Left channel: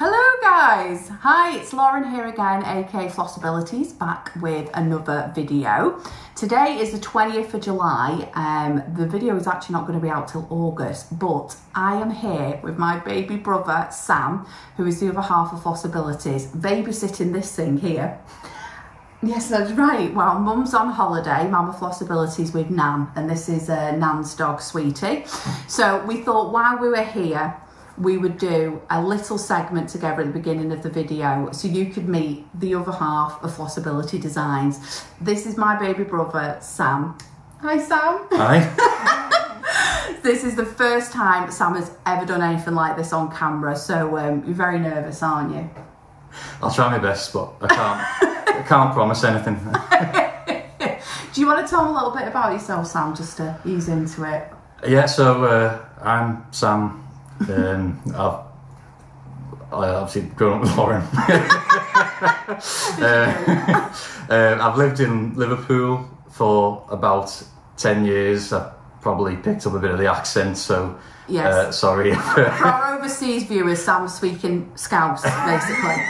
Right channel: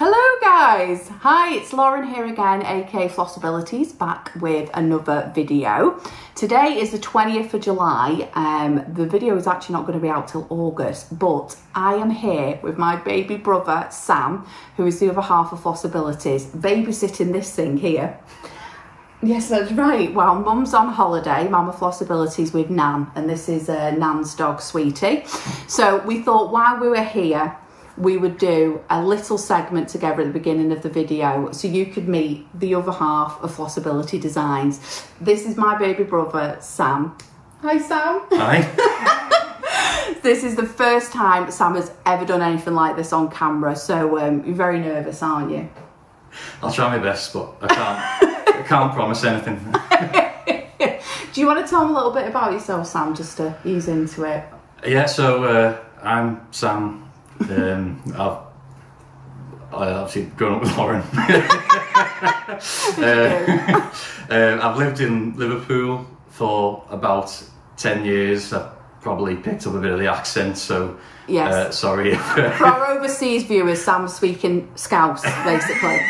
Hello guys! Hi, it's Lauren here again, aka Flossabilities, back with another video. Today is the 20th of July. The video is actually not going to be out till August, but I am here with my baby brother, Sam, who is the other half of Flossabilities, babysitting this thing here. Yes, that's right. Well, Mum's on holiday, Mama Flossabilities with Nan, and this is Nan's dog, Sweetie. So we thought while we were here, we would do a little segment together at the beginning of the video so you could meet the other half of Flossability Designs. This is my baby brother, Sam. Hi, Sam. Hi. This is the first time Sam has ever done anything like this on camera, so you're very nervous, aren't you? I'll try my best, but I can't promise anything. Do you want to tell me a little bit about yourself, Sam, just to ease into it? Yeah, so I'm Sam. I've obviously grown up with Lauren. I've lived in Liverpool for about 10 years. I've probably picked up a bit of the accent, so yes. Sorry. For our overseas viewers, Sam's speaking Scouse, basically.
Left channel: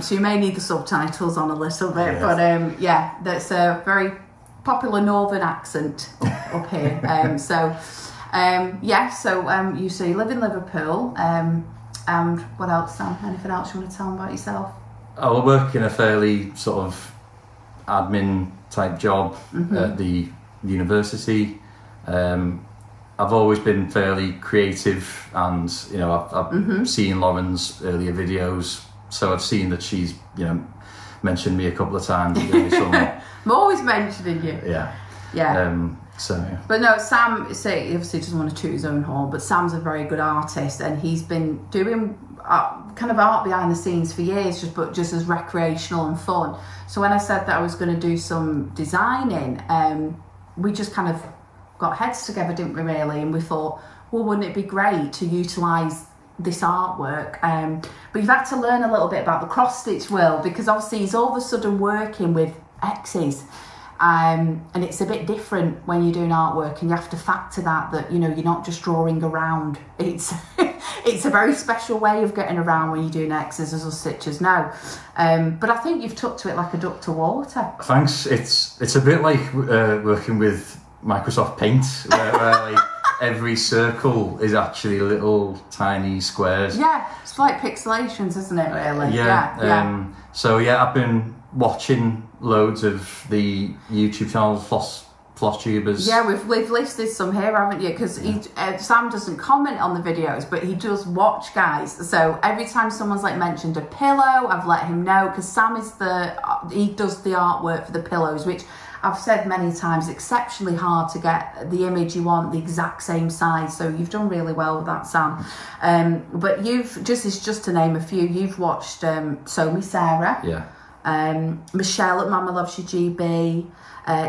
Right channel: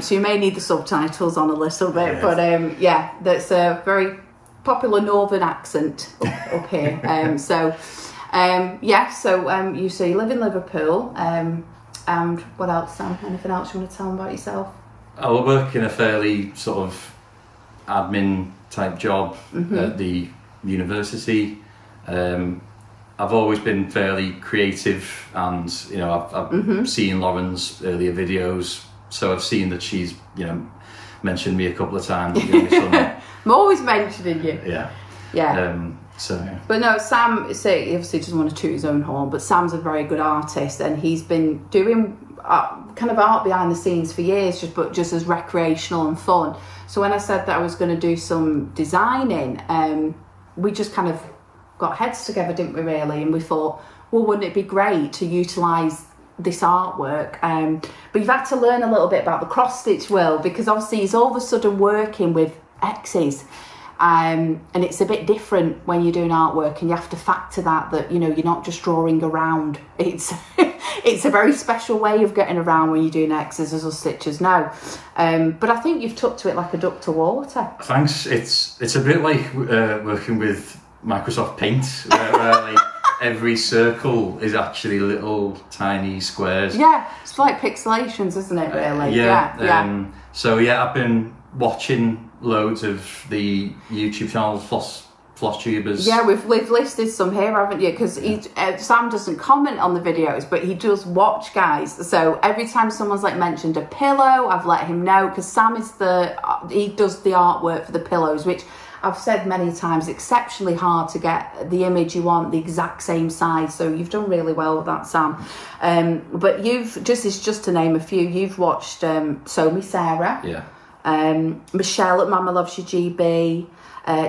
So you may need the subtitles on a little bit, yes. But yeah, that's a very popular northern accent up here. You say you live in Liverpool, and what else, Sam? Anything else you want to tell them about yourself? I work in a fairly sort of admin type job at the university. I've always been fairly creative, and you know I've seen Lauren's earlier videos, so I've seen that she's mentioned me a couple of times. I'm always mentioning you. Yeah. Yeah. But no, Sam, he obviously doesn't want to toot his own horn, but Sam's a very good artist, and he's been doing kind of art behind the scenes for years, just as recreational and fun. So when I said that I was going to do some designing, we just kind of got heads together, didn't we, really? And we thought, well, wouldn't it be great to utilise this artwork? But you've had to learn a little bit about the cross-stitch world, because obviously he's all of a sudden working with X's. And it's a bit different when you're doing artwork, and you have to factor that you're not just drawing around. It's it's a very special way of getting around when you're doing X's or stitches now. But I think you've took to it like a duck to water. Thanks. It's a bit like working with Microsoft Paint, where like every circle is actually little tiny squares. Yeah, it's like pixelations, isn't it? Really? Yeah. So yeah, I've been watching loads of the YouTube channel Flosstubers. Yeah, we've listed some here, haven't you? Because Sam doesn't comment on the videos, but he does watch, guys. So every time someone's like mentioned a pillow, I've let him know, because Sam is he does the artwork for the pillows, which I've said many times, exceptionally hard to get the image you want the exact same size. So you've done really well with that, Sam. But you've just to name a few, you've watched So Sarah. Yeah. Michelle at MommlovesyouGB,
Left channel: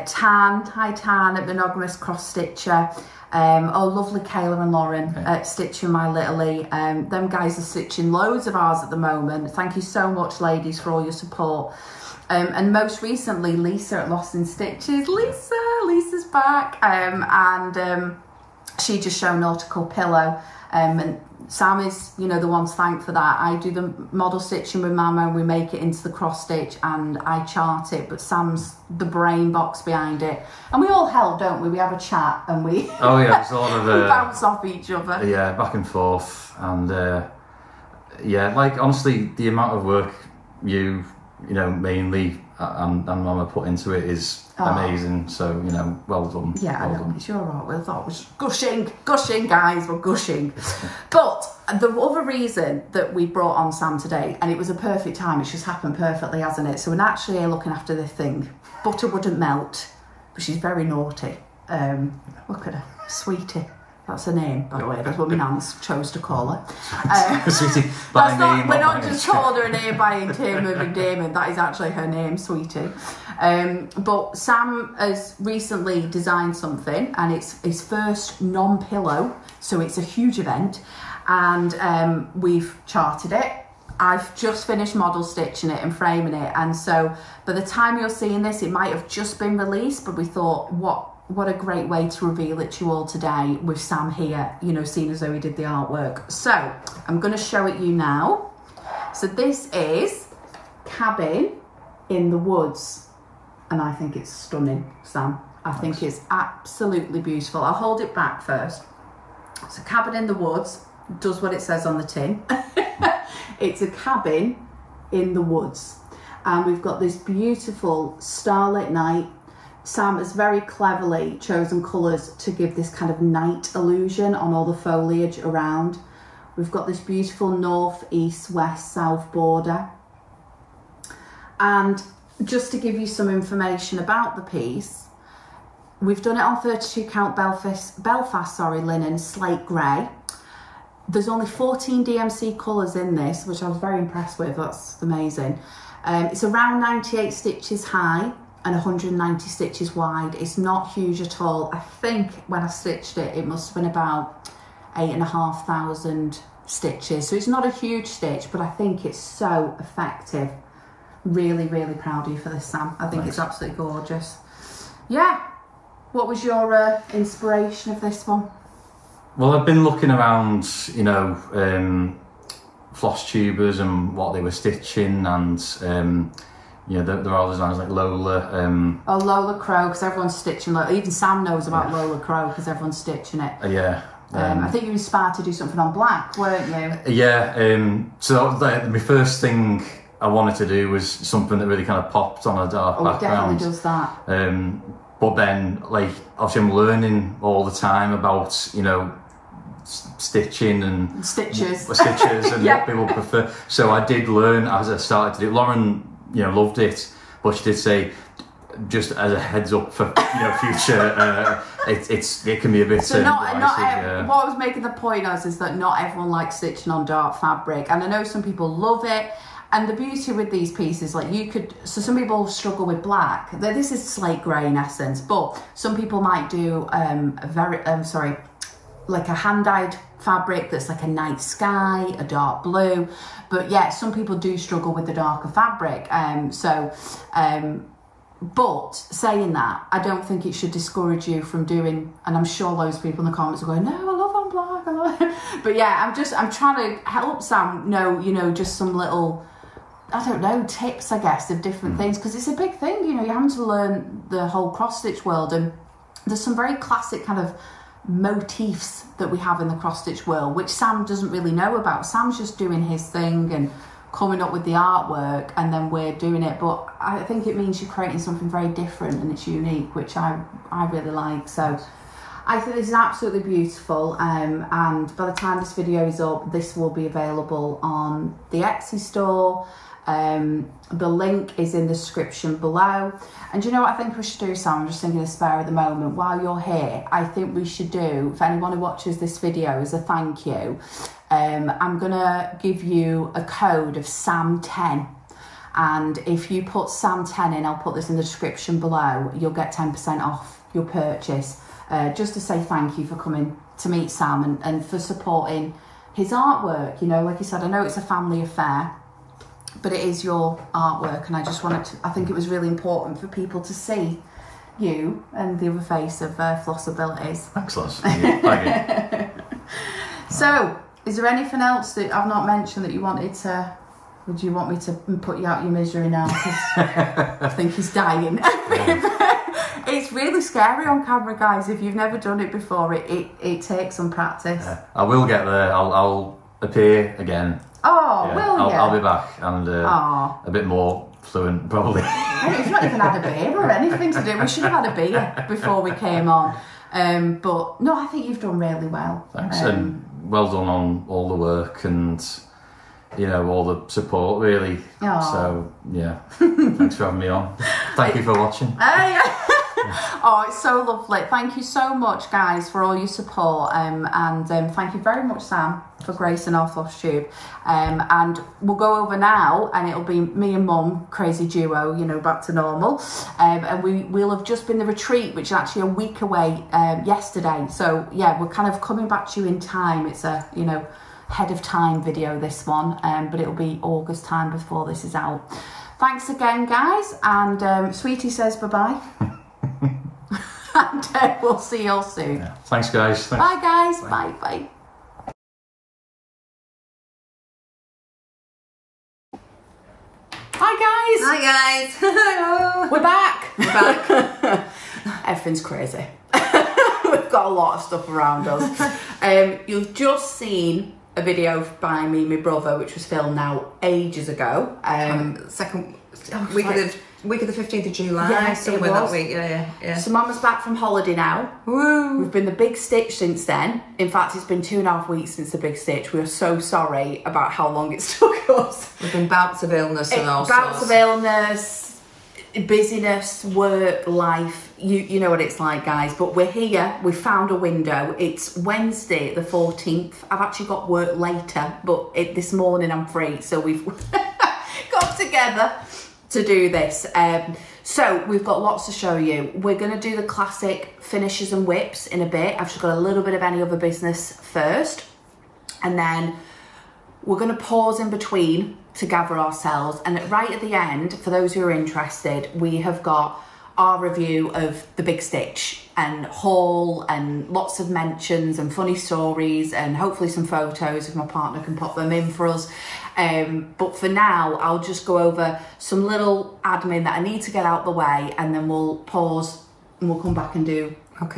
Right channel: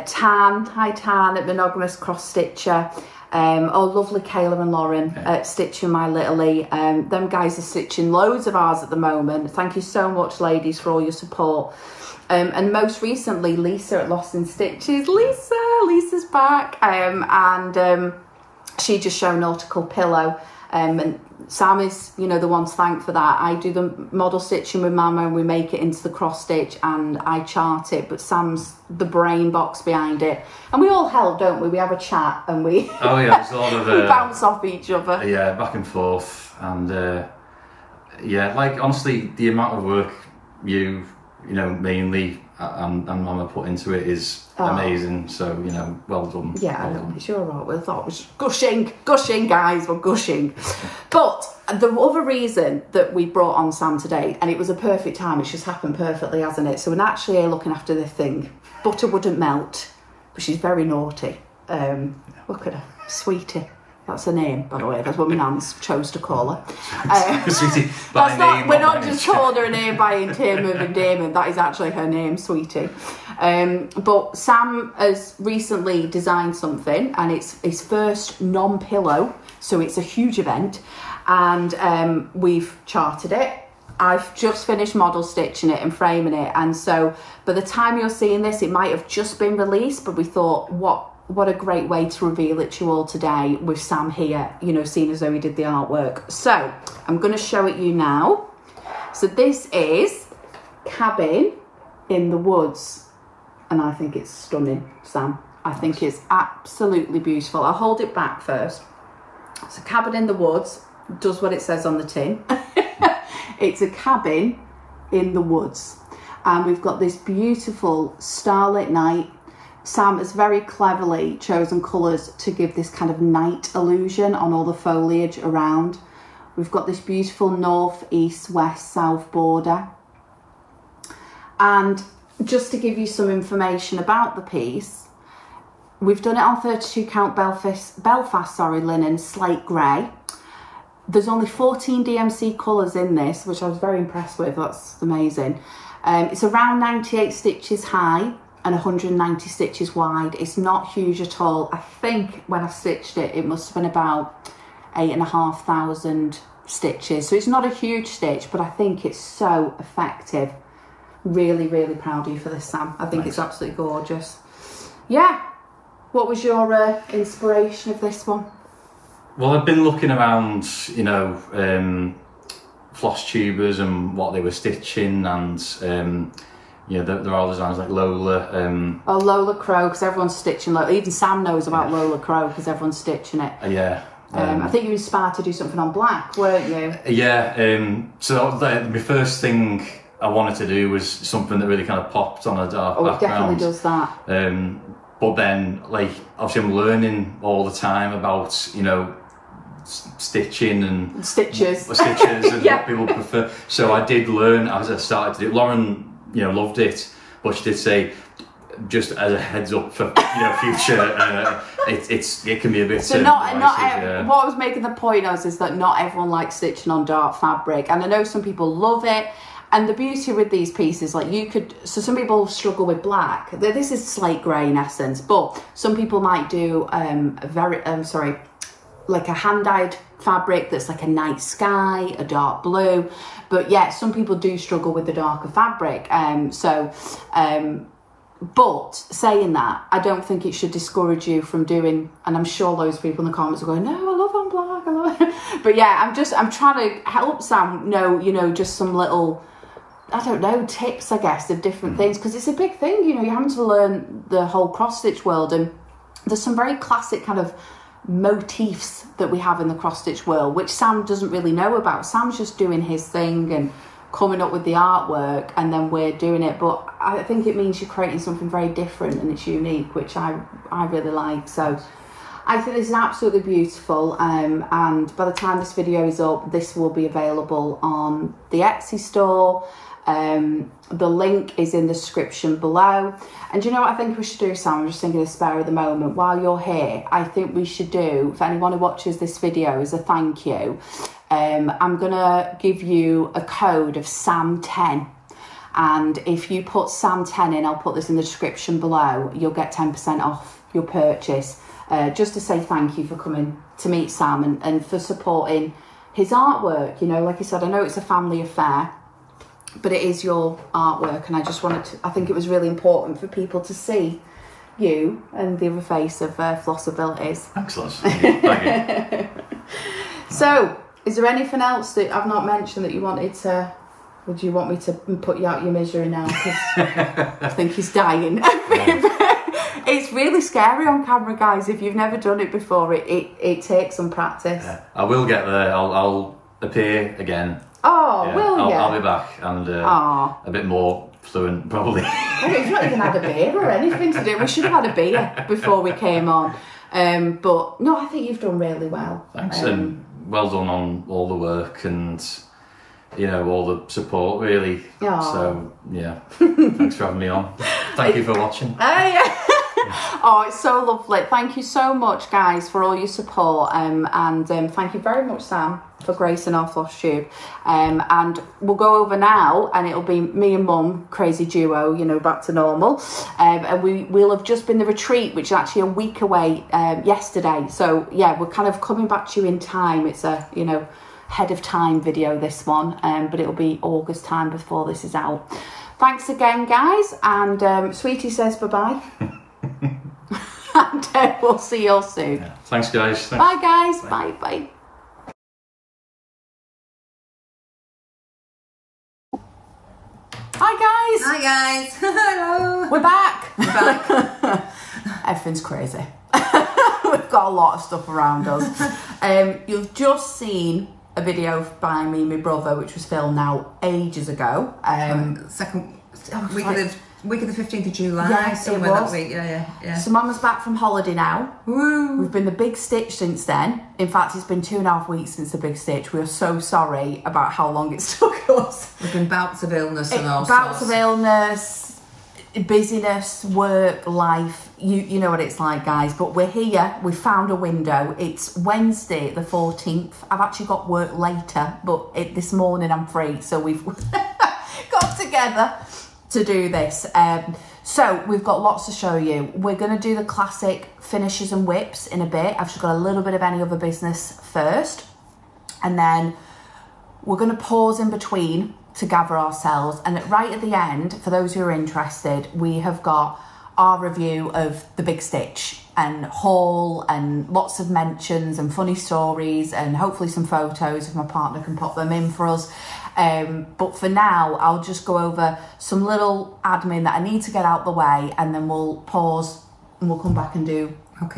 Tan, hi Tan at Monogamous Cross Stitcher, lovely Kayla and Lauren at Stitching My Littley. Them guys are stitching loads of ours at the moment. Thank you so much, ladies, for all your support. And most recently, Lisa at Lost in Stitches. Lisa's back, and she just showed Nautical Pillow. And Sam is, the one to thank for that. I do the model stitching with Mama, and we make it into the cross stitch, and I chart it, but Sam's the brain box behind it. And we all help, don't we? We have a chat, and we oh yeah, there's a lot of we bounce off each other. Yeah, back and forth, and yeah, like honestly, the amount of work mainly and Mama put into it is amazing. So well done. Yeah, well I know. Done. It's your art. We thought it was gushing, guys. We're gushing. But the other reason that we brought on Sam today, and it was a perfect time. It's just happened perfectly, hasn't it? So we're actually here looking after this thing. Butter wouldn't melt, but she's very naughty. Look at her, Sweetie. That's her name, by the way. That's what my nan's chose to call her. Sweetie, by name. We're not just calling her a name by term of endearment. That is actually her name, Sweetie. But Sam has recently designed something, and it's his first non-pillow, so it's a huge event. And we've charted it. I've just finished model stitching it and framing it, and so by the time you're seeing this, it might have just been released. But we thought, what a great way to reveal it to you all today with Sam here, seeing as though he did the artwork. So I'm going to show it you now. So this is Cabin in the Woods, and I think it's stunning, Sam. I think it's absolutely beautiful. I'll hold it back first. So Cabin in the Woods does what it says on the tin. It's a cabin in the woods, and we've got this beautiful starlit night. Sam has very cleverly chosen colours to give this kind of night illusion on all the foliage around. We've got this beautiful north, east, west, south border. And just to give you some information about the piece, we've done it on 32 count Belfast linen slate grey. There's only 14 DMC colours in this, which I was very impressed with. That's amazing. It's around 98 stitches high and 190 stitches wide. It's not huge at all. I think when I stitched it, it must have been about 8,500 stitches. So it's not a huge stitch, but I think it's so effective. Really, really proud of you for this, Sam. I think it's absolutely gorgeous. Yeah. What was your inspiration of this one? Well, I've been looking around, you know, Flosstubers and what they were stitching, and yeah, there are designs like Lola. Oh, Lola Crow, because everyone's stitching. Even Sam knows about Lola Crow because everyone's stitching it. Yeah. I think you were inspired to do something on black, weren't you? Yeah. So my first thing I wanted to do was something that really kind of popped on a dark background. It definitely does that. But then, like, obviously I'm learning all the time about, you know, stitching and stitches and what people prefer. So I did learn as I started to do it. Lauren, you know, loved it, but she did say, just as a heads up for, you know, future, it can be a bit. So what I was making the point of is that not everyone likes stitching on dark fabric, and I know some people love it. And the beauty with these pieces, like so some people struggle with black. This is slate grey in essence, but some people might do like a hand-dyed fabric that's like a night sky, a dark blue. But yeah, some people do struggle with the darker fabric. But saying that, I don't think it should discourage you from doing, and I'm sure those people in the comments are going, no, I love on black, I love it. But yeah, I'm trying to help Sam know, you know, just some little, I don't know, tips, I guess, of different things, because it's a big thing, you know, you're having to learn the whole cross-stitch world, and there's some very classic kind of motifs that we have in the cross-stitch world, which Sam doesn't really know about. Sam's just doing his thing and coming up with the artwork, and then we're doing it, but I think it means you're creating something very different and it's unique, which I really like. So I think this is absolutely beautiful, and by the time this video is up, this will be available on the Etsy store. The link is in the description below. And you know what I think we should do, Sam? I'm just thinking of spare at the moment. While you're here, I think we should do, for anyone who watches this video, as a thank you, I'm gonna give you a code of SAM10, and if you put SAM10 in, I'll put this in the description below, you'll get 10% off your purchase, just to say thank you for coming to meet Sam and for supporting his artwork. You know, like I said, I know it's a family affair, but it is your artwork, and I just wanted to, I think it was really important for people to see you and the other face of Flossabilities. Thanks, Loss. Thank you. So, is there anything else that I've not mentioned that you wanted to, would you want me to put you out your misery now? Because I think he's dying. It's really scary on camera, guys. If you've never done it before, it takes some practice. Yeah, I will get there. I'll appear again. Oh, yeah, will you? I'll be back and a bit more fluent, probably. Well, you've not even had a beer or anything to do. We should have had a beer before we came on. But no, I think you've done really well. Thanks, and well done on all the work and, you know, all the support, really. So, yeah, thanks for having me on. Thank you for watching. Oh, it's so lovely. Thank you so much, guys, for all your support, and thank you very much, Sam, for gracing our Flosstube. And we'll go over now, and it'll be me and Mum, crazy duo, you know, back to normal. And we'll have just been the retreat, which is actually a week away yesterday. So yeah, we're kind of coming back to you in time. It's a, you know, head of time video, this one, but it'll be August time before this is out. Thanks again, guys, and Sweetie says bye-bye. And we'll see you all soon. Yeah. Thanks, guys. Thanks. Bye, guys. Bye. Bye. Hi guys. Hello. We're back. Everything's crazy. We've got a lot of stuff around us. You've just seen a video by me and my brother, which was filmed now ages ago. Week of the 15th of July. Yeah, somewhere it was. that week. Yeah. So Mama's back from holiday now. Woo. We've been the big stitch since then. In fact, it's been 2.5 weeks since the big stitch. We are so sorry about how long it's took us. We've been bouts of illness and all bouts sorts. of illness, busyness, work, life. You know what it's like, guys. But we're here. We found a window. It's Wednesday the 14th. I've actually got work later, but this morning I'm free. So we've got together to do this. So we've got lots to show you. We're going to do the classic finishes and whips in a bit. I've just got a little bit of any other business first, and then we're going to pause in between to gather ourselves, and right at the end, for those who are interested, we have got our review of the big stitch and haul, and lots of mentions and funny stories, and hopefully some photos if my partner can pop them in for us. But for now, I'll just go over some little admin that I need to get out the way, and then we'll pause and we'll come back and do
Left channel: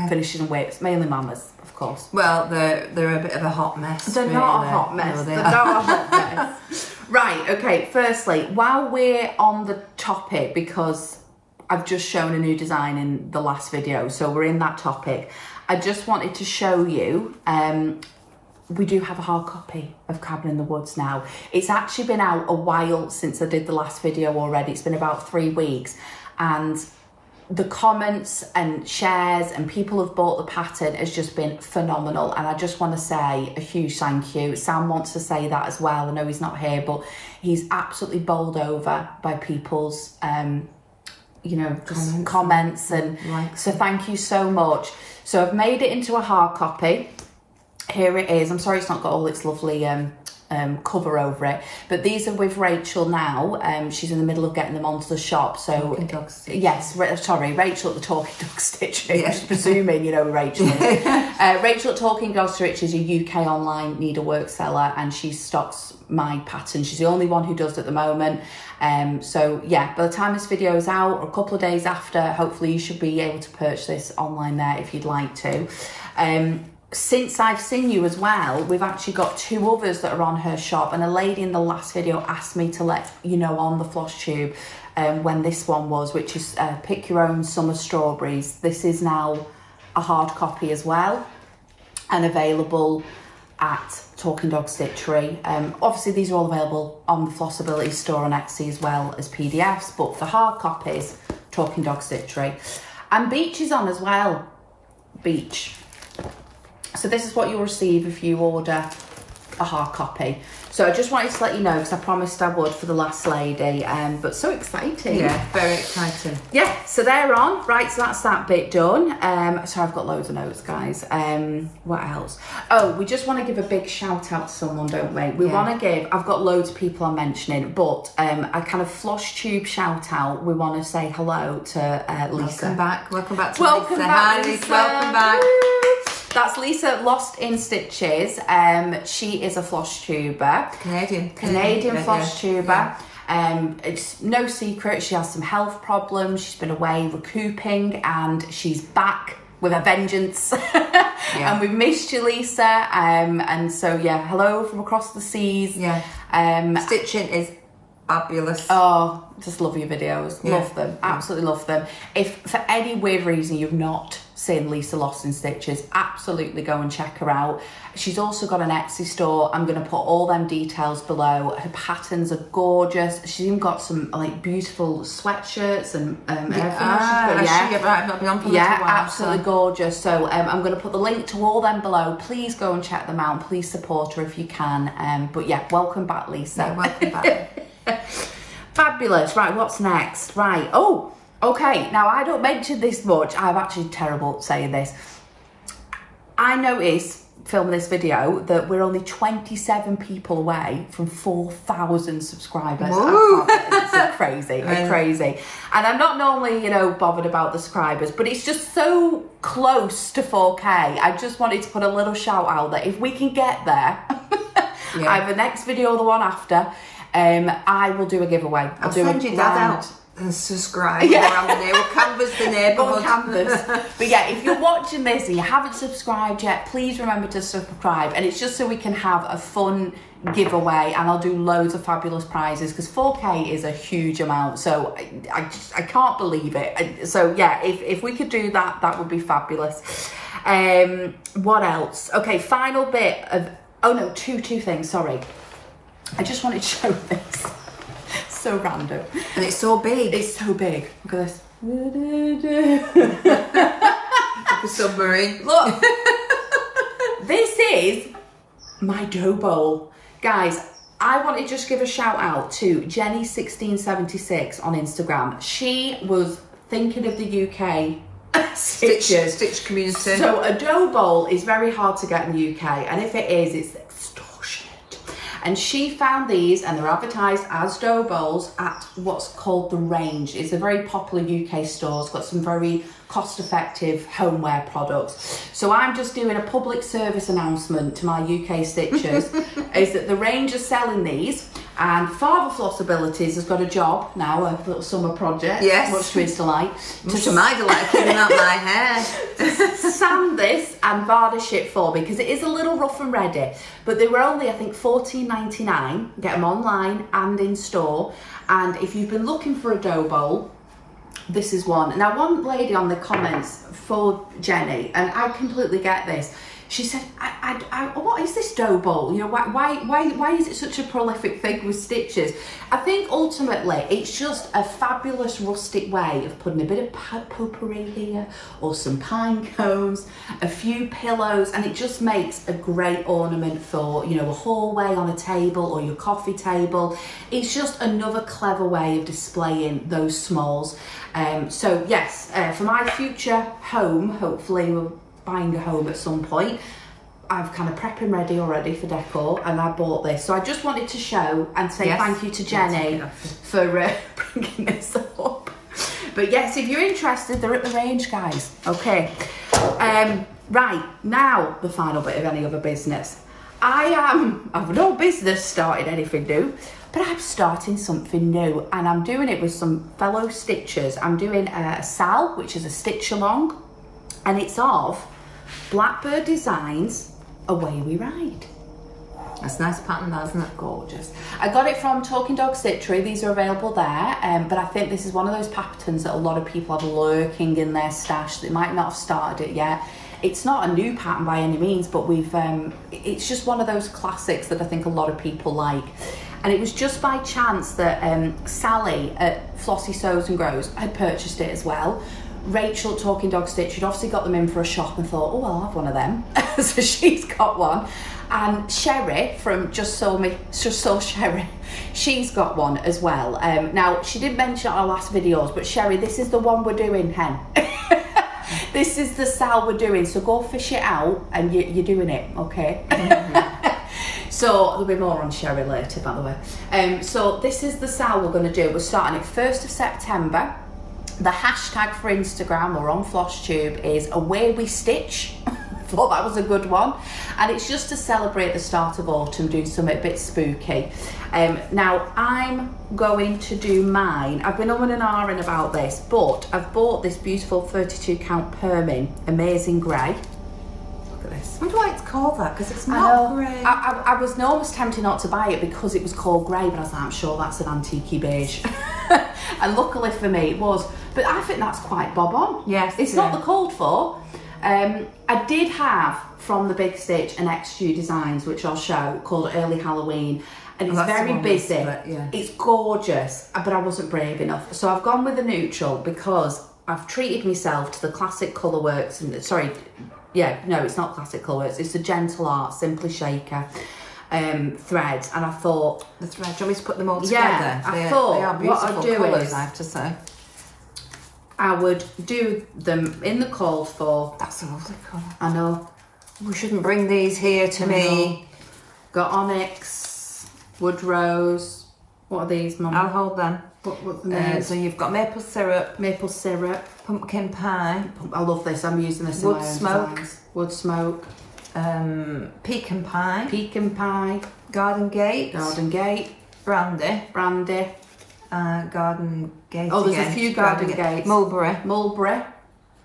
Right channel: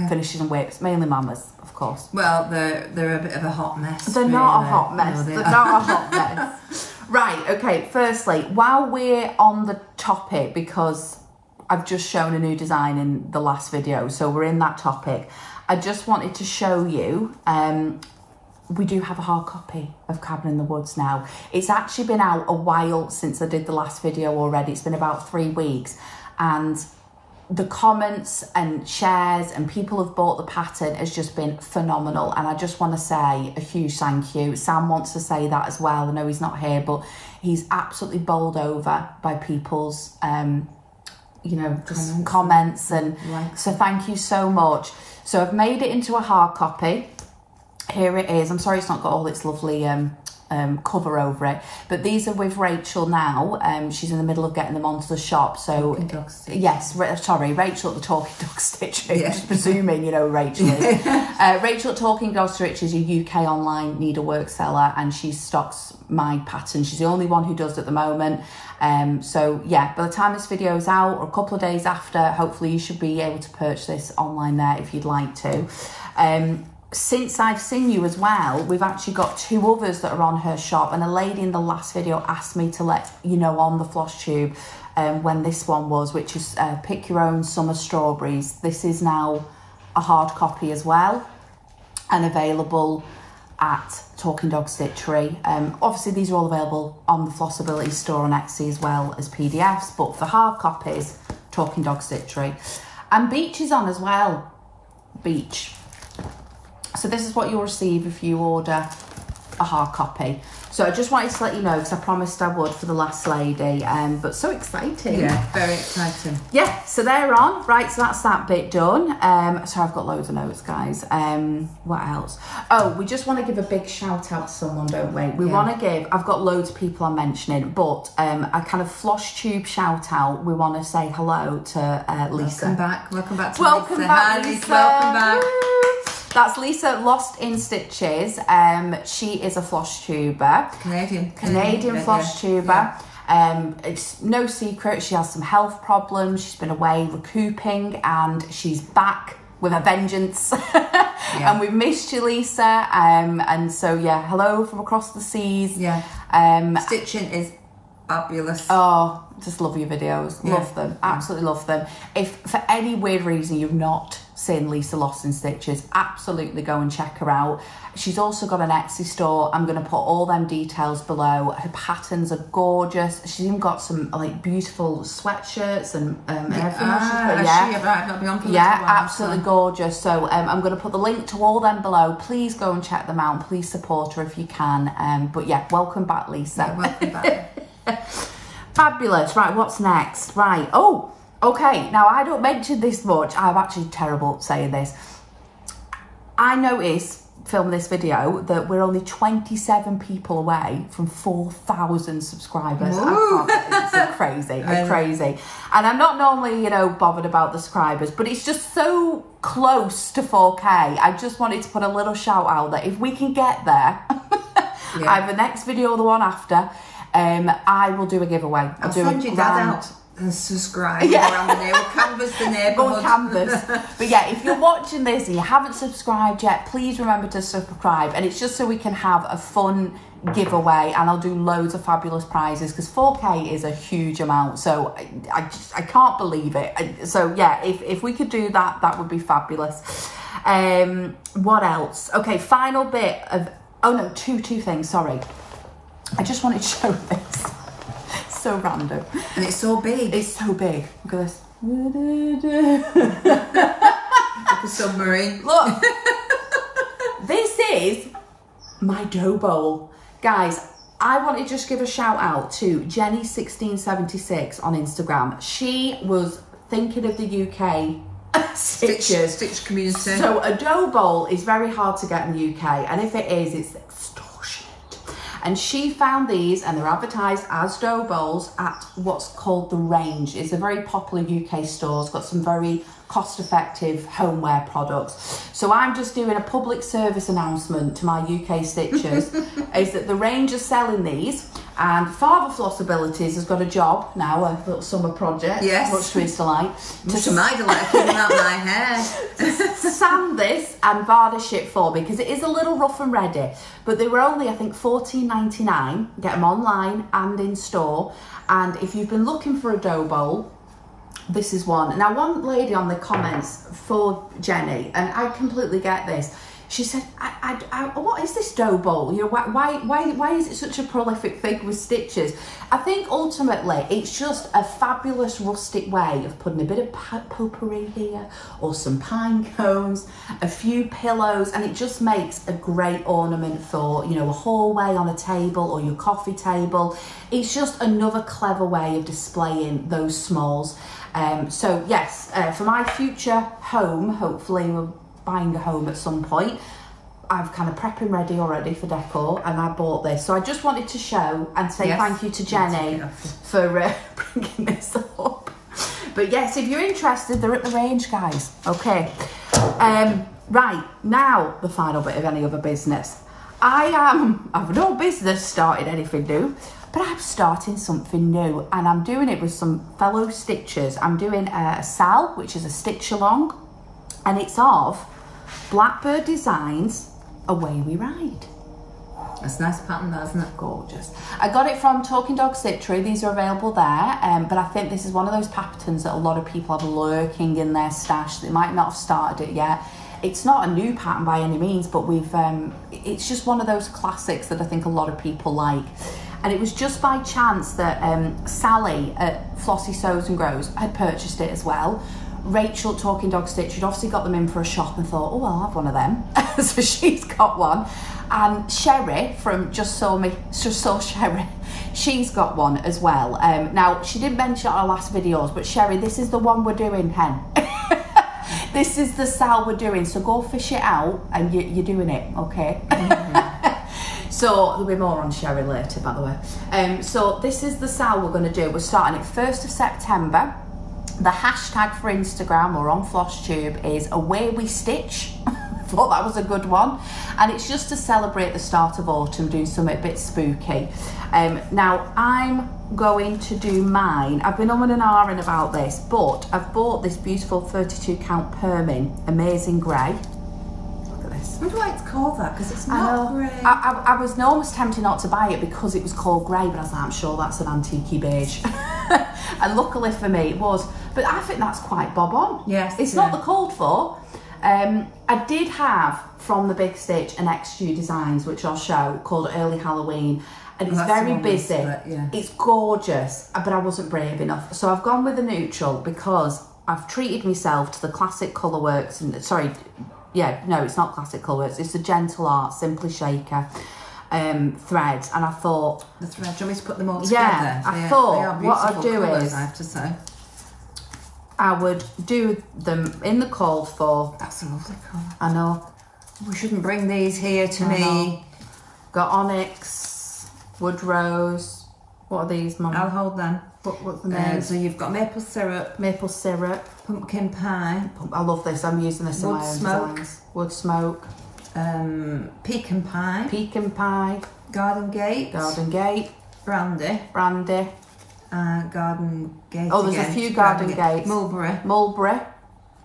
finishes and whips, mainly Mama's, of course. Well, they're a bit of a hot mess. They're not a hot mess. They're not a hot mess. Right, okay, firstly, while we're on the topic, because I've just shown a new design in the last video, so we're in that topic, I just wanted to show you, we do have a hard copy of Cabin in the Woods now. It's actually been out a while since I did the last video already. It's been about 3 weeks, and the comments and shares and people have bought the pattern has just been phenomenal, and I just want to say a huge thank you. Sam wants to say that as well. I know he's not here, but he's absolutely bowled over by people's comments and so thank you so much. So I've made it into a hard copy. Here it is. I'm sorry it's not got all its lovely cover over it, but these are with Rachel now. She's in the middle of getting them onto the shop. So yes, sorry, Rachel at the Talking Dog Stitching. Yeah. Just presuming you know who Rachel is. Rachel at Talking Dog Stitching is a UK online needlework seller, and she stocks my pattern. She's the only one who does at the moment. So yeah, by the time this video is out, or a couple of days after, hopefully you should be able to purchase this online there if you'd like to. Since I've seen you as well, we've actually got 2 others that are on her shop, and a lady in the last video asked me to let you know on the Flosstube when this one was, which is Pick Your Own Summer Strawberries. This is now a hard copy as well, and available at Talking Dog Stitchery. Obviously these are all available on the Flossabilities store on Etsy as well as PDFs, but for hard copies, Talking Dog Stitchery. And Beach is on as well. Beach. So this is what you'll receive if you order a hard copy. So I just wanted to let you know, because I promised I would for the last lady, but so exciting. Yeah, very exciting. Yeah, so they're on. Right, so that's that bit done. So I've got loads of notes, guys. What else? Oh, we just want to give a big shout out to someone, don't we? We want to give, I've got loads of people I'm mentioning, but a kind of Flosstube shout out. We want to say hello to Lisa. Welcome back to welcome Lisa. Back, Hi, Lisa. Welcome back. That's Lisa Lost in Stitches. She is a Flosstuber. Canadian Flosstuber. It's no secret she has some health problems. She's been away recouping, and she's back with a vengeance. And we've missed you, Lisa. And so yeah, hello from across the seas. Stitching is fabulous. Oh, just love your videos. Love them. Absolutely love them. If for any weird reason you've not seen Lisa Lost in Stitches, absolutely go and check her out. She's also got an Etsy store. I'm going to put all them details below. Her patterns are gorgeous. She's even got some like beautiful sweatshirts and everything. Absolutely gorgeous. So I'm going to put the link to all them below. Please go and check them out. Please support her if you can. But yeah, welcome back, Lisa. Yeah, welcome back. Fabulous. Right, what's next? Right. Oh, okay. Now, I don't mention this much. I'm actually terrible at saying this. I noticed filming this video that we're only 27 people away from 4,000 subscribers. It's crazy, crazy. And I'm not normally, you know, bothered about the subscribers, but it's just so close to 4K. I just wanted to put a little shout out that if we can get there, either next video or the one after, I will do a giveaway. I'll do send a your grand... dad out and subscribe around there. We'll canvass the neighbourhood. Canvas. But yeah, if you're watching this and you haven't subscribed yet, please remember to subscribe. And it's just so we can have a fun giveaway, and I'll do loads of fabulous prizes, because 4K is a huge amount, so I can't believe it. So yeah, if we could do that, that would be fabulous. What else? Okay, final bit of, oh no, two things, sorry. I just wanted to show this. So random. And it's so big. It's so big. Look at this. Like a submarine. Look. This is my dough bowl. Guys, I want to just give a shout out to Jenny1676 on Instagram. She was thinking of the UK stitches. Stitch community. So a dough bowl is very hard to get in the UK, and if it is, it's extortionate. And she found these, and they're advertised as dough bowls at what's called The Range. It's a very popular UK store. It's got some very cost-effective homeware products. So I'm just doing a public service announcement to my UK stitchers, is that The Range are selling these, and Father Flossabilities has got a job now, a little summer project, yes, much to his delight. To my delight, putting out my hair. Sand this and varnish it for me, because it is a little rough and ready, but they were only, I think, $14.99. Get them online and in store. And if you've been looking for a dough bowl, this is one. Now, one lady on the comments for Jenny, and I completely get this, she said, what is this dough bowl? You know, why is it such a prolific thing with stitches? I think ultimately it's just a fabulous rustic way of putting a bit of potpourri here, or some pine cones, a few pillows, and it just makes a great ornament for, you know, a hallway on a table or your coffee table. It's just another clever way of displaying those smalls. So yes, for my future home, hopefully we're buying a home at some point, I've kind of prepping ready already for decor, and I bought this. So I just wanted to show and say thank you to Jenny for bringing this up. But yes, if you're interested, they're at The Range, guys. Okay. Right, now the final bit of any other business. I've no business starting anything new, but I'm starting something new, and I'm doing it with some fellow stitchers. I'm doing a SAL, which is a stitch along, and it's of Blackbird Designs Away We Ride. That's a nice pattern, isn't it? Gorgeous. I got it from Talking Dog Stitchery. These are available there, but I think this is one of those patterns that a lot of people have lurking in their stash. They might not have started it yet. It's not a new pattern by any means, but it's just one of those classics that I think a lot of people like. And it was just by chance that Sally at Flossie Sews and Grows had purchased it as well. Rachel at Talking Dog Stitch had obviously got them in for a shop and thought, oh, I'll have one of them. So she's got one. And Sherry from Just Saw Sherry, she's got one as well. Now, she didn't mention our last videos, but Sherry, this is the one we're doing, hen. This is the SAL we're doing, so go fish it out, and you're doing it, okay? So there'll be more on Sherry later, by the way. So this is the SAL we're going to do. We're starting it 1st of September. The hashtag for Instagram or on Flosstube is Away We Stitch. Thought that was a good one. And it's just to celebrate the start of autumn, doing something a bit spooky. Now, I'm going to do mine. I've been on and ahhing about this, but I've bought this beautiful 32 count Perming Amazing Grey. Look at this. I wonder why it's called that, because it's not grey. I was almost tempted not to buy it because it was called grey, but I was like, I'm sure that's an antique beige. And luckily for me it was. But I think that's quite bob on. Yes. It's not the called for. I did have from the Big Stitch an XU Designs, which I'll show, called Early Halloween. And it's very busy. It's gorgeous, but I wasn't brave enough. So I've gone with the neutral because I've treated myself to the classic Colourworks. And sorry, yeah, no, it's not classic Colourworks. It's the Gentle Art Simply Shaker threads. And I thought, the thread. Do you want me to put them all together? Yeah, I thought what I'd do colours, is, I have to say, I would do them in the called for. That's a lovely colour. I know. We shouldn't bring these here to me. Got onyx, wood rose. What are these, Mum? I'll hold them. What's the name? So you've got maple syrup, pumpkin pie. I love this. I'm using this in my own smoke. designs. Wood smoke. Pecan pie. Pecan pie. Garden gate. Garden gate. Brandy. Brandy. Garden Gate. Oh, there's a few Garden Gates. Mulberry. Mulberry.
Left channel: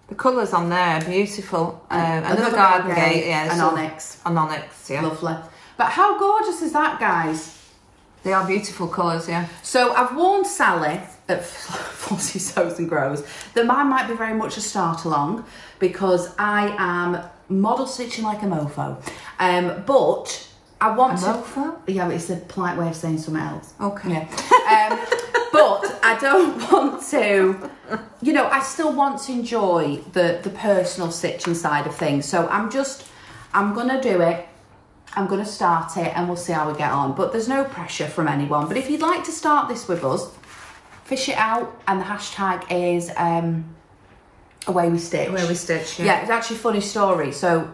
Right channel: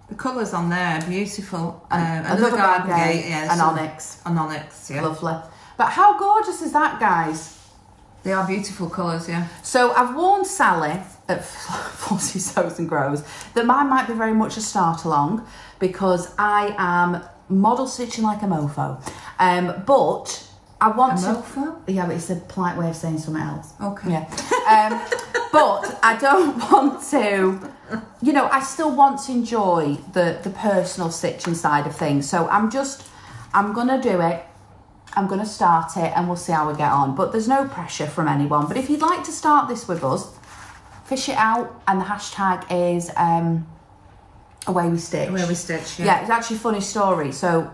The colours on there are beautiful. Another Garden Gate, yeah, and Onyx. And Onyx, yeah. Lovely. But how gorgeous is that, guys? They are beautiful colours, yeah. So I've warned Sally at Flossy Sews and Grows that mine might be very much a start along because I am model stitching like a mofo. But I want to... Mofo? Yeah, but it's a polite way of saying something else. Okay. Yeah. But I don't want to, you know, I still want to enjoy the personal stitching side of things. So I'm going to do it. I'm going to start it and we'll see how we get on. But there's no pressure from anyone. But if you'd like to start this with us, fish it out. And the hashtag is Away We Stitch. Away We Stitch, yeah. Yeah, it's actually a funny story. So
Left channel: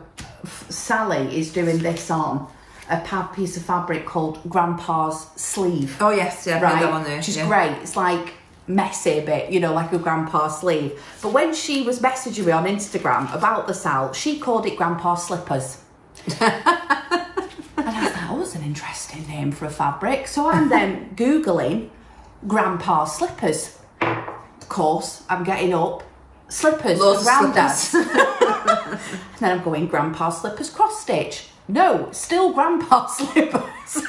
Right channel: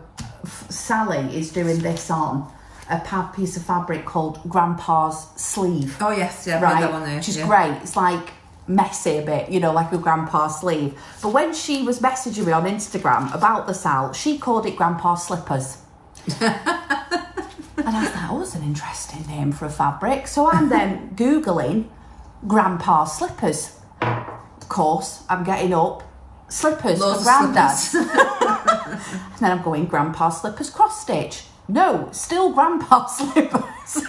Sally is doing this on a piece of fabric called Grandpa's Sleeve. Oh yes, yeah, right, that one there, which is great. It's like messy a bit, you know, like a Grandpa's sleeve. But when she was messaging me on Instagram about the sal, she called it Grandpa's Slippers. And I thought, oh, that's an interesting name for a fabric. So I'm then Googling Grandpa's Slippers. Of course, I'm getting up slippers for Grandad. And then I'm going Grandpa's Slippers cross stitch. No, still Grandpa's Slippers.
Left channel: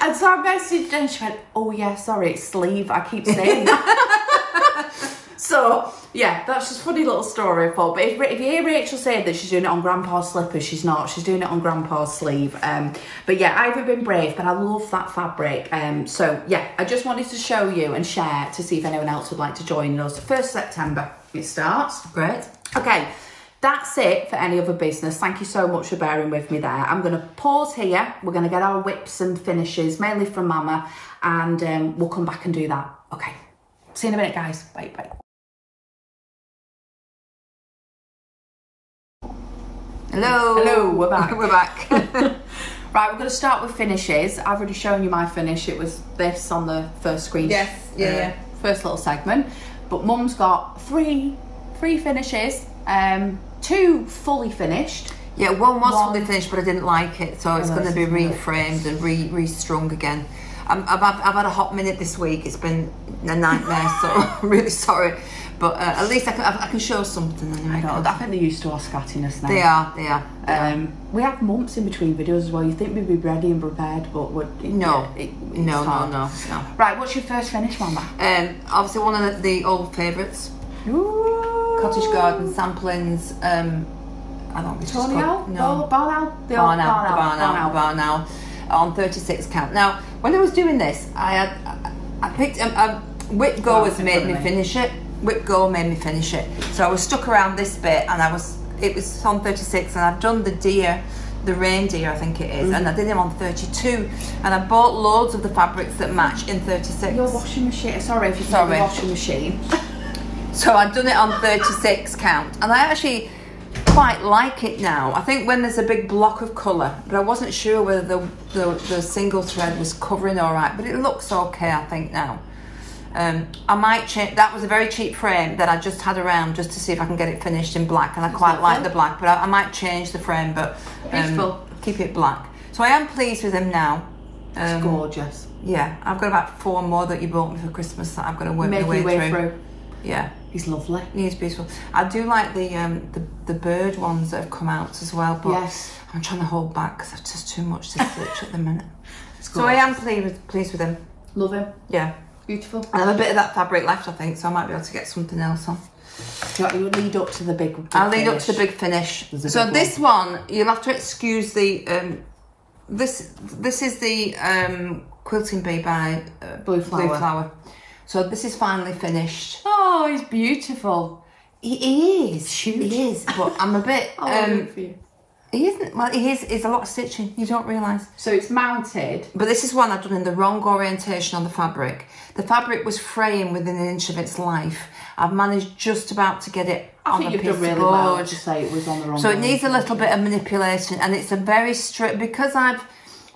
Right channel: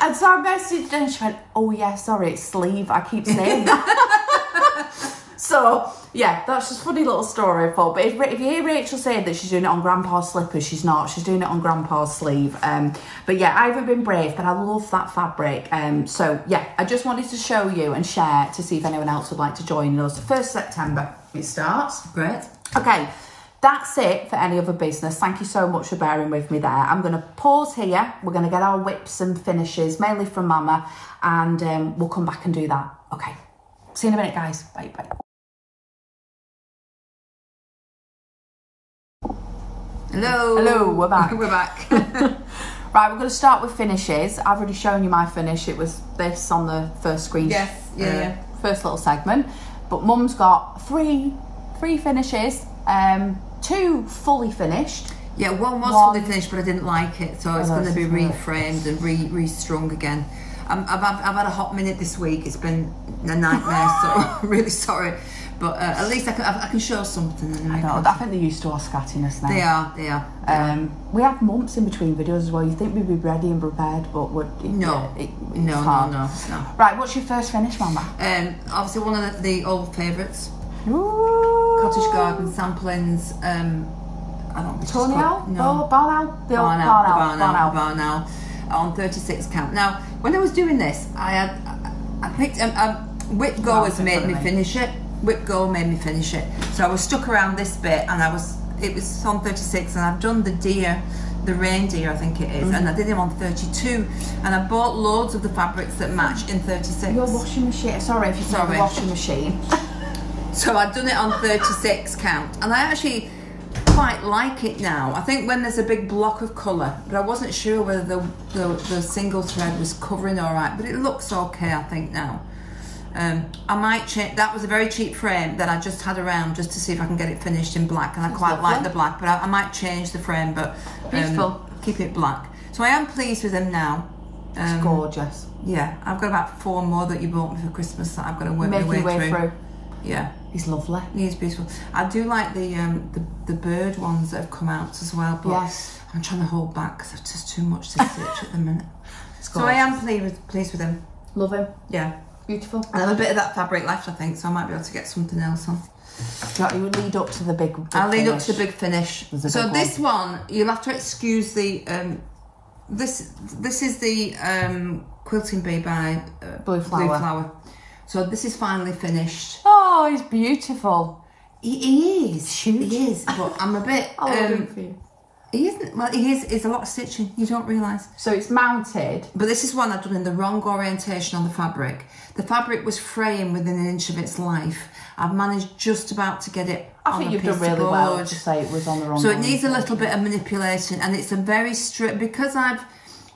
And so I messaged her and she went, oh yeah, sorry, it's sleeve. I keep saying that. So yeah, that's just a funny little story I thought. But if you hear Rachel saying that she's doing it on Grandpa's Slippers, she's not. She's doing it on Grandpa's Sleeve. But yeah, I haven't been brave, but I love that fabric. So yeah, I just wanted to show you and share to see if anyone else would like to join us. 1st September it starts. Great. Okay. That's it for any other business. Thank you so much for bearing with me there. I'm going to pause here. We're going to get our whips and finishes, mainly from Mama, and we'll come back and do that. Okay. See you in a minute, guys. Bye, bye. Hello. Hello, we're back. We're back. Right, we're going to start with finishes. I've already shown you my finish. It was this on the first screen. Yes, yeah. First little segment. But Mum's got three finishes. 2 fully finished. Yeah, one was fully finished, but I didn't like it, so it's going to be reframed and re-strung again. I've had a hot minute this week. It's been a nightmare, so I'm really sorry. But at least I can show something. I know. I think they're used to our scattiness now. They are. We have months in between videos as well. You think we'd be ready and prepared, but no. Right, what's your first finish, Mama? Obviously one of the old favourites. Ooh. Cottage Garden samplings. I don't know. Tony Owl? No. Barn Owl? Barn Owl on 36 count. Now, when I was doing this, I picked Whip Go has made me finish it. Whip Go made me finish it. So I was stuck around this bit, and it was on 36, and I've done the deer, the reindeer, I think it is, and I did them on 32, and I bought loads of the fabrics that match in 36. Your washing machine. Sorry if you said the washing machine. So I've done it on 36 count, and I actually quite like it now. I think when there's a big block of colour, but I wasn't sure whether the single thread was covering all right, but it looks okay, I think, now. I might change. That was a very cheap frame that I just had around just to see if I can get it finished in black, and I quite like the black, but I might change the frame, but keep it black. So I am pleased with them now. It's gorgeous. Yeah, I've got about 4 more that you bought me for Christmas that I've got to work my way through. Yeah, he's lovely. He is beautiful. I do like the bird ones that have come out as well, but I'm trying to hold back because it's just too much to stitch at the minute. So I am pleased with him. Love him. Yeah. Beautiful. And a bit of that fabric left, I think, so I might be able to get something else on. You will lead up to the big I'll lead up to the big finish. So this one, you'll have to excuse the this is the Quilting Bee by Blue Flower. So this is finally finished. Oh, he's beautiful. He is. Huge. He is. But I'm a bit. He isn't. Well, he is. It's a lot of stitching. You don't realise. So it's mounted. But this is one I've done in the wrong orientation on the fabric. The fabric was fraying within an inch of its life. I've managed just about to get it on a piece of board. I think you've done really well to say it was on the wrong. So it needs a little bit of manipulation, and it's a very strict because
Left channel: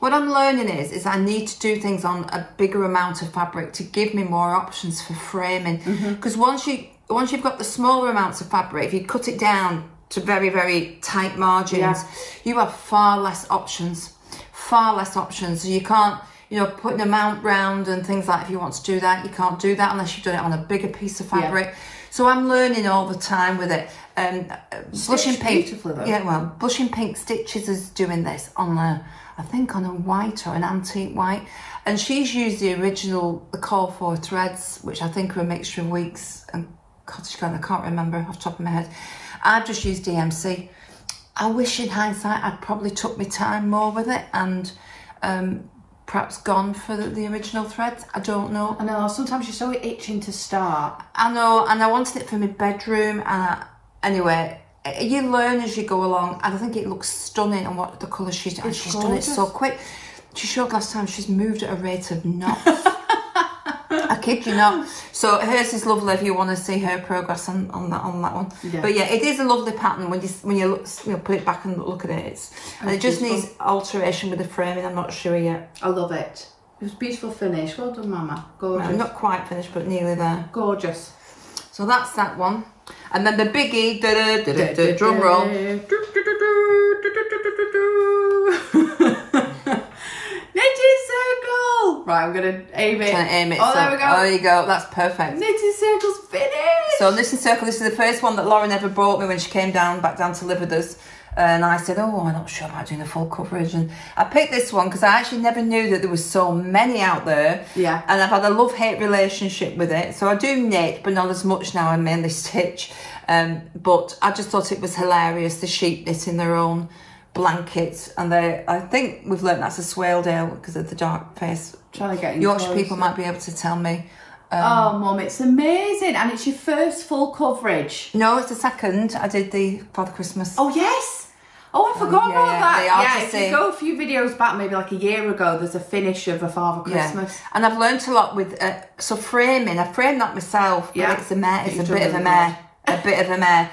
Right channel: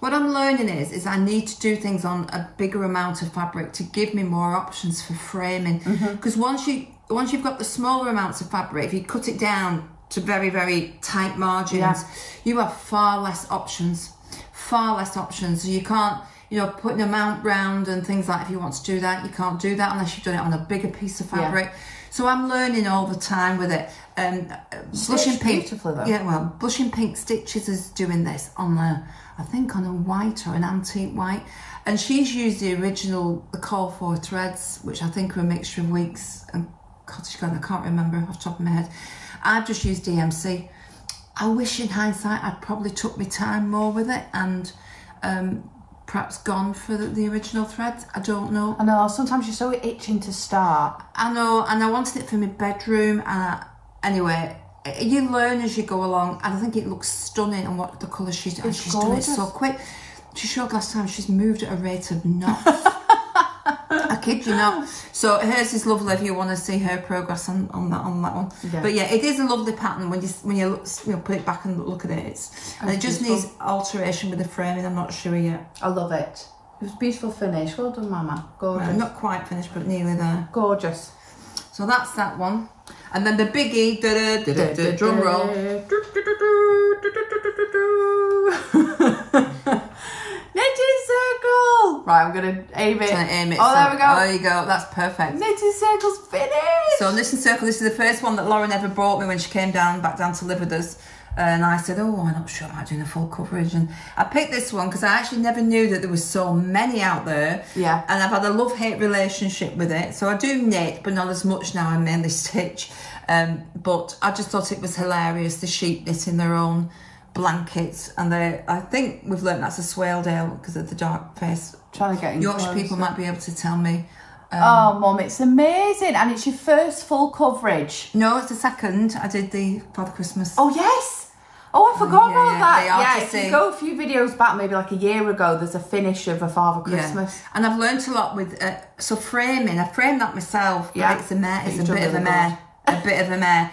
what I'm learning is I need to do things on a bigger amount of fabric to give me more options for framing. Because once you've got the smaller amounts of fabric, if you cut it down to very, very tight margins, you have far less options. So you can't you know, putting a mount round and things like, if you want to do that, you can't do that unless you've done it on a bigger piece of fabric. Yeah. So I'm learning all the time with it. Blushing Pink, yeah, well, Blushing Pink Stitches is doing this on I think on a white or an antique white, and she's used the original, the Call For threads, which I think are a mixture of weeks and cottage cotton. I can't remember off the top of my head. I've just used DMC. I wish in hindsight I'd probably took my time more with it and perhaps gone for the original threads. I don't know. I know, sometimes you're so itching to start. I know, and I wanted it for my bedroom. Anyway, you learn as you go along, and I think it looks stunning on what the colour she's done. She's done it so quick. She showed last time she's moved at a rate of knots. I kid you not. So hers is lovely if you want to see her progress on that one. Yeah. But yeah, it is a lovely pattern when you look, you know, put it back and look at it. And it just needs alteration with the framing. I'm not sure yet. I love it. It was a beautiful finish. Well done, Mama. Gorgeous. Well, not quite finished, but nearly there. Gorgeous. So that's that one. And then the biggie, drum roll. Knitting circle. Right, I'm gonna aim it. Aim it. Oh, so, there we go. There you go. That's perfect. Knitting circle's finished. So knitting circle. This is the first one that Lauren ever brought me when she came back down to live with us. And I said, oh, I'm not sure about doing the full coverage. And I picked this one because I actually never knew that there was so many out there. Yeah. And I've had a love-hate relationship with it. So I do knit, but not as much now. I mainly stitch. But I just thought it was hilarious, the sheep knitting their own blankets. And I think we've learnt that's a Swaledale because of the dark face. Trying to get in Yorkshire people might be able to tell me. Oh, Mum, it's amazing. And it's your first full coverage. No, it's the second. I did the Father Christmas. Oh, yes. Oh, I forgot about that. Yeah, if you go a few videos back, maybe like a year ago, there's a finish of a Father Christmas. Yeah. And I've learnt a lot with, so framing. I framed that myself, but it's a mare. It's a bit of a mare. A bit of a mare.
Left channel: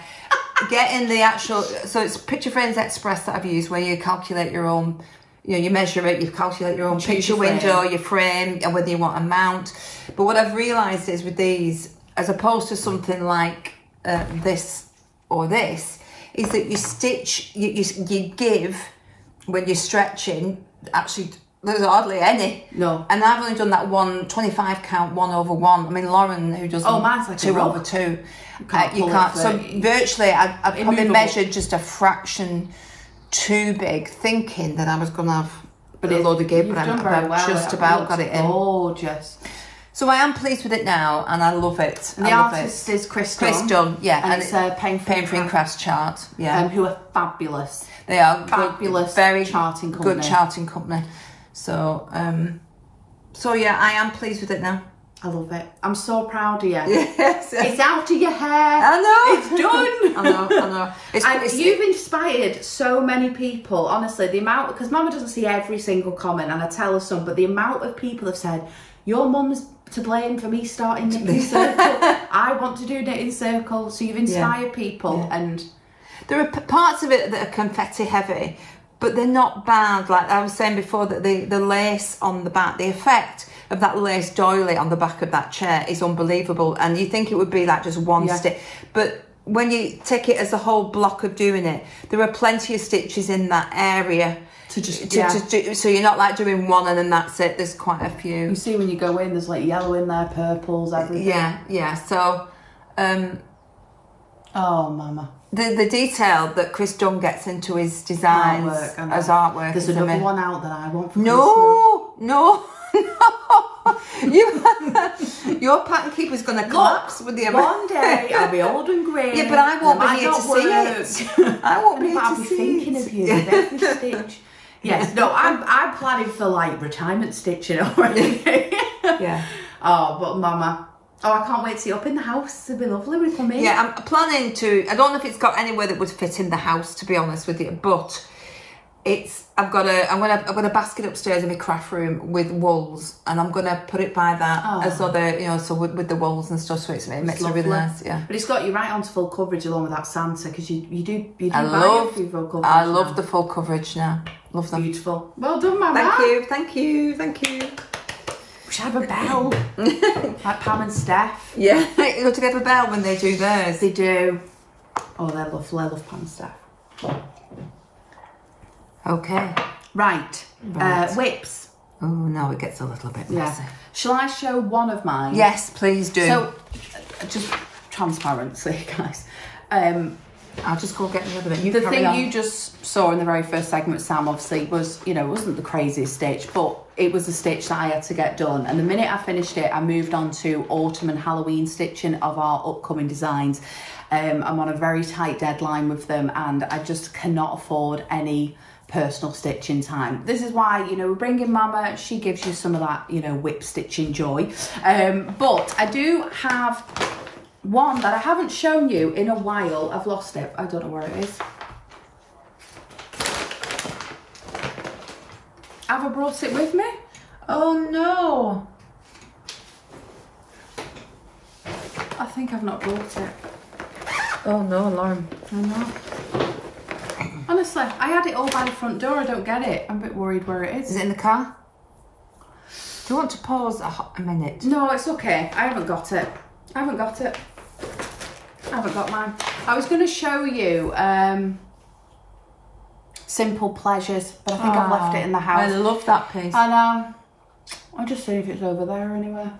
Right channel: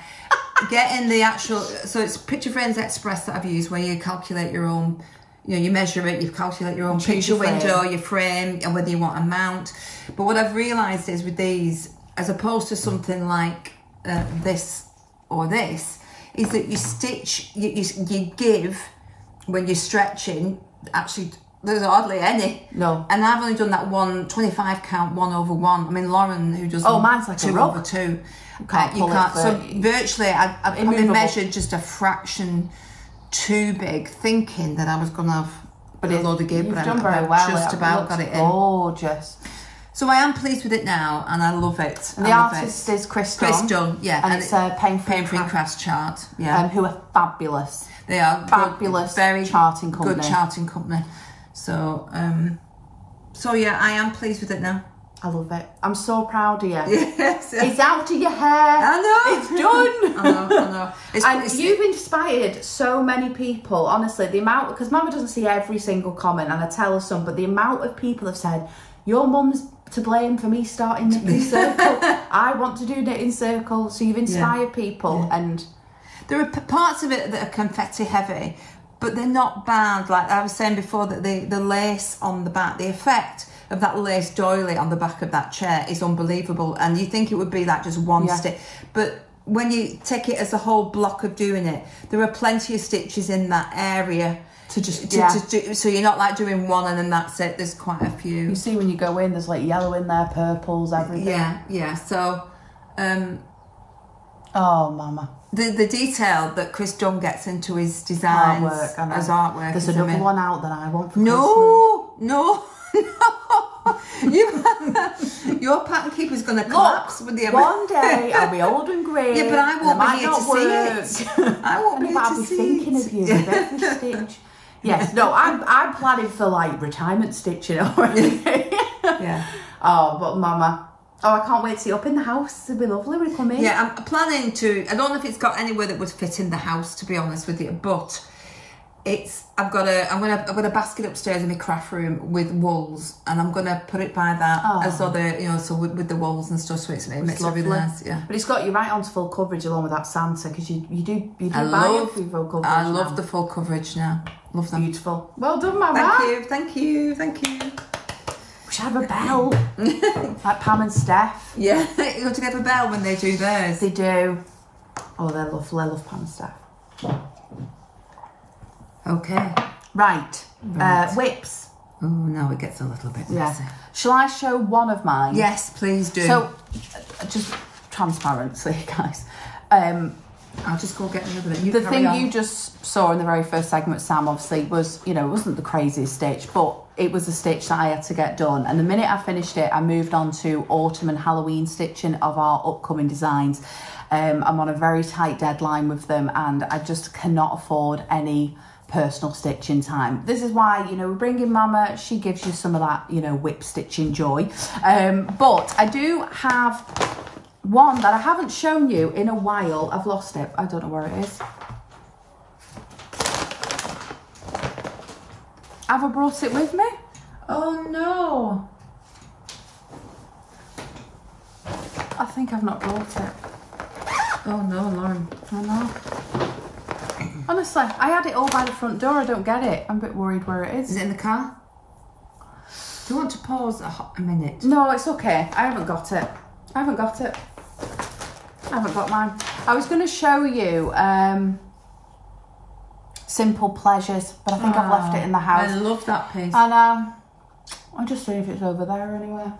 Getting the actual, so it's Picture Frames Express that I've used, where you calculate your own, you know, you measure it, you calculate your own picture window, your frame, and whether you want a mount. But what I've realised is with these, as opposed to something like this or this, is that you stitch, you give, when you're stretching, actually, there's hardly any. No. And I've only done that 125 count 1/1. I mean, Lauren, who does mine's like 2/2. You can't so virtually, I probably measured just a fraction too big, thinking that I was going to have a load of give, and I've just about got it in. Gorgeous. So I am pleased with it now, and I love it. And the artist is Chris Dunn. Yeah. And it's a Pain-Free Crafts chart. Yeah. Who are fabulous. They are fabulous. Very charting company. Good charting company. So, so yeah, I am pleased with it now. I love it. I'm so proud of you. Yes. It's out of your hair. I know. It's done. I know. And you've inspired so many people, honestly. The amount, because Mama doesn't see every single comment, and I tell her some, but the amount of people have said, your mum's to blame for me starting Knitting Circle. I want to do Knitting Circle. So you've inspired people. And there are parts of it that are confetti heavy, but they're not bad. Like I was saying before, that the lace on the back, the effect of that lace doily on the back of that chair is unbelievable. And you think it would be like just one stitch, but when you take it as a whole block of doing it, there are plenty of stitches in that area to do, so you're not like doing one and then that's it. There's quite a few. You see when you go in, there's like yellow in there, purples, everything. Yeah. So oh, Mama, the detail that Chris Dunn gets into his designs as artwork. There's another one out that I want for No. Your pattern keeper's going to collapse with the one day I'll be old and grey. Yeah, but I won't be here to see it. I won't be here to see it. I'll be thinking of you with every stitch. Yes, no, I'm planning for like retirement stitching already. Yeah. Oh, but Mama, I can't wait to see you up in the house. It'll be lovely. We come in. Yeah, I'm planning to. I don't know if it's got anywhere that would fit in the house, to be honest with you, but I'm gonna basket upstairs in my craft room with wools, and I'm gonna put it by that so with the wools and stuff, so it makes it really nice. Yeah. But it's got you right onto full coverage along with that Santa, because you do buy full coverage. I love the full coverage now. Love them. Beautiful. Well done, Mama. Thank you. We should have a bell like Pam and Steph. Yeah, you got to get a bell when they do theirs. They do. Oh, they're lovely. I love Pam and Steph. Okay. Right. Whips. Oh, now it gets a little bit messy. Shall I show one of mine? Yes, please do. So, just transparency, guys. I'll just go get rid of it. The thing you just saw in the very first segment, Sam, obviously, was, you know, it wasn't the craziest stitch, but it was a stitch that I had to get done. And the minute I finished it, I moved on to autumn and Halloween stitching of our upcoming designs. I'm on a very tight deadline with them, and I just cannot afford any personal stitching time. This is why, you know, we bring in Mama. She gives you some of that, you know, whip stitching joy. But I do have one that I haven't shown you in a while. I've lost it. I don't know where it is. Have I brought it with me? Oh no. I think I've not brought it. Oh no, Lauren. I know. Honestly, I had it all by the front door. I don't get it. I'm a bit worried where it is. Is it in the car? Do you want to pause a minute? No, it's okay. I haven't got it. I haven't got it. I haven't got mine. I was going to show you Simple Pleasures, but I think I've left it in the house. I love that piece. And I'll just see if it's over there anywhere.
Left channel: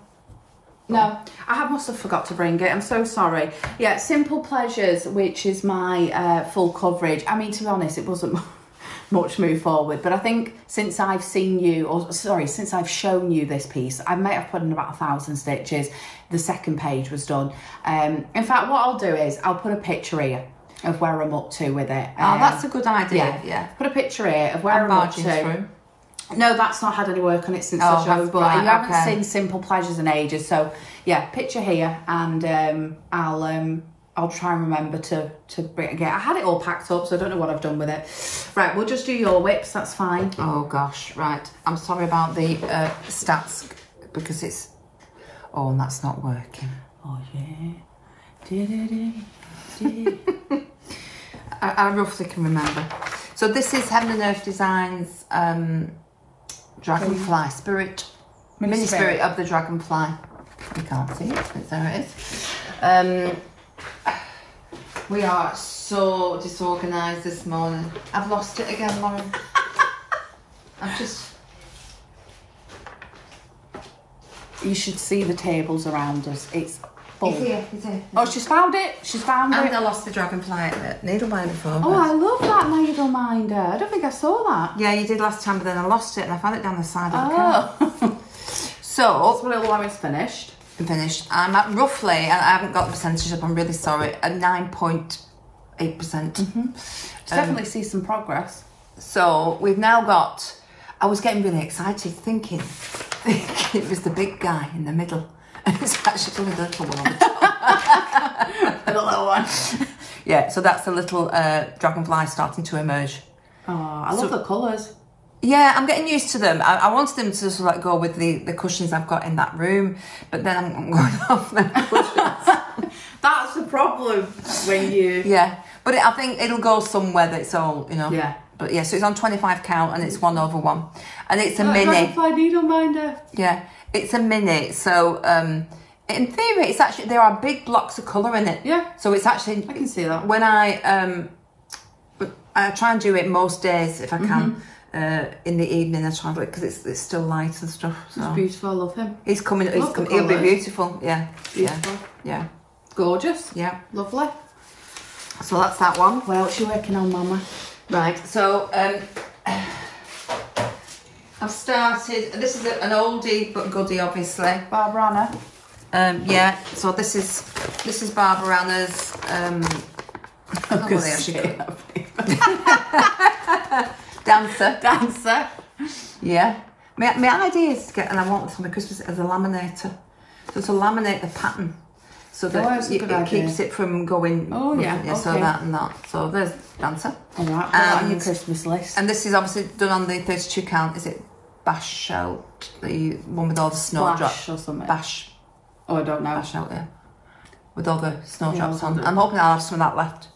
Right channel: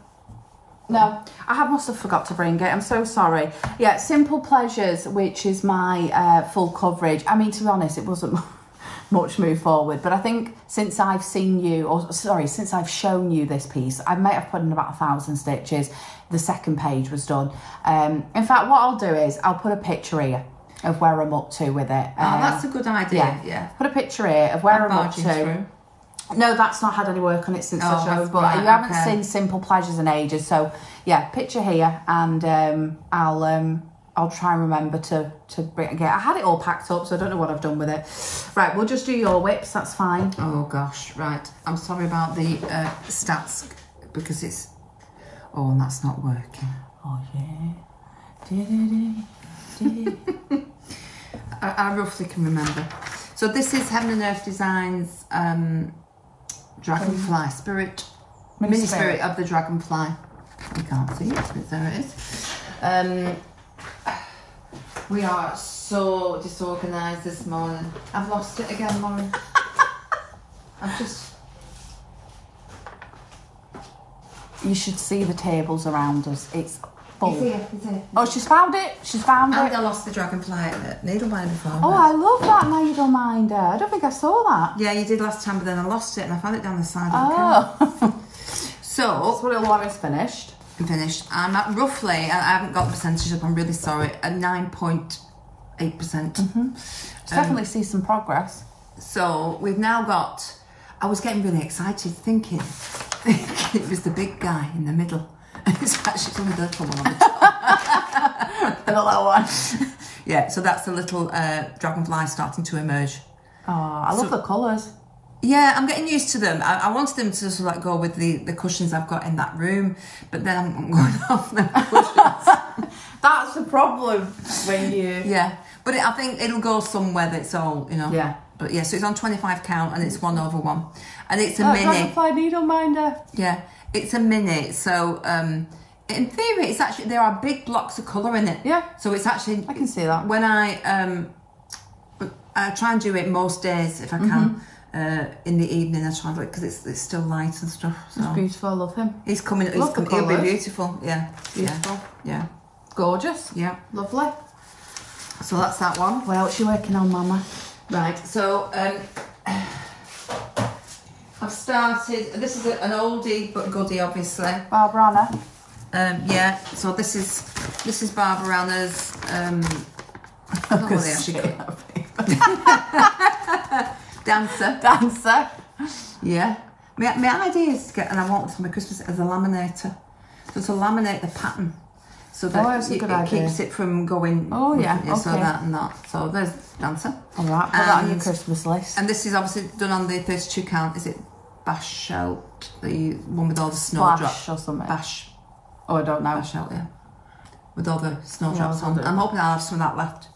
No, I must have forgot to bring it. I'm so sorry. Yeah, Simple Pleasures, which is my full coverage. I mean, to be honest, it wasn't much move forward, but I think since I've seen you, or sorry, since I've shown you this piece, I might have put in about 1,000 stitches. The second page was done. In fact, what I'll do is I'll put a picture here of where I'm up to with it. Oh, that's a good idea. Yeah. Put a picture here of where I'm up to. Through. No, that's not had any work on it since I showed, but you haven't seen Simple Pleasures in ages. So yeah, picture here, and I'll try and remember to bring it again. I had it all packed up, so I don't know what I've done with it. Right, we'll just do your whips, that's fine. Oh gosh, right. I'm sorry about the stats, because it's, oh, and that's not working. Oh yeah. I roughly can remember. So this is Heaven and Earth Designs Dragonfly Spirit, Mini Spirit of the Dragonfly. You can't see it, but there it is. We are so disorganised this morning. I've lost it again, Lauren. I've just... You should see the tables around us. It's full. It's here. Oh, she's found it. She's found it. I lost the dragonfly needlebinder before. Oh, I love that needleminder. I don't think I saw that. Yeah, you did last time, but then I lost it and I found it down the side. Oh. So that's what it'll have is finished. I'm at roughly, and I haven't got the percentage up, I'm really sorry, at 9.8%. Definitely see some progress. So we've now got, I was getting really excited thinking it was the big guy in the middle. And it's actually only the little one on the top. The little one. Yeah, so that's the little dragonfly starting to emerge. Oh, I love the colours. Yeah, I'm getting used to them. I wanted them to sort of like go with the cushions I've got in that room, but then I'm going off them cushions. That's the problem when you... Yeah, but I think it'll go somewhere that's all, you know. Yeah. But yeah, so it's on 25 count and it's 1/1. And it's a mini. Needleminder. Yeah, it's a mini. So in theory, it's actually, there are big blocks of colour in it. Yeah. So it's actually... I can see that. When I try and do it most days if I can. In the evening, I try to, because it's still light and stuff. So. It's beautiful. I love him. He's coming. He'll be beautiful. Yeah. Beautiful. Yeah. Gorgeous. Yeah. Lovely. So that's that one. What else are you working on, Mama? Right. So I've started. This is an oldie but goodie, obviously. Barbara Anna. Yeah. So this is Barbara Anna's. I don't know what they actually Dancer. Yeah. My idea is to get, and I want it for my Christmas, as a laminator. So to laminate the pattern so that it keeps it from going. Oh yeah, okay. So that and that. So there's Dancer. Alright, put that on your Christmas list. And this is obviously done on the 32 count. Is it Bash Out? The one with all the snowdrops or something. Bash. Oh, I don't know. Bash Out, yeah. With all the snowdrops on. I'm hoping I'll have some of that left.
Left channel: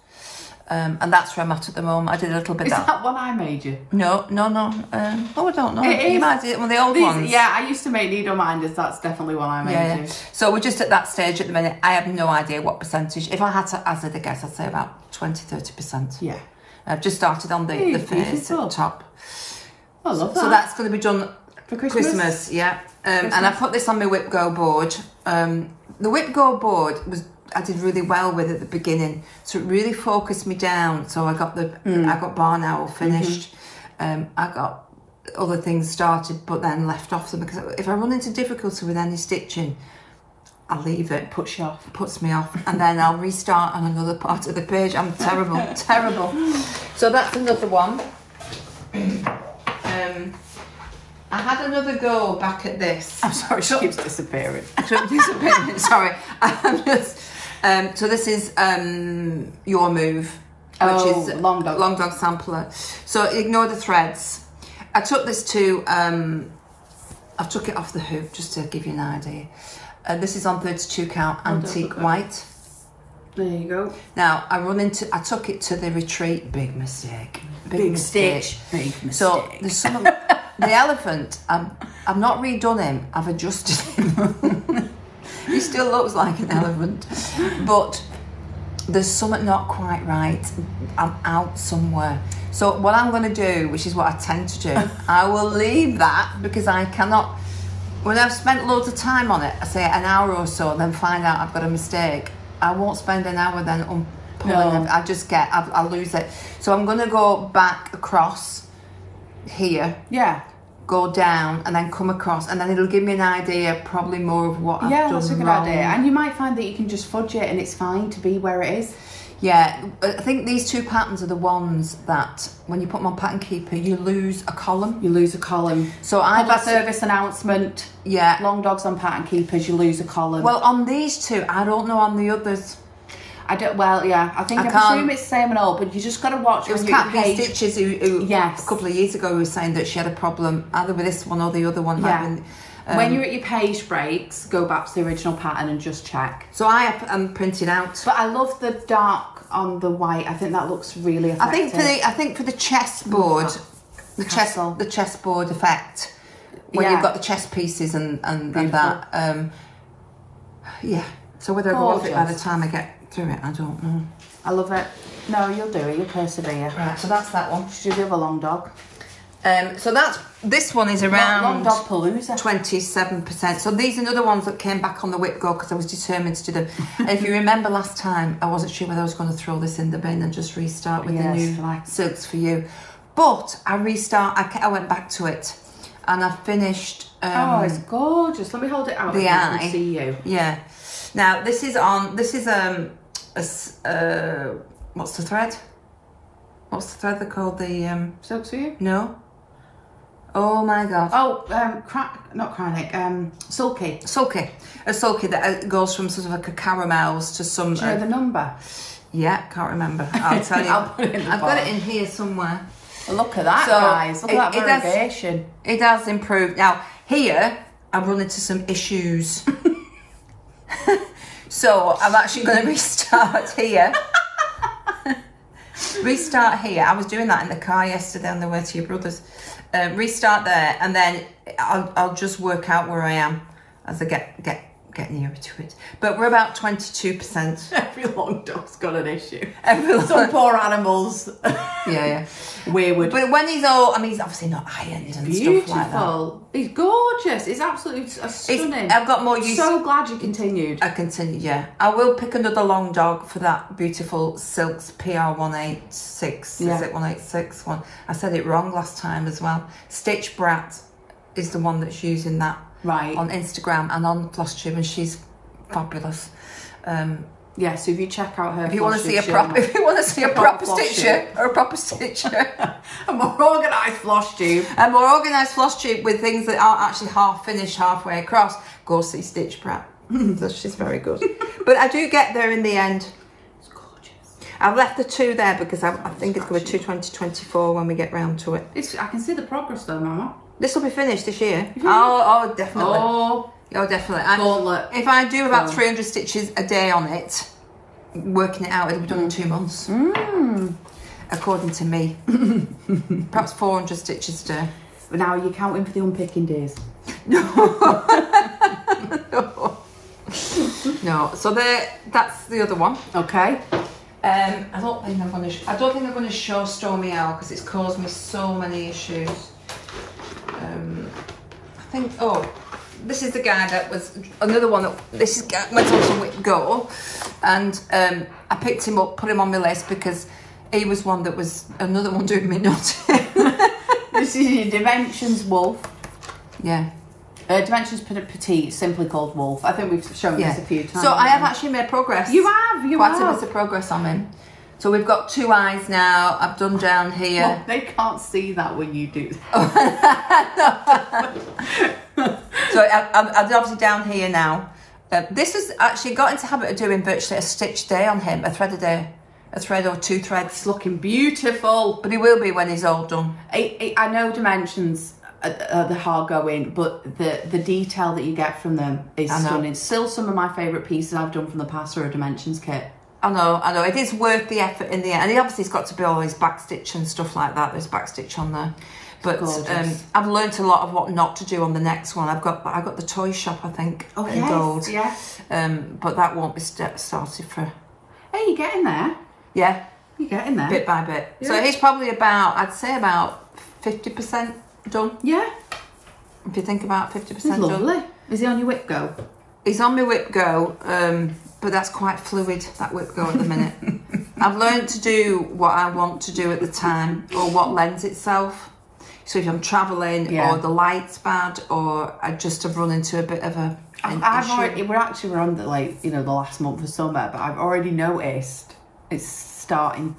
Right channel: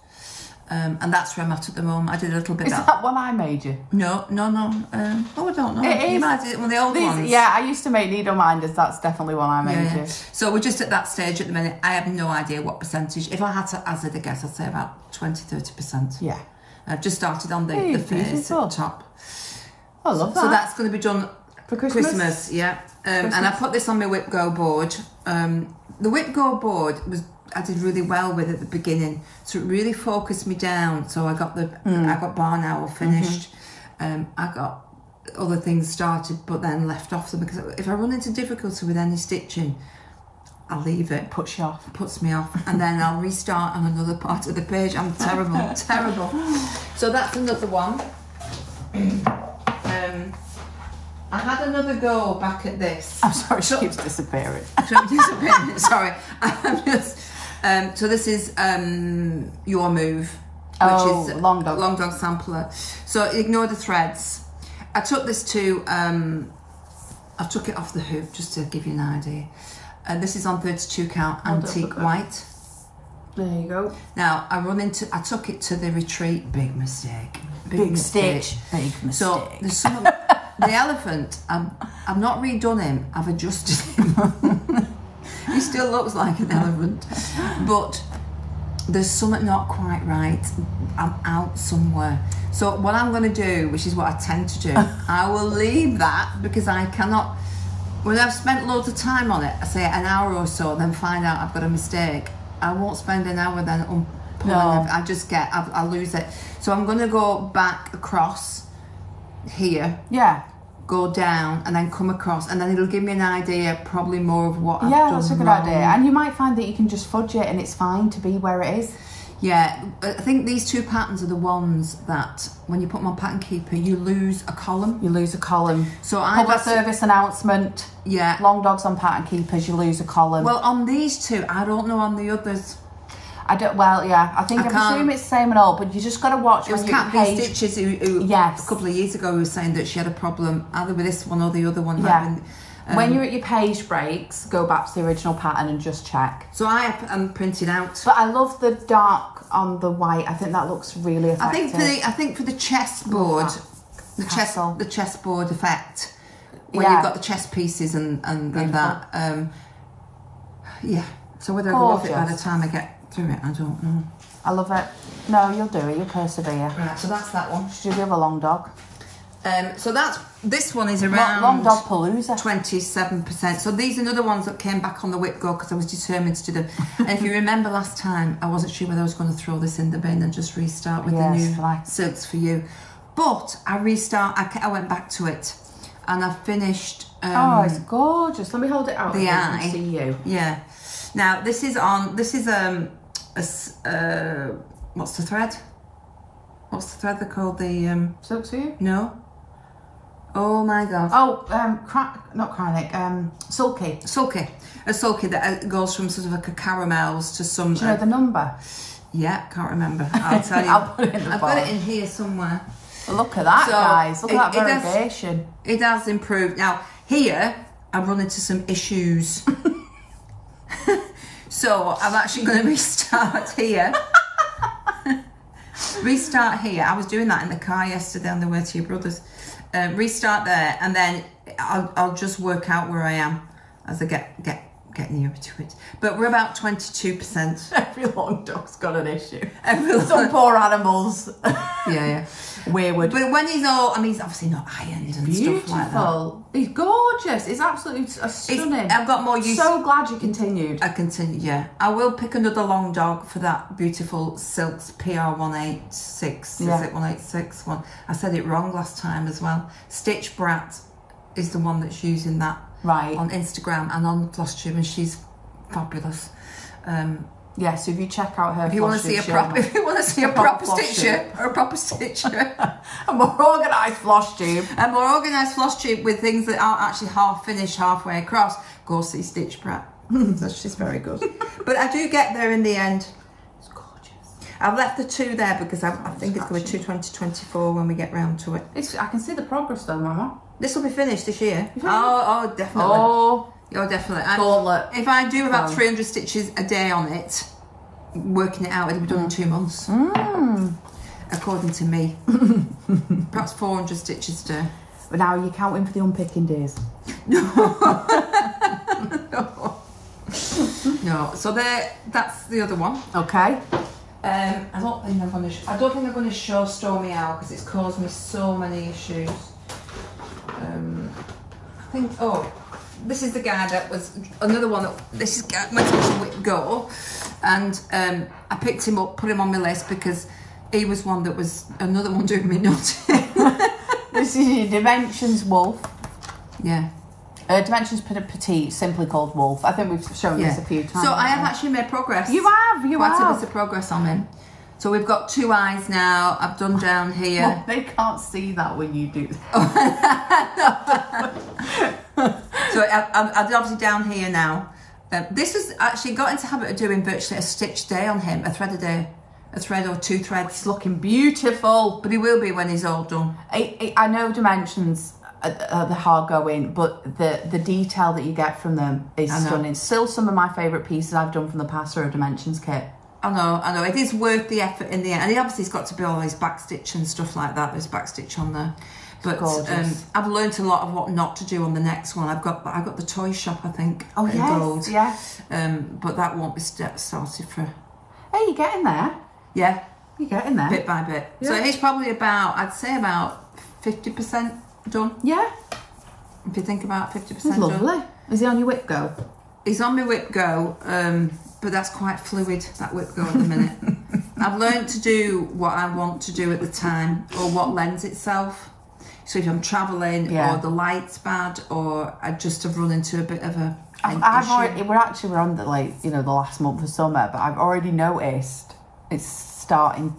And that's where I'm at the moment. I did a little bit of that. Is that one I made you? No. Oh, I don't know. It is. Well, the old ones. Yeah, I used to make needle minders. That's definitely one I made you. So we're just at that stage at the minute. I have no idea what percentage. If I had to hazard a guess, I'd say about 20-30%. Yeah. I've just started on the face at the top. I love that. So that's going to be done For Christmas? Yeah. And I put this on my Whip Go board. The Whip Go board I did really well with at the beginning, so it really focused me down. So I got I got Barn Owl finished. I got other things started, but then left off them because if I run into difficulty with any stitching, I'll leave it. Puts you off. Puts me off, and then I'll restart on another part of the page. I'm terrible, terrible. So that's another one. I had another go back at this. I'm sorry, she keeps disappearing. Sorry, I'm just. So this is Your Move, which is long dog sampler. So ignore the threads. I took this to. I took it off the hoop just to give you an idea. This is on 32 count antique white. There you go. Now I took it to the retreat. Big mistake. Big stitch. Big mistake. So there's some of the elephant. I've not redone him. I've adjusted him. He still looks like an elephant, but there's something not quite right. I'm out somewhere. So what I'm going to do, which is what I tend to do, I will leave that because I cannot. When I've spent loads of time on it, I say an hour or so, then find out I've got a mistake. I won't spend an hour then unpulling it. I just I'll lose it. So I'm going to go back across here. Yeah. Go down and then come across, and then it'll give me an idea, probably more of what I've done. Yeah, that's a good idea. And you might find that you can just fudge it and it's fine to be where it is. Yeah, I think these two patterns are the ones that when you put them on Pattern Keeper, you lose a column. You lose a column. So Public service announcement. Yeah. Long dogs on Pattern Keepers, you lose a column. Well, on these two, I don't know on the others. I don't. Well, yeah. I presume it's the same and all, but you just got to watch. It was Cat B Stitches who yes, a couple of years ago, who was saying that she had a problem either with this one or the other one. Yeah. When you're at your page breaks, go back to the original pattern and just check. So I am printed out. But I love the dark on the white. I think that looks really effective. I think for the chessboard, the chessboard effect, where you've got the chess pieces and that. Yeah. So whether I go off it by the time I get through it, I don't know. I love it. No, you'll do it. You'll persevere. Right. So that's that one. Should do the long dog. So this one is around Long Dog Palooza. 27%. So these are another ones that came back on the Whip Go because I was determined to do them. And if you remember last time, I wasn't sure whether I was going to throw this in the bin and just restart with the new silks for you. But I went back to it and I finished. Oh, it's gorgeous. Let me hold it out. The eye. I can see you. Yeah. Now this is what's the thread? What's the thread they're called? The silks for you? No. Oh my god. Oh, not chronic. Sulky. Sulky. A sulky that goes from sort of like a caramels to some. Do you know the number? Yeah, can't remember. I'll tell you. I'll put it in the I've got it in here somewhere. Well, look at that, guys. Look at that variegation. It has improved. Now here, I've run into some issues. So I'm actually going to restart here. Restart here. I was doing that in the car yesterday on the way to your brother's. Restart there, and then I'll just work out where I am as I get nearer to it. But we're about 22%. Every long dog's got an issue. Some poor animals. Yeah. Weird. But when he's all, I mean, he's obviously not ironed and beautiful. Stuff like that. He's gorgeous. It's absolutely stunning. I've got more use. So glad you continued. I continued, yeah. I will pick another long dog for that beautiful Silks PR186. Yeah. Is it 186 one? I said it wrong last time as well. Stitch Brat is the one that's using that on Instagram and on Flosstube, and she's fabulous. Yeah, so if you check out her, if you want to see a proper stitcher, a more organised Flosstube, with things that aren't actually half finished halfway across, go see Stitch Brat. She's very good. But I do get there in the end. It's gorgeous. I've left the two there because I think it's going to be 2024 when we get round to it. I can see the progress though, Mama. This will be finished this year. Oh, definitely. Oh, definitely. Gauntlet. If I do about 300 stitches a day on it, working it out, it'll be done in 2 months. According to me. Perhaps 400 stitches a day. But now you're counting for the unpicking days. No. No. So that's the other one. Okay. I don't think I'm going to show Stormy Owl because it's caused me so many issues. think, this is the guy that was another one. This is went on to Whip Go, and I picked him up, put him on my list because he was one that was another one doing me nuts. This is your Dimensions Wolf. Yeah. Dimensions Petite, simply called Wolf. I think we've shown this a few times. So I have actually made progress. You have, quite a bit of progress on him. So we've got 2 eyes now. I've done down here. Well, they can't see that when you do. So I'm obviously down here now. This has actually got into the habit of doing virtually a stitch day on him, a thread a day. A thread or 2 threads. It's looking beautiful. But he will be when he's all done. I know Dimensions are the hard going, but the detail that you get from them is stunning. Still some of my favourite pieces I've done from the past are a Dimensions kit. I know. It is worth the effort in the end. And he obviously has got to be all his backstitch and stuff like that. There's backstitch on there. But I've learnt a lot of what not to do on the next one. I've got the toy shop, I think, in gold. Yes. But that won't be started for... Hey, you're getting there. Yeah. You're getting there. Bit by bit. Yeah. So he's probably about, I'd say about 50% done. Yeah. If you think about 50% He's done. lovely. Is he on your Whip Go? He's on my Whip Go, but that's quite fluid, that Whip Go at the minute. I've learned to do what I want to do at the time, or what lends itself. So if I'm travelling, or the light's bad, or I just have run into a bit of a... we're on the the last month of summer, but I've already noticed it's starting,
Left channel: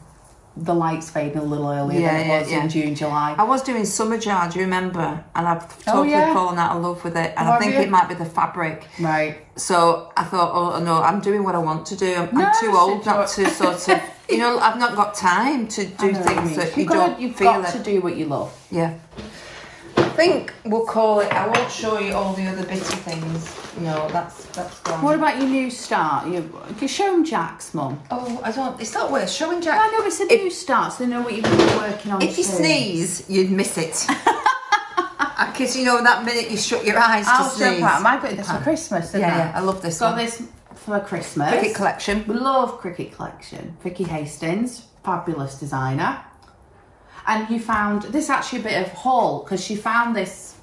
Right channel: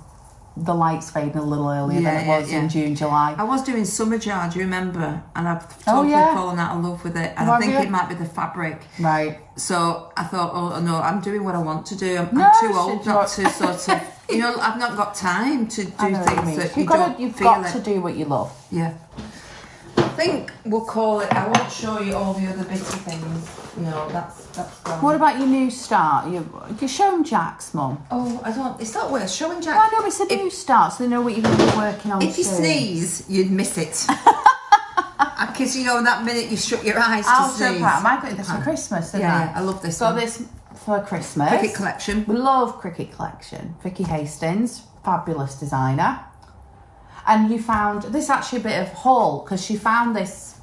the light's fading a little earlier than it was in June, July. I was doing summer jar, do you remember? And I've totally fallen out of love with it. And I think it might be the fabric. Right. So I thought, oh no, I'm doing what I want to do. I'm too old not to sort of, I've not got time to do things that you've got to do what you love. Yeah. I think we'll call it, I won't show you all the other bitty things. No, that's gone. What about your new start? You're showing Jack's, Mum. Oh, it's not worth showing Jack. I know, it's a new start, so they know what you're going to be working on. If you sneeze, you'd miss it. Because that minute you shut your eyes I'll to sneeze. I might get this for Christmas, isn't I love this one. Got this for Christmas. Cricket collection. We love Cricket collection. Vicky Hastings, fabulous designer. And you found this actually a bit of haul, because she found this,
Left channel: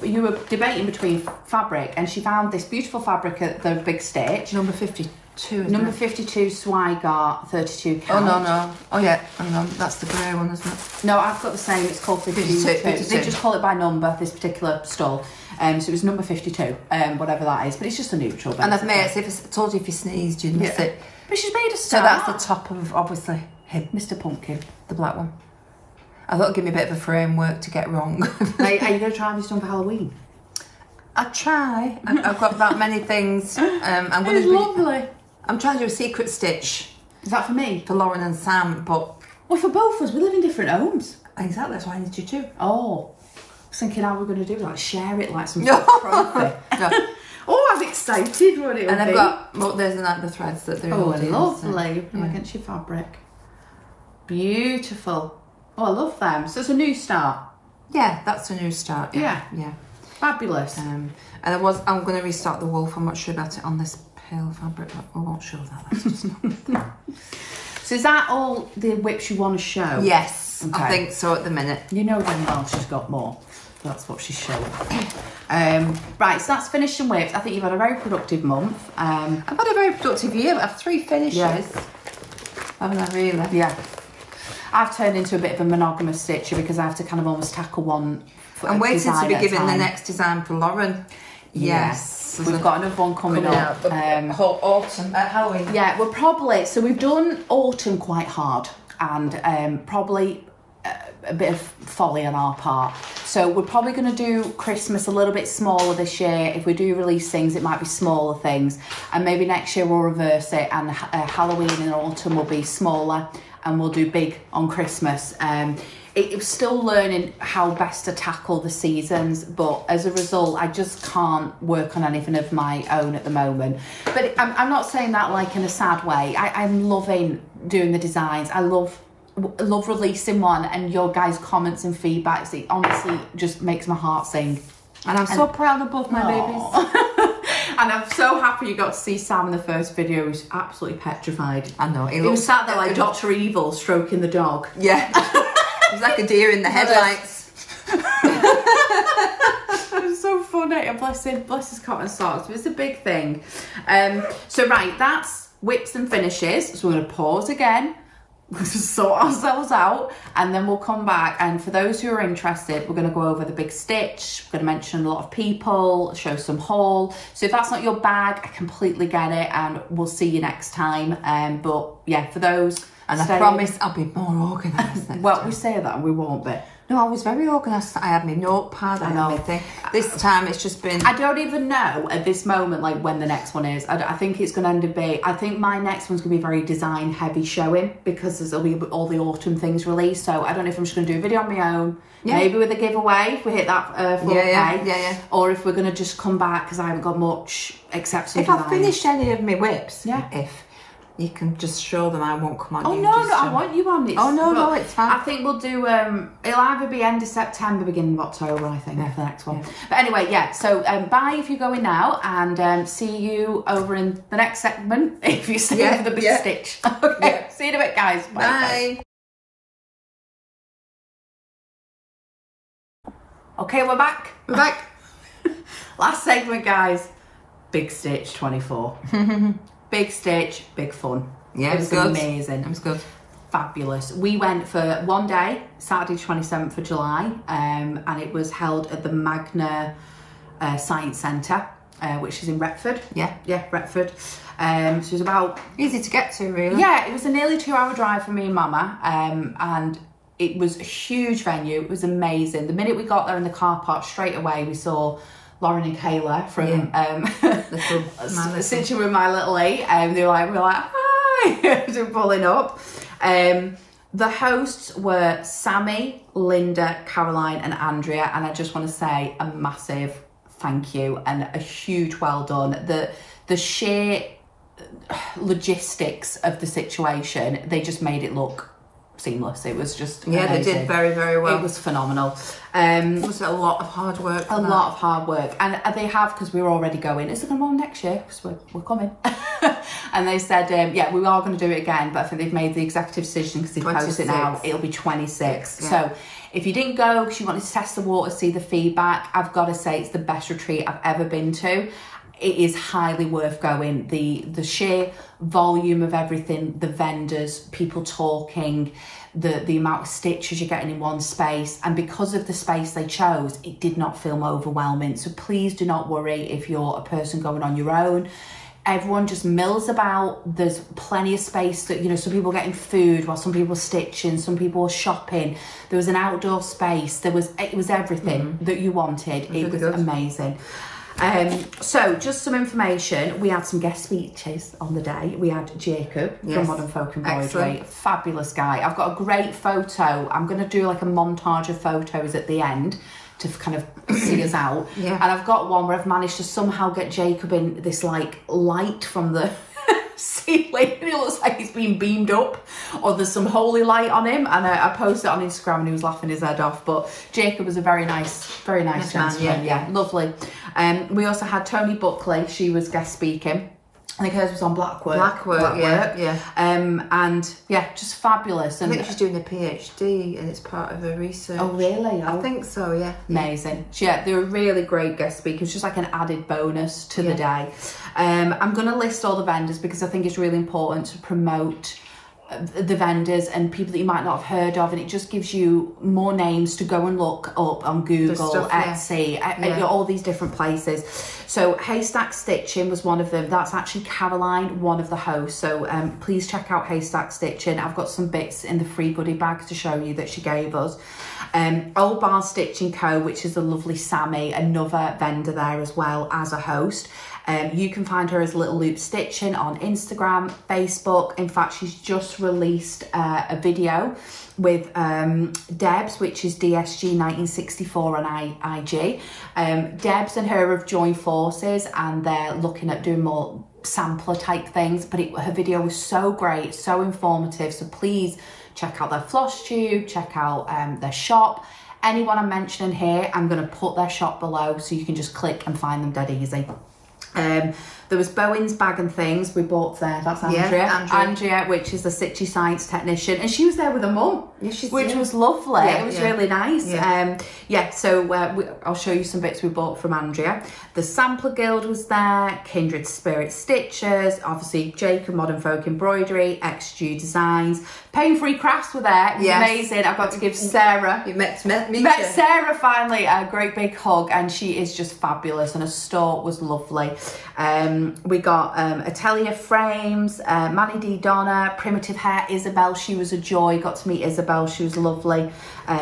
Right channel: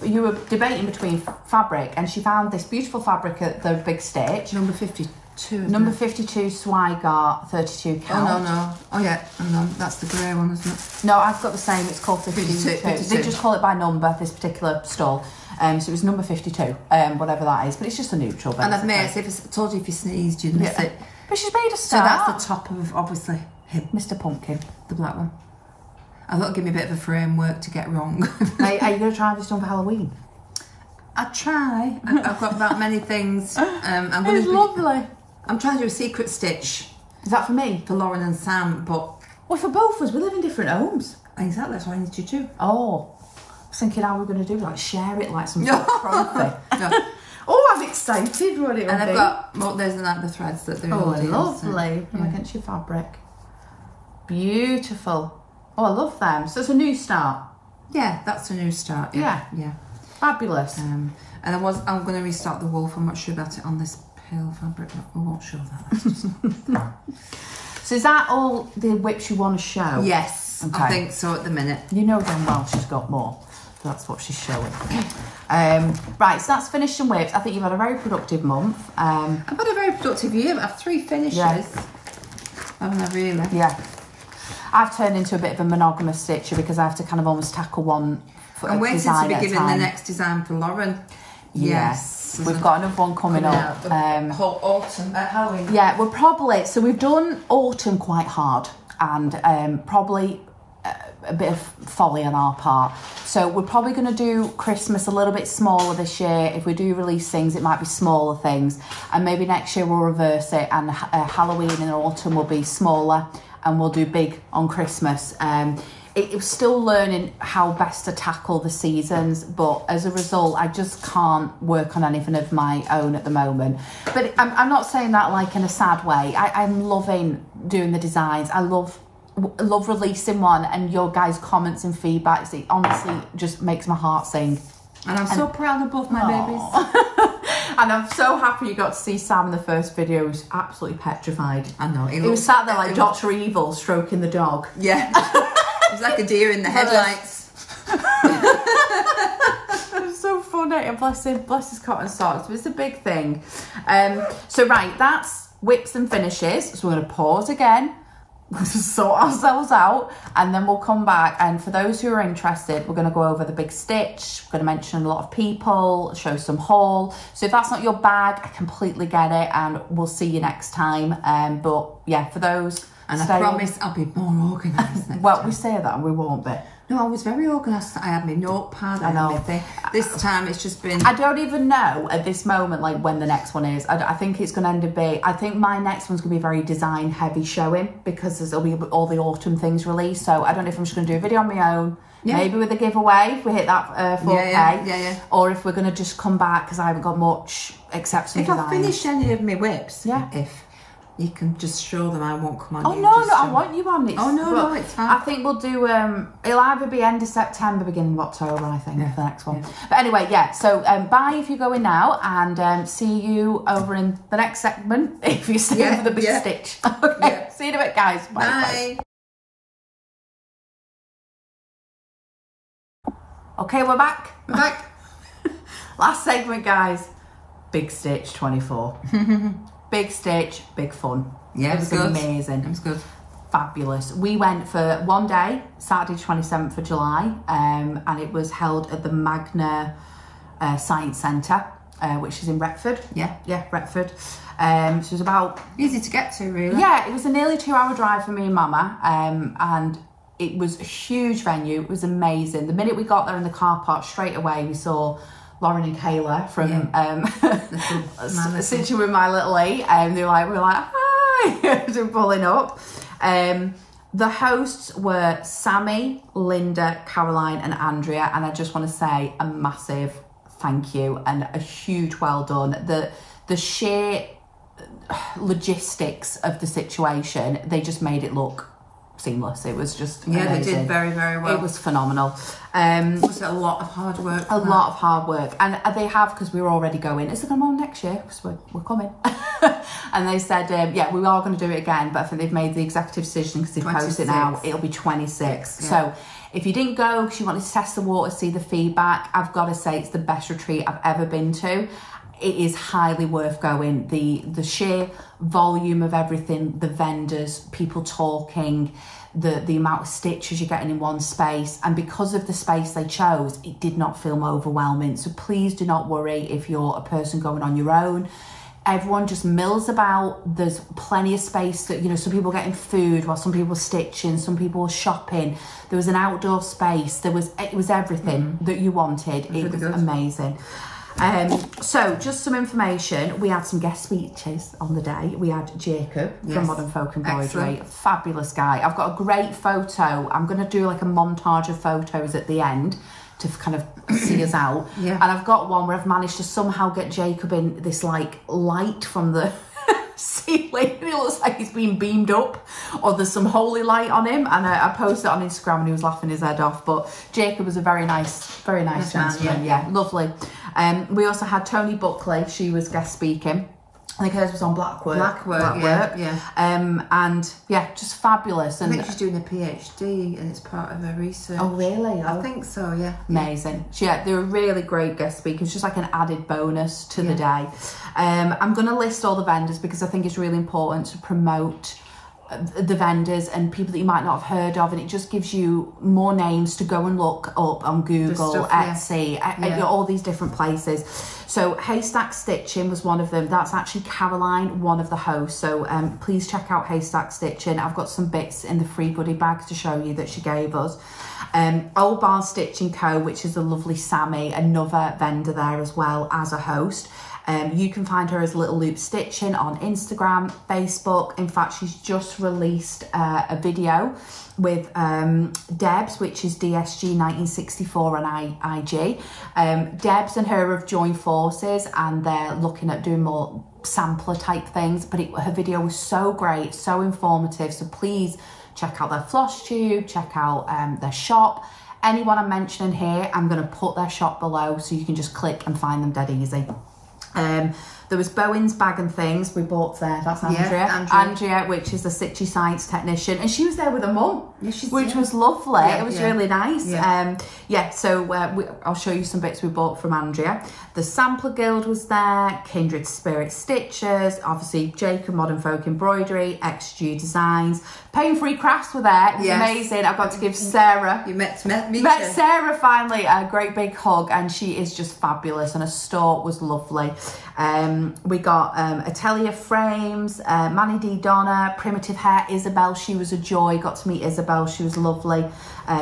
you were debating between fabric, and she found this beautiful fabric at the Big Stitch. Number 52. Number 52 Swigart 32 count. Oh, no. Oh, yeah. Hang on. That's the grey one, isn't it? No, I've got the same. It's called 52. They just call it by number, this particular stall. So it was number 52, whatever that is. But it's just a neutral, basically. And I've made it, if I told you if you sneezed, you'd miss it. But she's made a start. So that's the top of, obviously, him. Mr. Pumpkin. The black one. I thought it'd give me a bit of a framework to get wrong. Are you going to try this on for Halloween? I try. I've got that many things. I'm going to lovely. I'm trying to do a secret stitch. Is that for me? For Lauren and Sam, but... Well, for both of us, we live in different homes. Exactly, that's why I need you too. Oh. I was thinking how we're going to do, like, share it like some sort of trophy. No. Oh, I'm excited what it'll be. And I've got, there's the threads that they're lovely. Put them against your fabric. Beautiful. Oh, I love them. So it's a new start. Yeah, that's a new start. Yeah. Fabulous. And I'm going to restart the wolf. I'm not sure about it on this pale fabric, but I won't show that. So is that all the whips you want to show? Yes, okay. I think so at the minute. You know damn well she's got more. That's what she's showing. Right, so that's finished and whips. I think you've had a very productive month. I've had a very productive year. I have 3 finishes. Yeah. Haven't I really? Yeah. I've turned into a bit of a monogamous stitcher because I have to kind of almost tackle one I'm waiting to be given the next design for Lauren. Yes. We've got another one coming up. Whole autumn, Halloween. Yeah, we're probably, so we've done autumn quite hard, and probably a bit of folly on our part. So we're probably going to do Christmas a little bit smaller this year. If we do release things, it might be smaller things, and maybe next year we'll reverse it, and Halloween and autumn will be smaller, and we'll do big on Christmas. It's still learning how best to tackle the seasons, but as a result, I just can't work on anything of my own at the moment. But I'm not saying that like in a sad way. I'm loving doing the designs. I love releasing one, and your guys' comments and feedbacks. It honestly just makes my heart sing. And I'm so proud of both my babies. And I'm so happy you got to see Sam in the first video. He was absolutely petrified. I know. He was sat there like Dr. Evil stroking the dog. Yeah. He's like a deer in the headlights. It was so funny. nominated, bless his cotton socks. It's a big thing. So right, that's whips and finishes. So we're going to pause again, sort ourselves out, and then we'll come back. And for those who are interested, we're going to go over the big stitch. We're going to mention a lot of people, show some haul. So if that's not your bag, I completely get it, and we'll see you next time. But yeah, for those, and I promise I'll be more organised. Well, we say that and we won't be. No, I was very organised. I had my notepad and everything. This time it's just been... I don't even know at this moment, like, when the next one is. I think it's going to end up being... I think my next one's going to be very design heavy showing, because there'll be all the autumn things released. So I don't know if I'm just going to do a video on my own. Yeah. Maybe with a giveaway if we hit that 4K. Yeah. Or if we're going to just come back, because I haven't got much except some designs. If I finish any of my whips, yeah. If you can just show them, I won't come on. Oh, no, I want you on it. Oh, no, it's fine. I think we'll do, it'll either be end of September, beginning of October, I think, for the next one. Yeah. But anyway, yeah, so bye if you're going now, and see you over in the next segment if you stay for the big stitch. Okay, see you in a bit, guys. Bye. Okay, we're back. Last segment, guys. Big Stitch 24. Big stitch, big fun. Yeah, it was amazing. It was good. Fabulous. We went for one day, Saturday 27th of July, and it was held at the Magna Science Centre, which is in Retford. Yeah, Retford. So it was about... Easy to get to, really. Yeah, it was a nearly 2-hour drive for me and Mama, and it was a huge venue. It was amazing. The minute we got there in the car park, straight away we saw Lauren and Kayla from Stitching with My Little E, and we were like, hi, so pulling up. The hosts were Sammy, Linda, Caroline and Andrea, and I just want to say a massive thank you and a huge well done. The sheer logistics of the situation, they just made it look seamless. It was just amazing. They did very, very well. It was phenomenal. It was a lot of hard work. A lot of hard work, and they have, because we were already going. Is it going on next year? Because we're coming. And they said, yeah, we are going to do it again, but I think they've made the executive decision, because they've posted it now. It'll be 26. Yeah. So if you didn't go because you wanted to test the water, see the feedback, I've got to say it's the best retreat I've ever been to. It is highly worth going. The sheer volume of everything, the vendors, people talking, the amount of stitches you're getting in one space, and because of the space they chose, it did not feel overwhelming. So please do not worry if you're a person going on your own. Everyone just mills about. There's plenty of space that, you know, some people are getting food while some people are stitching, some people are shopping. There was an outdoor space. It was everything that you wanted. It was amazing. So just some information. We had some guest speeches on the day. We had Jacob from Modern Folk Embroidery. Fabulous guy. I've got a great photo. I'm going to do like a montage of photos at the end to kind of see us out. And I've got one where I've managed to somehow get Jacob in this like light from the ceiling. It looks like he's been beamed up, or there's some holy light on him, and I posted it on Instagram and he was laughing his head off. But Jacob was a very nice gentleman. Yeah, lovely. We also had Tony Buckley. She was guest speaking. I think hers was on Blackbird. And yeah, just fabulous. And I think she's doing a PhD and it's part of her research. Oh really? I think so, yeah. Amazing. Yeah, they were really great guest speakers, just like an added bonus to the day. I'm going to list all the vendors because I think it's really important to promote the vendors and people that you might not have heard of, and it just gives you more names to go and look up on Google, Etsy, all these different places. So Haystack Stitching was one of them. That's actually Caroline, one of the hosts. So please check out Haystack Stitching. I've got some bits in the free goodie bags to show you that she gave us. Old Barn Stitching Co., which is the lovely Sammy, another vendor there as well as a host. You can find her as Little Loop Stitching on Instagram, Facebook. In fact, she's just released a video with Debs, which is DSG1964 on IG. Debs and her have joined forces and they're looking at doing more sampler type things, but her video was so great, so informative. So please check out their Flosstube, check out their shop. Anyone I'm mentioning here, I'm going to put their shop below so you can just click and find them dead easy. The There was Bowen's Bag and Things we bought there. That's Andrea. Yeah, Andrea, which is the Stitchy Science technician, and she was there with her mum, which was lovely. Yeah, it was really nice. Yeah. So I'll show you some bits we bought from Andrea. The Sampler Guild was there, Kindred Spirit Stitchers, obviously Jacob Modern Folk Embroidery, XG Designs, Pain Free Crafts were there. It was amazing. I got to give Sarah, met Sarah finally a great big hug, and she is just fabulous, and her store was lovely. We got Atelier Frames, Manny D. Donna, Primitive Hair, Isabel, she was a joy. Got to meet Isabel, she was lovely.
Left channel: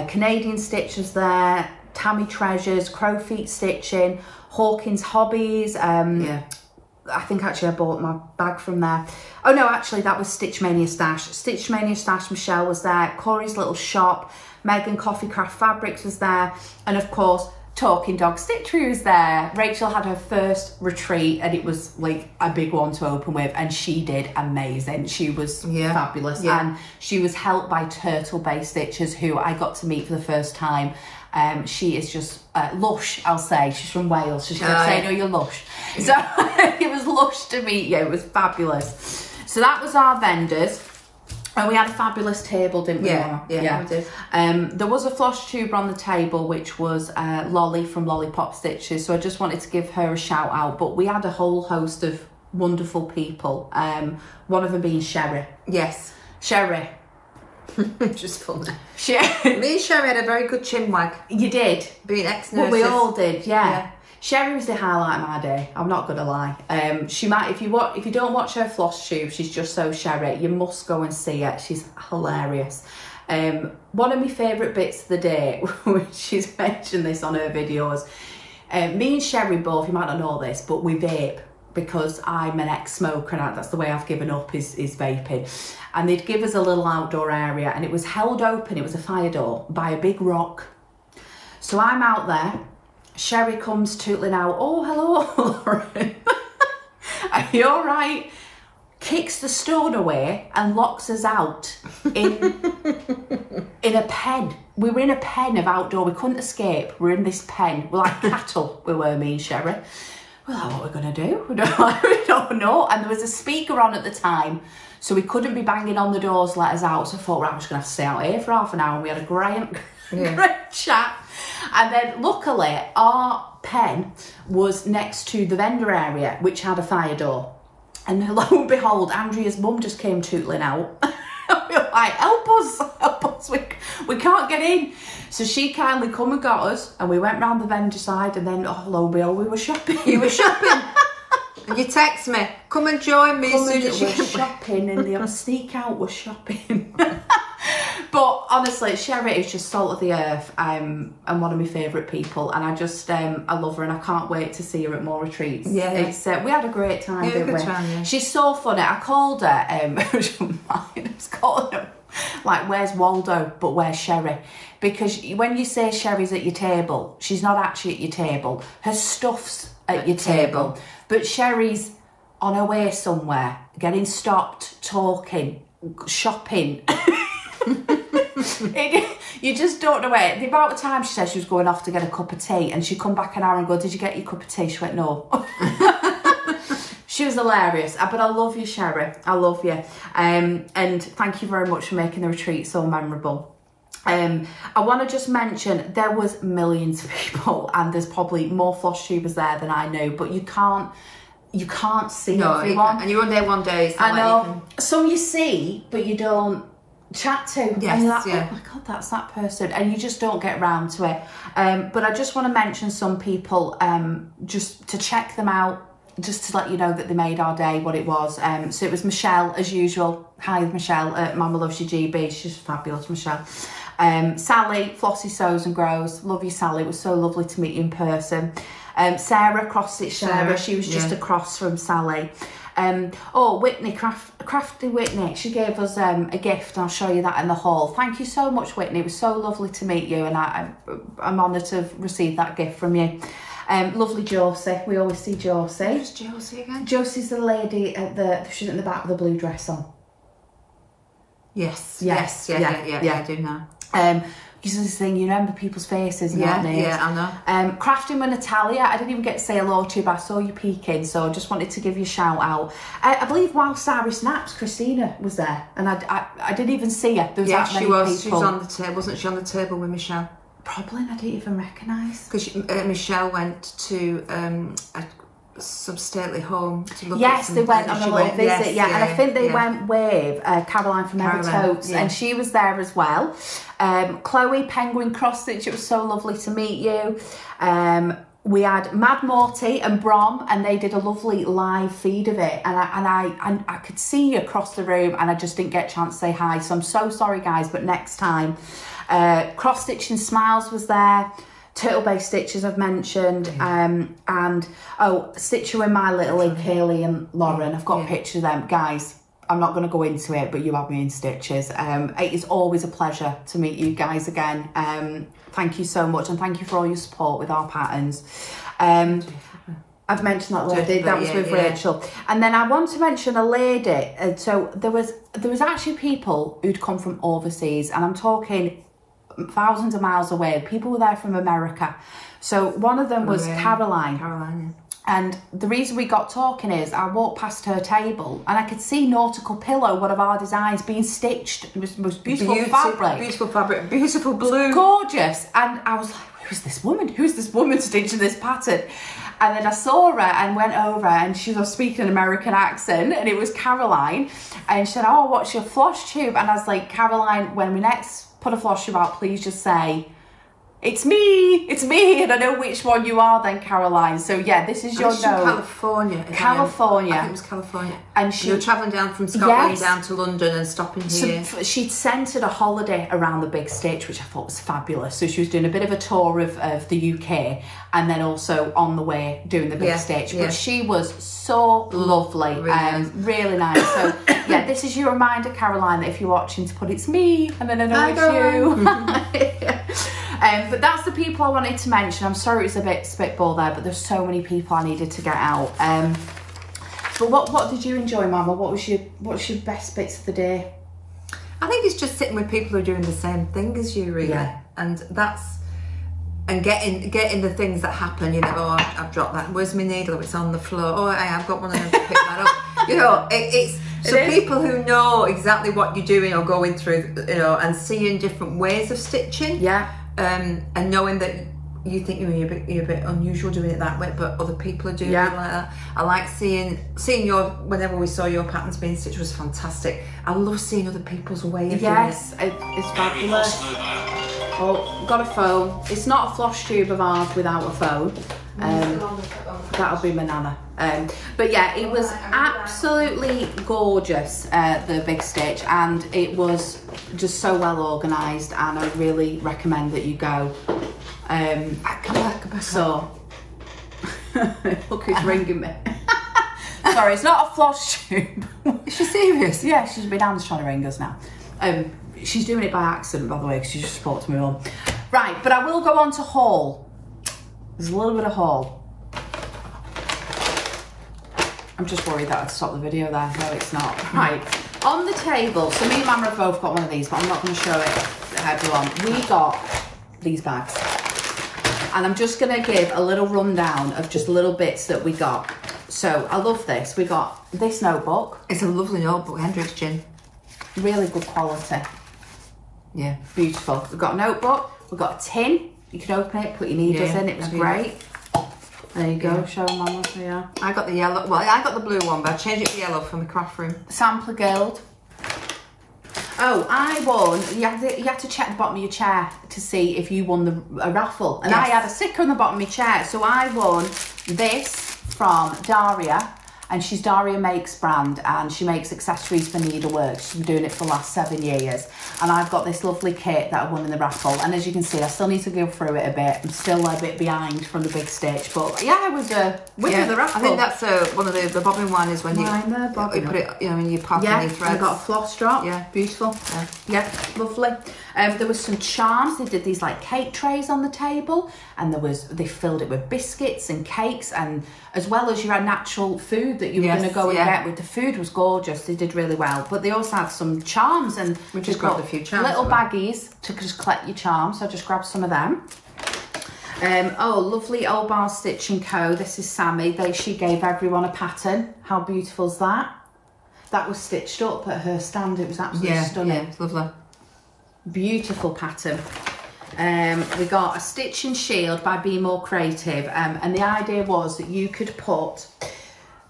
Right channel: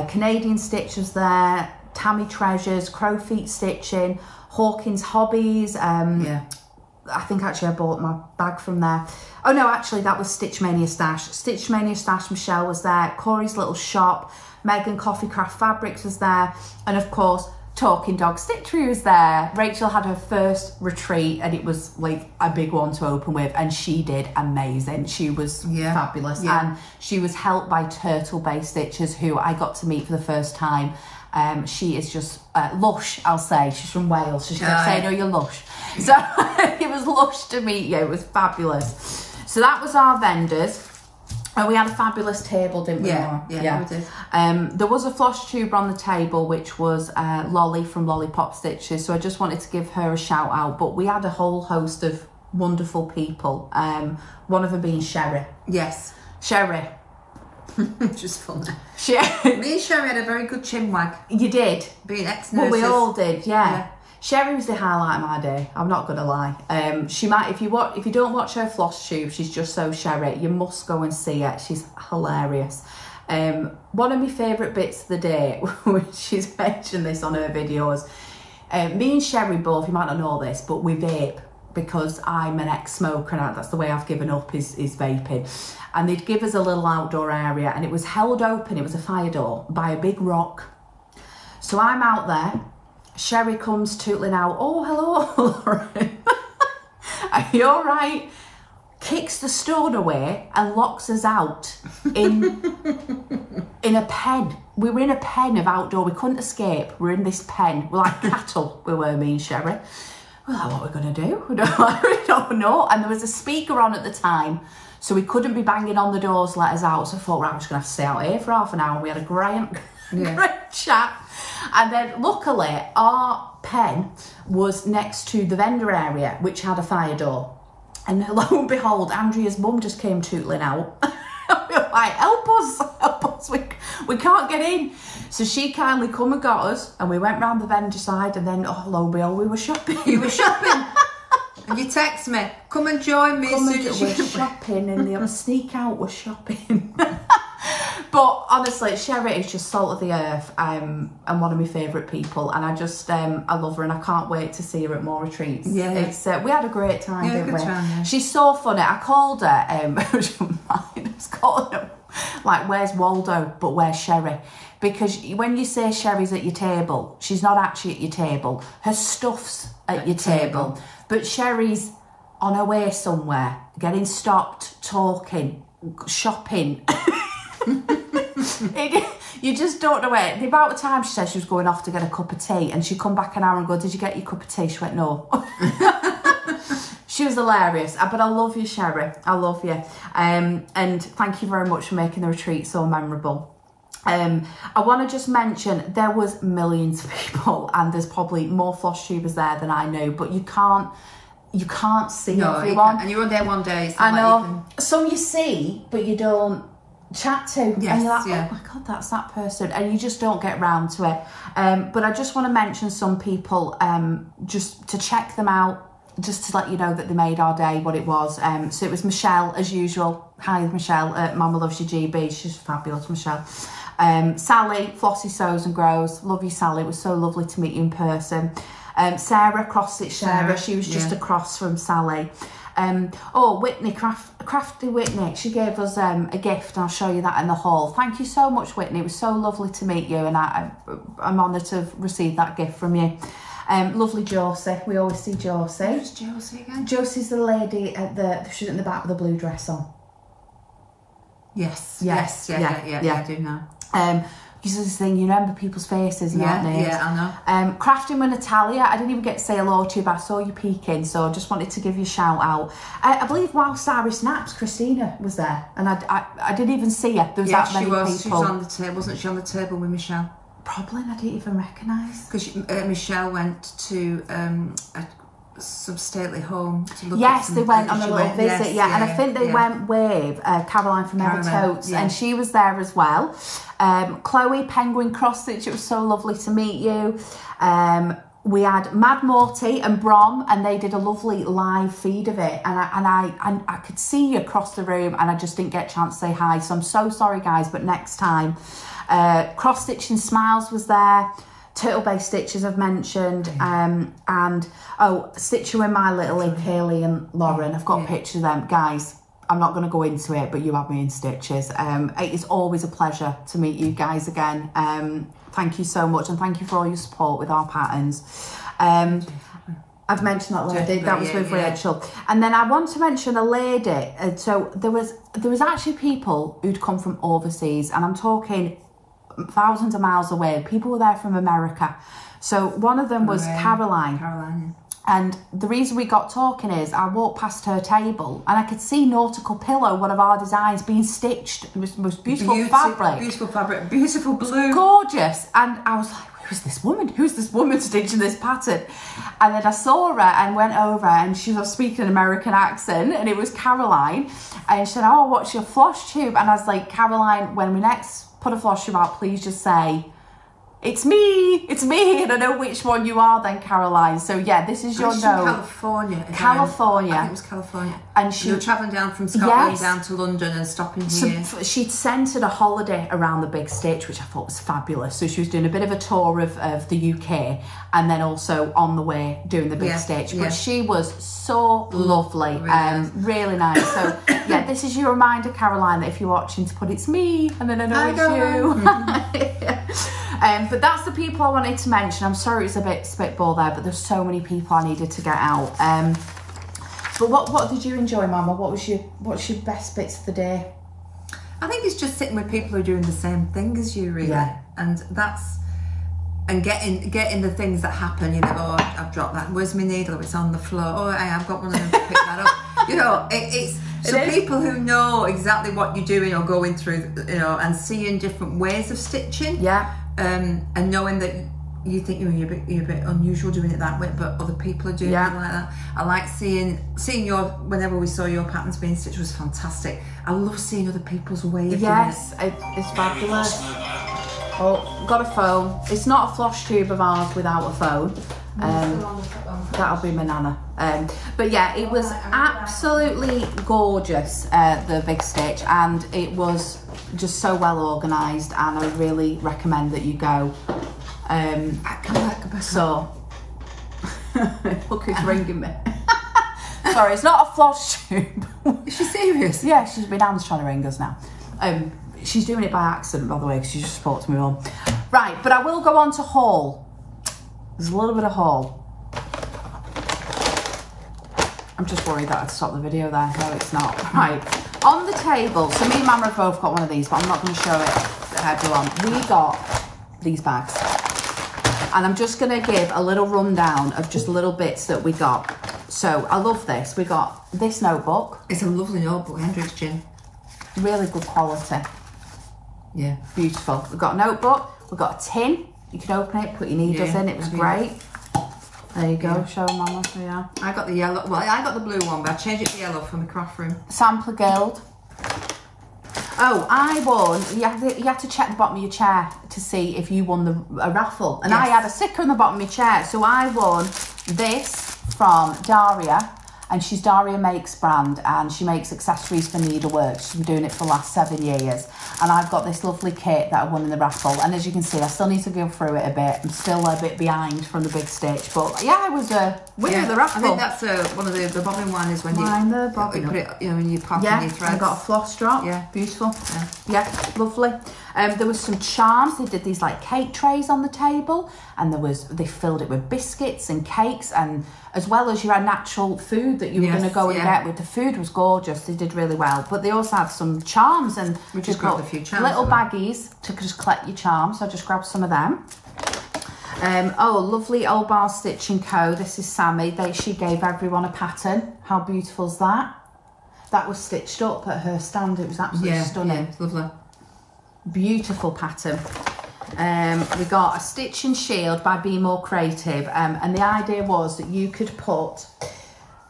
Canadian Stitchers there, Tammy Treasures, Crowfeet Stitching, Hawkins Hobbies. I think actually I bought my bag from there. Oh no, actually that was Stitch Mania Stash. Stitch Mania Stash, Michelle was there. Corey's Little Shop, Megan Coffee Craft Fabrics was there. And of course, Talking Dog Stitchery was there. Rachel had her first retreat, and it was like a big one to open with, and she did amazing. She was fabulous. And she was helped by Turtle Bay Stitchers, who I got to meet for the first time. She is just lush, I'll say. She's from Wales, so she kept saying, oh, you're lush. So it was lush to meet you. It was fabulous. So that was our vendors. And we had a fabulous table, didn't we, Mama? Yeah, we did. There was a Flosstuber on the table, which was Lolly from Lollipop Stitches. So I just wanted to give her a shout out. But we had a whole host of wonderful people. One of them being Sherry. Yes. Sherry. Just funny. Me and Sherry had a very good chinwag. You did. Being ex-nurses. Well, we all did, yeah. Sherry was the highlight of my day. I'm not gonna lie. She might, if you don't watch her Flosstube, she's just so Sherry. You must go and see it. She's hilarious. One of my favourite bits of the day, she's mentioned this on her videos. Me and Sherry both, you might not know this, but we vape because I'm an ex-smoker, and that's the way I've given up is vaping. And they'd give us a little outdoor area, and it was held open. It was a fire door by a big rock. So I'm out there. Sherry comes tootling out, oh, hello, Lauren. Are you all right? Kicks the stone away and locks us out in a pen. We were in a pen of outdoor. We couldn't escape. We're in this pen. We're like cattle, we were, me and Sherry. Well, what are we going to do? We don't know. And there was a speaker on at the time, so we couldn't be banging on the doors to let us out. So I thought, right, I'm just going to have to stay out here for half an hour. And we had a great chat. And then luckily our pen was next to the vendor area, which had a fire door. And lo and behold, Andrea's mum just came tootling out. We were like, help us, we can't get in. So she kindly come and got us, and we went round the vendor side, and then, oh, lo and behold, we were shopping. You were shopping? And you text me, come and join me. We're shopping, and the sneak out was shopping. But honestly, Sherry is just salt of the earth, and one of my favourite people, and I just I love her, and I can't wait to see her at more retreats. It's we had a great time, didn't we? She's so funny. I called her I was calling her like, where's Waldo, but where's Sherry? Because when you say Sherry's at your table, she's not actually at your table. Her stuff's at your table, but Sherry's on her way somewhere, getting stopped, talking, shopping. You just don't know where. The amount of time she said she was going off to get a cup of tea, and she'd come back an hour and go, did you get your cup of tea? She went, no. She was hilarious. But I love you, Sherry. I love you. And thank you very much for making the retreat so memorable. I want to just mention there was millions of people, and there's probably more Flosstubers there than I know, but you can't see everyone. And you were there one day. I know. Some you see, but you don't chat to. Yes, and you're like, oh my God, that's that person. And you just don't get round to it. But I just want to mention some people, just to check them out, just to let you know that they made our day what it was. So it was Michelle, as usual. Hi, Michelle at MommlovesyouGB. She's fabulous, Michelle. Sally, Flossie Sews and Grows. Love you, Sally. It was so lovely to meet you in person. Sarah, Cross-Stitch Sarah. She was just across from Sally. Oh, Whitney, Crafty Whitney. She gave us a gift, and I'll show you that in the hall. Thank you so much, Whitney. It was so lovely to meet you, and I'm honoured to have received that gift from you. Lovely Josie. We always see Josie. Who's Josie again? Josie's the lady at she's in the back with the blue dress on. Yes, I do know. This is the thing, you remember people's faces and that names. Yeah, I know. Crafting with Natalia, I didn't even get to say hello to you, but I saw you peeking, so I just wanted to give you a shout out. I believe while Starry Snaps, Christina was there, and I didn't even see her. There was that many people. She was on the table, wasn't she, on the table with Michelle? Probably, and I didn't even recognise. Because Michelle went to some stately home to look yes, at they went on a little visit, and I think they went with Caroline from Ever Totes, and she was there as well. Chloe, Penguin Cross Stitch, it was so lovely to meet you. We had Mad Morty and Brom, and they did a lovely live feed of it, and I could see you across the room, and I just didn't get a chance to say hi, so I'm so sorry guys, but next time. Cross Stitch and Smiles was there. Turtle Bay Stitches I've mentioned, and Stitch You in My Little Kaylee and Lauren. I've got pictures of them. Guys, I'm not going to go into it, but you have me in stitches. It is always a pleasure to meet you guys again. Thank you so much, and thank you for all your support with our patterns. I've mentioned that lady, that was with Rachel. And then I want to mention a lady, so there was actually people who'd come from overseas, and I'm talking thousands of miles away. People were there from America. So one of them was Caroline. And the reason we got talking is I walked past her table and I could see Nautical Pillow, one of our designs, being stitched. It was beautiful fabric. Beautiful fabric, beautiful blue. Gorgeous. And I was like, who's this woman? Who's this woman stitching this pattern? And then I saw her and went over, and she was speaking an American accent, and it was Caroline. And she said, oh, what's your Flosstube? And I was like, Caroline, when we next put a Flosstube out, please just say, it's me, and I know which one you are then, Caroline. So yeah, this is your note. California. California. I think it was California. And she, you were travelling down from Scotland down to London and stopping here. So she'd centred a holiday around the Big Stitch, which I thought was fabulous. So she was doing a bit of a tour of the UK, and then also on the way doing the Big Stitch. But she was so lovely, really nice. So yeah, this is your reminder, Caroline, that if you're watching, to put it's me, and then I know it's you. But that's the people I wanted to mention. I'm sorry it was a bit spitball there, but there's so many people I needed to get out. But what did you enjoy, Mama? What's your best bits of the day? I think it's just sitting with people who are doing the same thing as you, really. Yeah. And getting the things that happen, you know, oh, I've dropped that, where's my needle, it's on the floor, oh, I've got one of them to pick that up. You know, it's people who know exactly what you're doing or going through, you know, and seeing different ways of stitching. Yeah. And knowing that you think you're a bit unusual doing it that way, but other people are doing it like that. I like seeing your, whenever we saw your patterns being stitched, was fantastic. I love seeing other people's way of doing it. Yes, it's fabulous. Oh, got a phone. It's not a Flosstube of ours without a phone. That'll be my nana. But yeah, it was absolutely gorgeous, the Big Stitch, and it was just so well organised, and I really recommend that you go. So look who's ringing me. Sorry, it's not a Flosstube. Is she serious? Yeah, my nan's trying to ring us now. She's doing it by accident, by the way, because she just spoke to me on. Right, but I will go on to haul. There's a little bit of haul. I'm just worried that I'd stop the video there. No, it's not. Right, on the table, so me and Mama have both got one of these, but I'm not going to show it to everyone. We got these bags, and I'm just going to give a little rundown of just little bits that we got. So I love this. We got this notebook. It's a lovely notebook, Hendrix Gin. Really good quality. Yeah, beautiful. We've got a notebook. We've got a tin. You can open it, put your needles in. It was great. There you go. Show them, Mama. Yeah. I got the yellow. Well, I got the blue one, but I changed it to yellow for my craft room. Sampler Guild. Oh, I won. You had to check the bottom of your chair to see if you won a raffle, and I had a sticker on the bottom of my chair, so I won this from Daria. And she's Daria Makes brand, and she makes accessories for needlework. She's been doing it for the last 7 years. And I've got this lovely kit that I won in the raffle. And as you can see, I still need to go through it a bit. I'm still a bit behind from the Big Stitch. But yeah, I was a winner of the raffle. I think that's one of the bobbin one is when you put it, you know, in your pocket and your threads. I got a floss drop. Yeah. Beautiful. Yeah, lovely. There was some charms. They did these like cake trays on the table, and they filled it with biscuits and cakes, and as well as your natural food that you were going to go and get with. The food was gorgeous. They did really well. But they also had some charms, and we just grabbed a few charms. Little baggies to just collect your charms. So I just grabbed some of them. Oh, lovely Old Bar Stitch & Co. This is Sammy. She gave everyone a pattern. How beautiful is that? That was stitched up at her stand. It was absolutely stunning. Yeah, it's lovely. Beautiful pattern. We got a Stitch and Shield by Be More Creative, and the idea was that you could put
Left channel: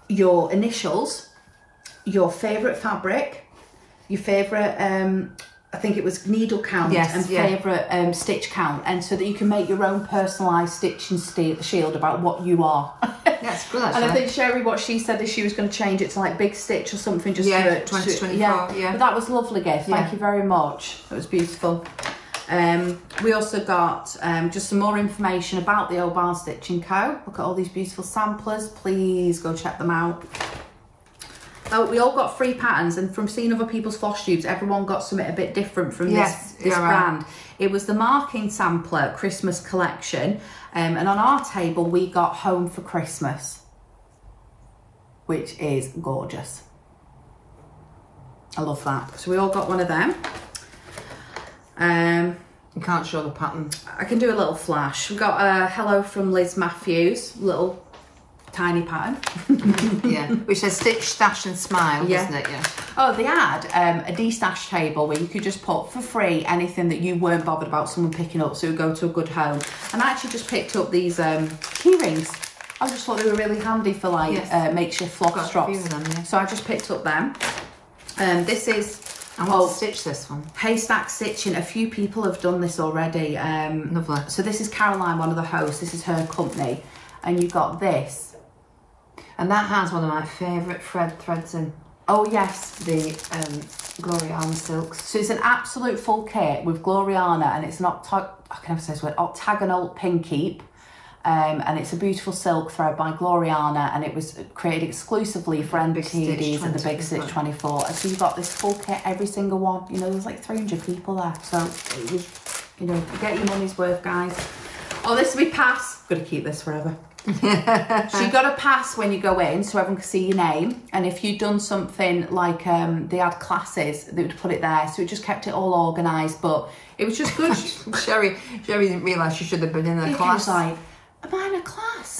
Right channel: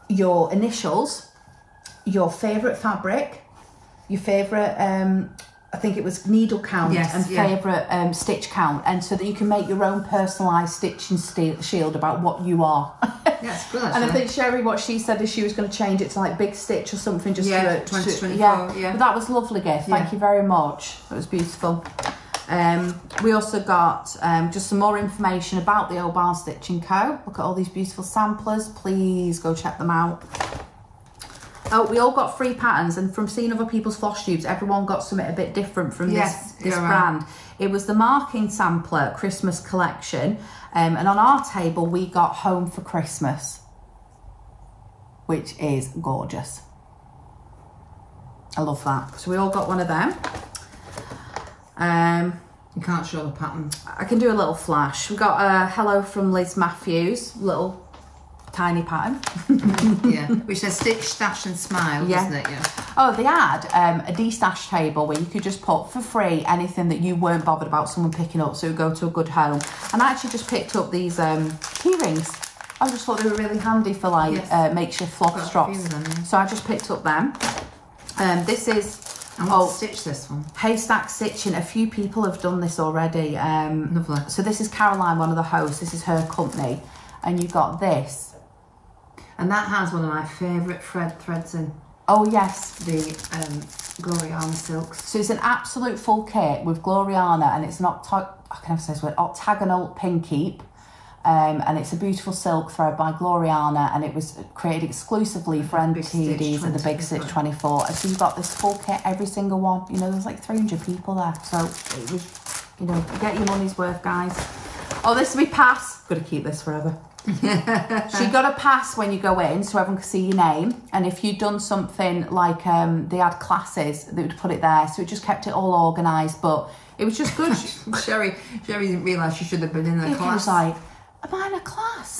your initials, your favourite fabric, your favourite I think it was needle count and favourite stitch count, and so that you can make your own personalised Stitch and Shield about what you are. Yeah, it's good actually. And I think Sherry, what she said is she was going to change it to like Big Stitch or something, just to 2024. Yeah. But that was a lovely gift. Thank you very much. It was beautiful. We also got just some more information about the Old Bar Stitch & Co. Look at all these beautiful samplers. Please go check them out. Oh, we all got free patterns, and from seeing other people's floss tubes, everyone got something a bit different from this brand. Right. It was the Marking Sampler Christmas collection, and on our table we got Home for Christmas, which is gorgeous. I love that. So we all got one of them. You can't show the pattern. I can do a little flash. We got a Hello from Liz Matthews, little tiny pattern. Yeah, which says Stitch, Stash and Smile, doesn't it? Yeah. Oh, they had a de-stash table where you could just put for free anything that you weren't bothered about someone picking up, so it would go to a good home. And I actually just picked up these key rings. I just thought they were really handy for like makeshift floss drops. So I just picked up them. This is stitch this one. Haystack Stitching. A few people have done this already. Lovely. So this is Caroline, one of the hosts. This is her company, and you got this. And that has one of my favourite threads in. Oh yes, the Gloriana silks. So it's an absolute full kit with Gloriana, and it's an octagonal pin keep, and it's a beautiful silk thread by Gloriana, and it was created exclusively for NTDs and the Big Stitch 24. So you got this full kit, every single one. You know, there's like 300 people there, so it was, you know, get your money's worth, guys. Oh, this will be pass. Got to keep this forever. So you got to pass when you go in, so everyone can see your name. And if you'd done something like they had classes, they would put it there, so it just kept it all organised. But it was just good. Sherry didn't realise she should have been in a class. I was like, am I in a class?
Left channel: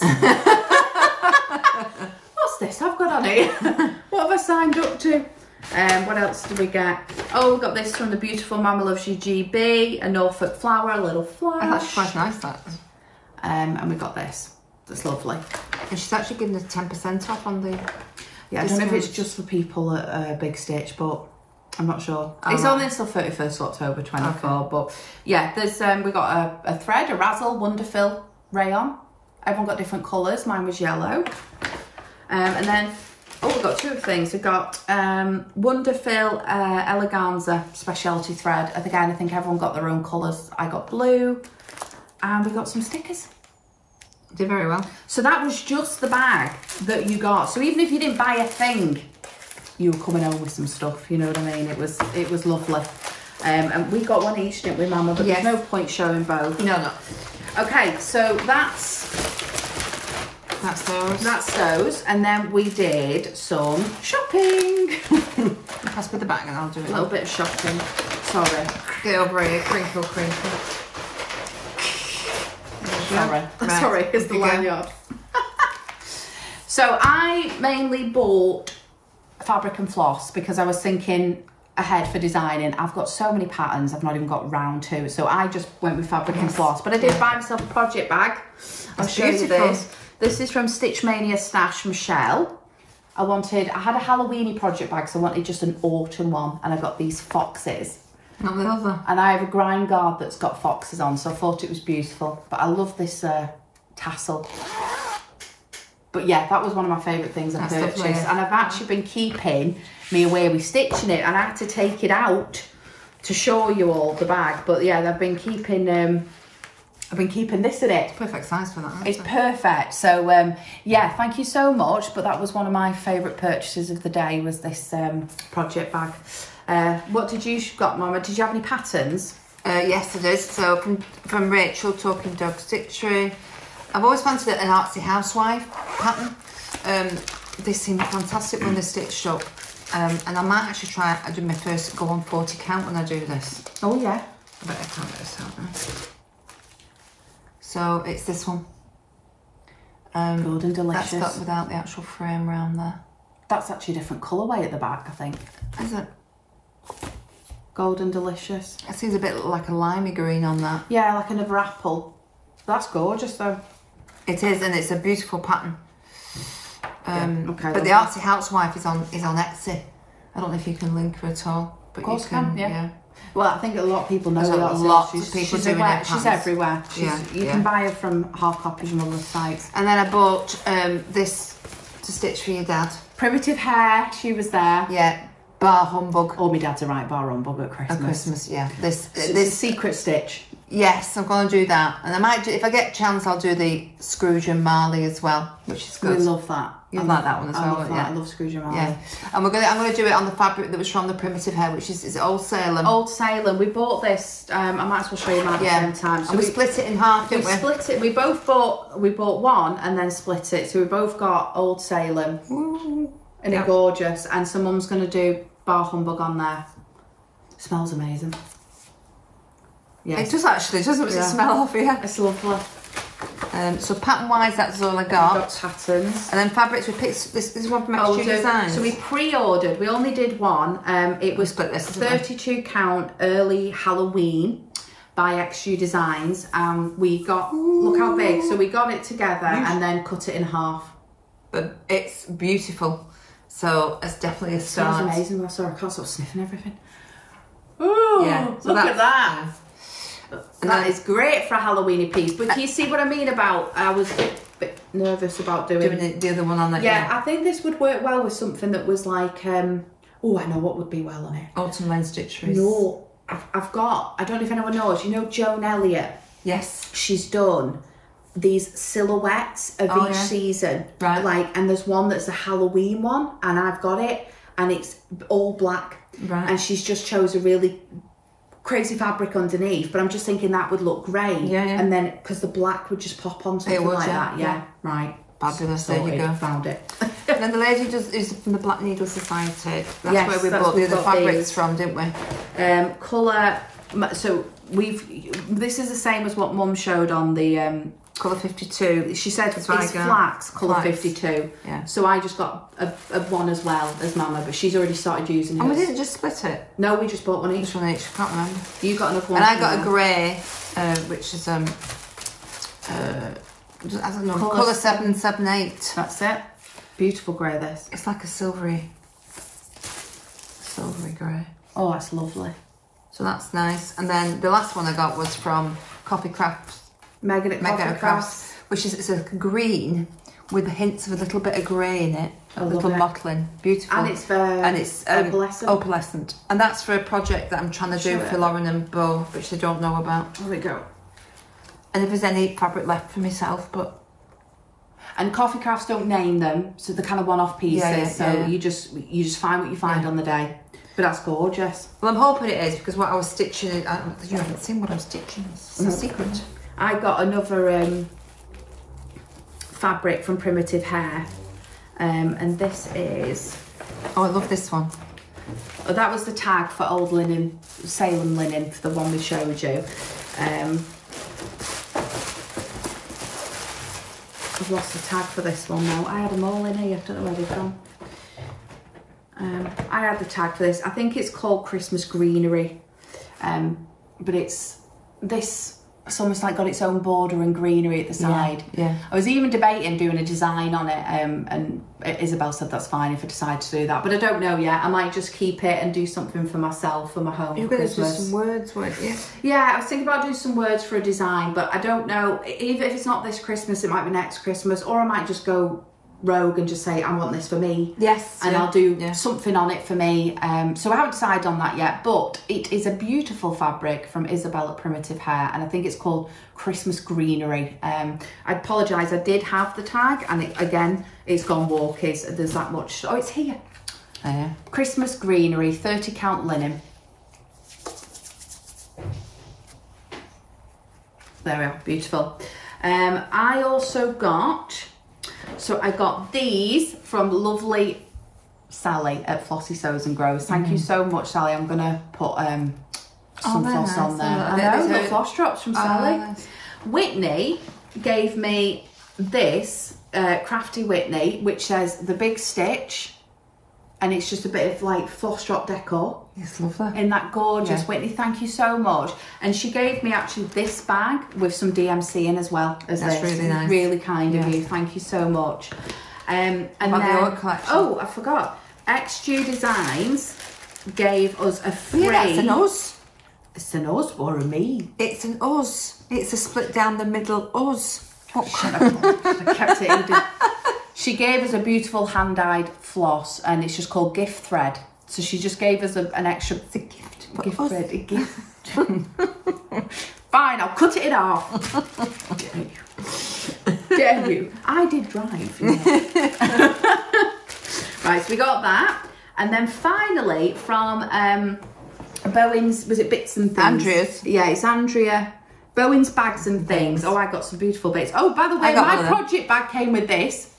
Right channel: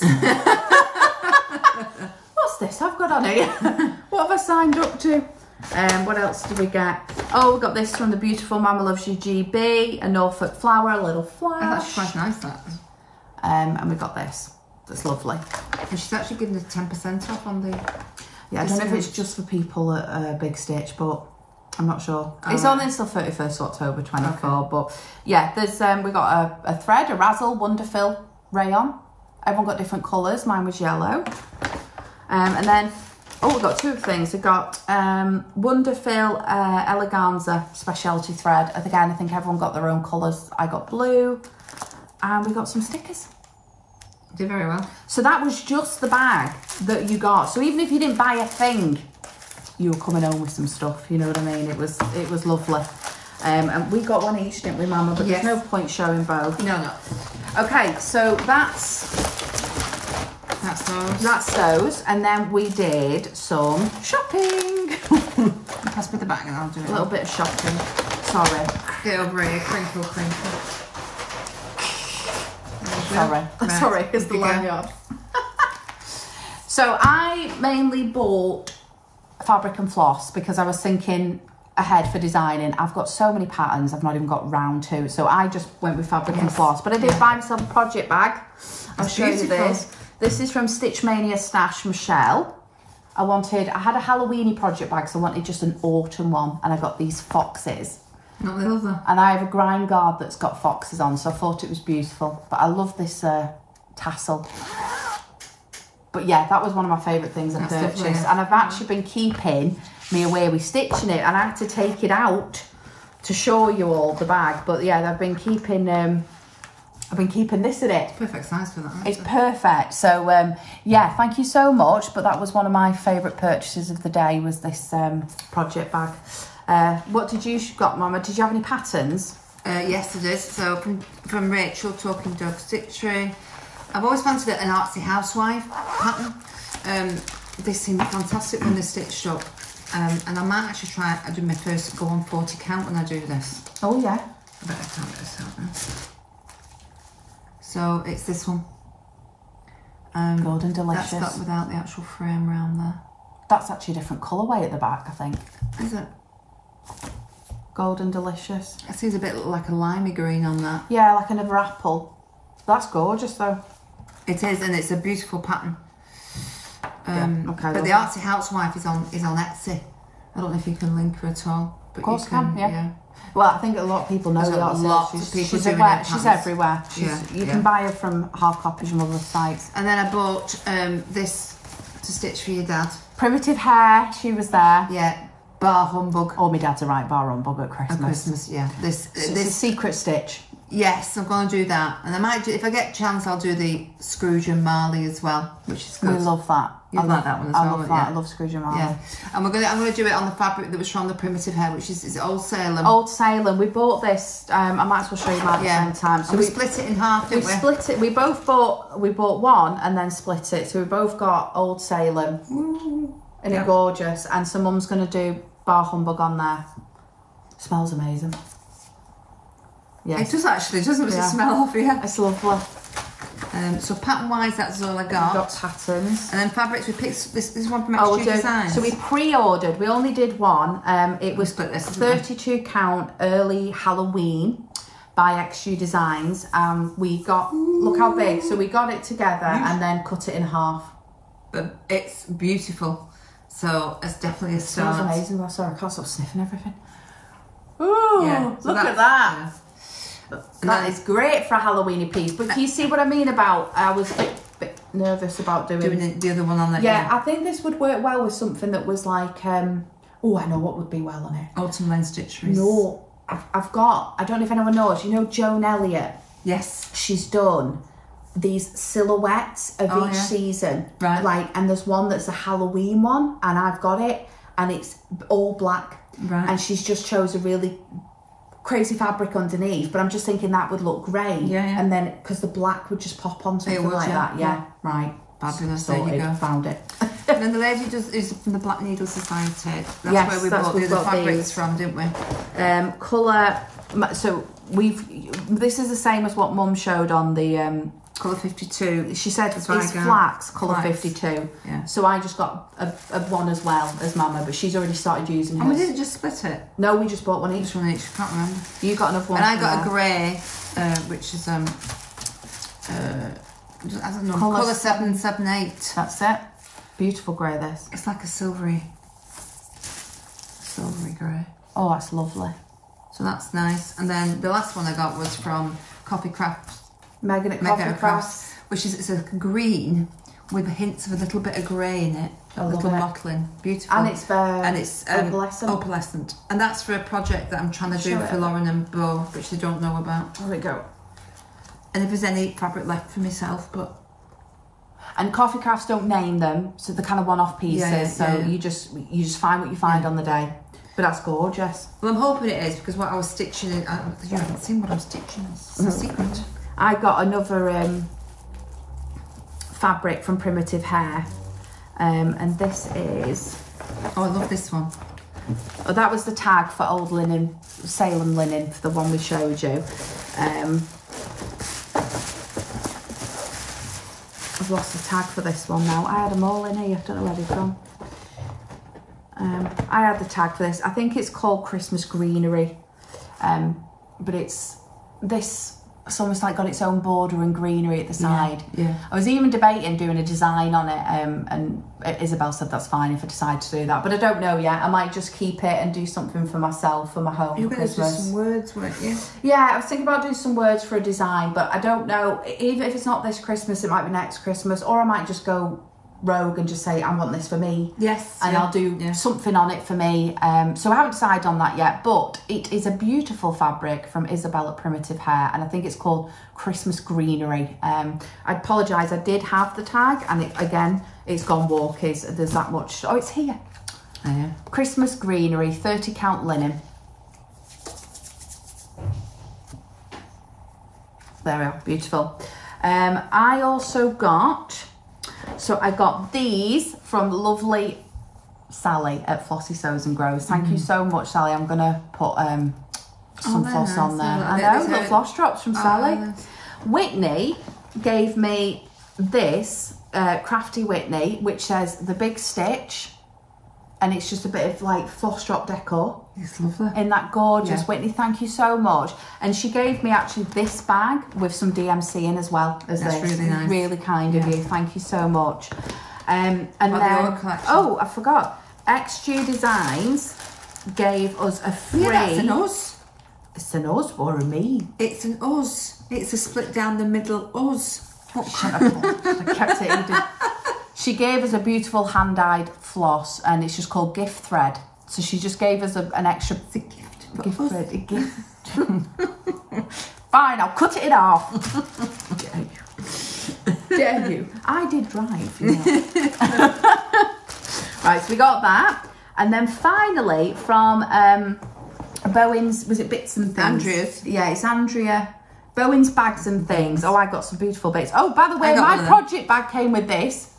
What's this I've got on here? What have I signed up to? What else did we get? Oh, we got this from the beautiful MommlovesyouGB, a Norfolk flower, a little flower. Oh, that's quite nice, that. And we got this. That's lovely. And she's actually giving us 10% off on the... Yeah, I don't know if it's just for people at Big Stitch, but I'm not sure. It's only until 31st October 24, but yeah, there's we got a thread, a Razzle Wonderfill rayon. Everyone got different colours. Mine was yellow. And then, we've got two things. We've got Wonderfill Eleganza Specialty Thread. Again, I think everyone got their own colours. I got blue. And we got some stickers. Did very well. So that was just the bag that you got. So even if you didn't buy a thing, you were coming home with some stuff, you know what I mean? It was lovely. And we got one each, didn't we, Mama? But there's no point showing both. No. Okay, so that's those. That's those. And then we did some shopping. Pass me the bag and I'll do it. A little bit of shopping. Sorry. Get over here, crinkle. Sorry, sorry, it's the lanyard. So I mainly bought fabric and floss because I was thinking ahead for designing. I've got so many patterns I've not even got round to, so I just went with fabric and floss. But I did buy myself a project bag. I'll show you this. This is from Stitch Mania Stash Michelle. I had a Halloweeny project bag, so I wanted just an autumn one, and I got these foxes. And I have a grind guard that's got foxes on, so I thought it was beautiful. But I love this tassel. But yeah, that was one of my favourite things I purchased. Lovely. And I've actually been keeping me away with stitching it, and I had to take it out to show you all the bag. But yeah, I've been keeping this in it. Perfect size for that. It's perfect. So yeah, thank you so much. But that was one of my favourite purchases of the day, was this project bag. What did you got, Mama? Did you have any patterns? Yes, it is. So from Rachel, Talking Dog Stitchery. I've always wanted an artsy housewife pattern. they seem fantastic when they're stitched up. And I might actually try, I do my first go on 40 count when I do this. Oh yeah. I better count this out now. So it's this one. Golden Delicious. That's got without the actual frame round there. That's actually a different colourway at the back, I think. Is it? Golden Delicious. It seems a bit like a limey green on that. Yeah, like another apple. That's gorgeous though. It is, and it's a beautiful pattern. Okay, but the Artsy Housewife is on Etsy. I don't know if you can link her at all. But of course you can, yeah. Well, I think a lot of people know There's that. Lots of people doing it. She's everywhere. You can buy her from hard copies and other sites. And then I bought this to stitch for your dad. Primitive Hair, she was there. Yeah, Bar Humbug. Oh, my dad's a right bar humbug at Christmas. At Christmas, yeah. This secret stitch. Yes, I'm going to do that. And I might do, if I get a chance, I'll do the Scrooge and Marley as well, which is good. We love that. I like that one as well. I love that. I love Scrooge and Marley. Yeah. And I'm going to do it on the fabric that was from the Primitive Hair, which is Old Salem. Old Salem. We bought this. I might as well show you mine at the same time. So and we split it in half, didn't we? Split it. We bought one and then split it. So we both got Old Salem. Ooh. Isn't it gorgeous? And so Mum's going to do Bar Humbug on there. Smells amazing. Yeah, it does actually, doesn't it? The smell off here. It's lovely. So pattern wise, that's all I got. We've got patterns. And then fabrics, we picked this is one from XU Designs. So we pre-ordered. We only did one. It was 32 count early Halloween by XU Designs. We got look how big. So we got it together and then cut it in half. But it's beautiful. So it's definitely a start. It smells amazing. Oh, sorry, I can't stop sniffing everything. Ooh, yeah, so look at that. That is great for a Halloweeny piece. But do you see what I mean about, I was a bit nervous about doing the other one on that. Yeah, I think this would work well with something that was like, oh, I know what would be well on it. Autumn Lens Stitcheries. No, I've got, I don't know if anyone knows, you know Joan Elliott? Yes. She's done these silhouettes of each season. Right. Like, and there's one that's a Halloween one, and I've got it, and it's all black. Right. And she's just chose a really crazy fabric underneath, but I'm just thinking that would look great. Yeah. And then, because the black would just pop on something like that. Yeah, right. Fabulous, Sorted. there you go. Found it. And then the lady is from the Black Needle Society. That's where we bought the other fabrics from, didn't we? Colour, so this is the same as what Mum showed on the colour 52. She said it's flax, colour 52. Yeah. So I just got a one as well as Mama, but she's already started using hers. And we didn't just split it? No, we just bought one each. Just one each, I can't remember. You got another one. And I got a grey, which is I don't know, colour 778. That's it. Beautiful grey, this. It's like a silvery grey. Oh, that's lovely. So that's nice. And then the last one I got was from Coffee Crafts. Megan at Coffee Crafts. Which is, it's a green with hints of a little bit of grey in it. A little mottling. Beautiful. And it's opalescent. And that's for a project that I'm trying to do for Lauren and Bo, which they don't know about. There we go. And if there's any fabric left for myself, but... And Coffee Crafts don't name them, so they're kind of one-off pieces. You just find what you find on the day. But that's gorgeous. Well, I'm hoping it is, because what I was stitching, you haven't seen what I'm stitching. It's a secret. I got another fabric from Primitive Hair, and this is... Oh, I love this one. Oh, that was the tag for old linen, Salem linen, for the one we showed you. I've lost the tag for this one now. I had them all in here, I don't know where they've gone. I had the tag for this. I think it's called Christmas Greenery, but it's almost like got its own border and greenery at the side. Yeah. I was even debating doing a design on it, and Isabel said that's fine if I decide to do that, but I don't know yet. I might just keep it and do something for myself for my home. You're going to do some words, weren't you? Yeah, I was thinking about doing some words for a design, but I don't know. Even if it's not this Christmas, it might be next Christmas, or I might just go rogue and just say I want this for me. Yes. And I'll do something on it for me. So I haven't decided on that yet, but it is a beautiful fabric from Isabel at Primitive Hair, and I think it's called Christmas Greenery. I apologise, I did have the tag, and again it's gone walkies. There's that much. Oh, it's here. Christmas Greenery, 30 count linen. There we are, beautiful. I also got So I got these from lovely Sally at Flossy Sews and Grows. Thank you so much, Sally. I'm gonna put some floss on there. I know, the floss drops from Sally. Nice. Whitney gave me this Crafty Whitney, which says the big stitch, and it's just a bit of like floss drop decor. It's lovely. In that gorgeous Whitney, thank you so much. And she gave me actually this bag with some DMC in as well as That's this. really nice. Really kind of you. Thank you so much. And then, oh, I forgot. XG Designs gave us a free. Yeah, that's an us. It's an us or a me? It's an us. It's a split down the middle us. Oh, shut up. I kept it. She gave us a beautiful hand-dyed floss, and it's just called Gift Thread. So she just gave us an extra gift thread. A gift. Fine, I'll cut it off. Dare you? I did drive. You know. Right, so we got that, and then finally from Bowen's, was it Bits and Things? Andrea's. Yeah, it's Andrea. Bowen's Bags and Things. Oh, I got some beautiful bits. Oh, by the way, my project bag came with this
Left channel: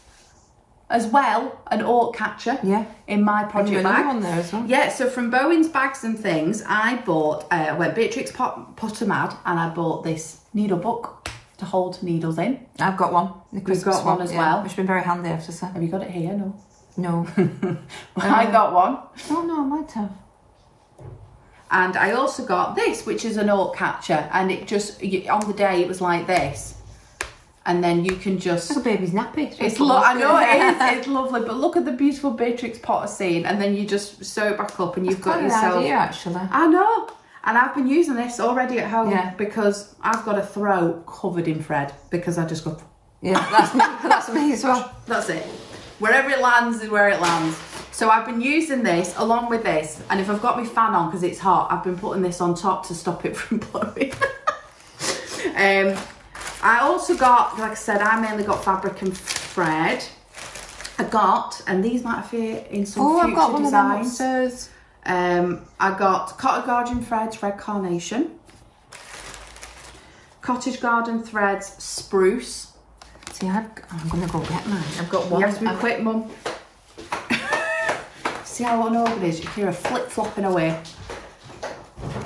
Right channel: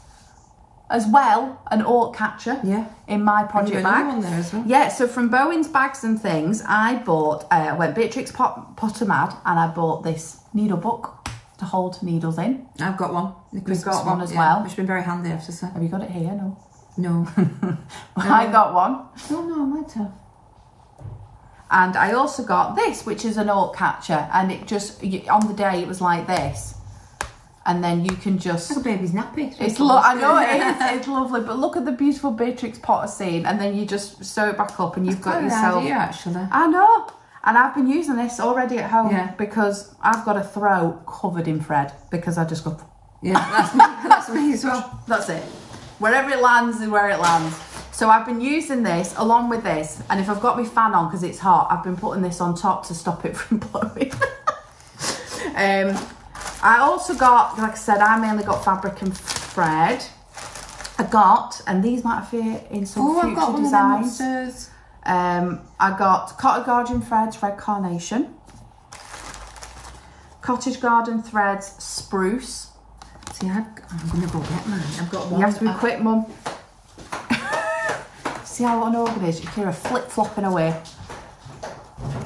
as well, an Orc catcher. Yeah. In my project bag. One there as well. Yeah, so from Bowen's Bags and Things, I bought, went Beatrix Potter mad, and I bought this needle book to hold needles in. I've got one. We've got one as well. Which has been very handy, I have to say. Have you got it here? No. No. I got one. Oh no, I might have. And I also got this, which is an Orc catcher, and it just, on the day it was like this. And then you can just... It's like a baby's nappy. I know it is, it's lovely, but look at the beautiful Beatrix Potter scene, and then you just sew it back up and you've got yourself... An idea, actually. I know, and I've been using this already at home because I've got a throw covered in thread because I just go... Yeah, that's me as well. That's it. Wherever it lands is where it lands. So I've been using this along with this, and if I've got my fan on because it's hot, I've been putting this on top to stop it from blowing. I also got, like I said, I mainly got fabric and thread. I got, and these might appear in some future designs. I got Cottage Garden Threads Red Carnation, Cottage Garden Threads Spruce. See, I'm going to go get mine. I've got one. You have to be quick, Mum. See how unorganised it is? You hear her flip-flopping away.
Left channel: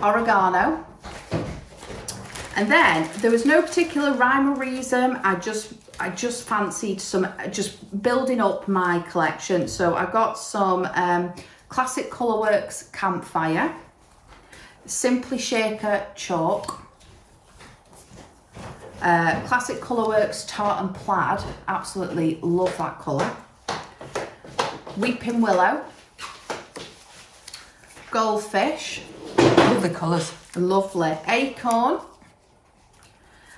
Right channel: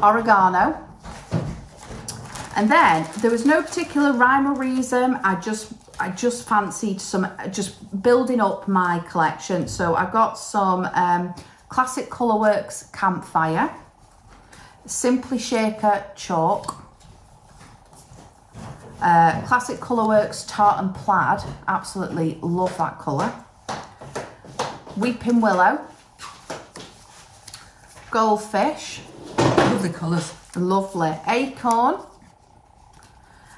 Oregano. And then there was no particular rhyme or reason. I just fancied some, just building up my collection. So I got some Classic Colourworks Campfire, Simply Shaker Chalk, Classic Colourworks Tartan Plaid, absolutely love that colour, Weeping Willow, Goldfish, love the colours, lovely, Acorn,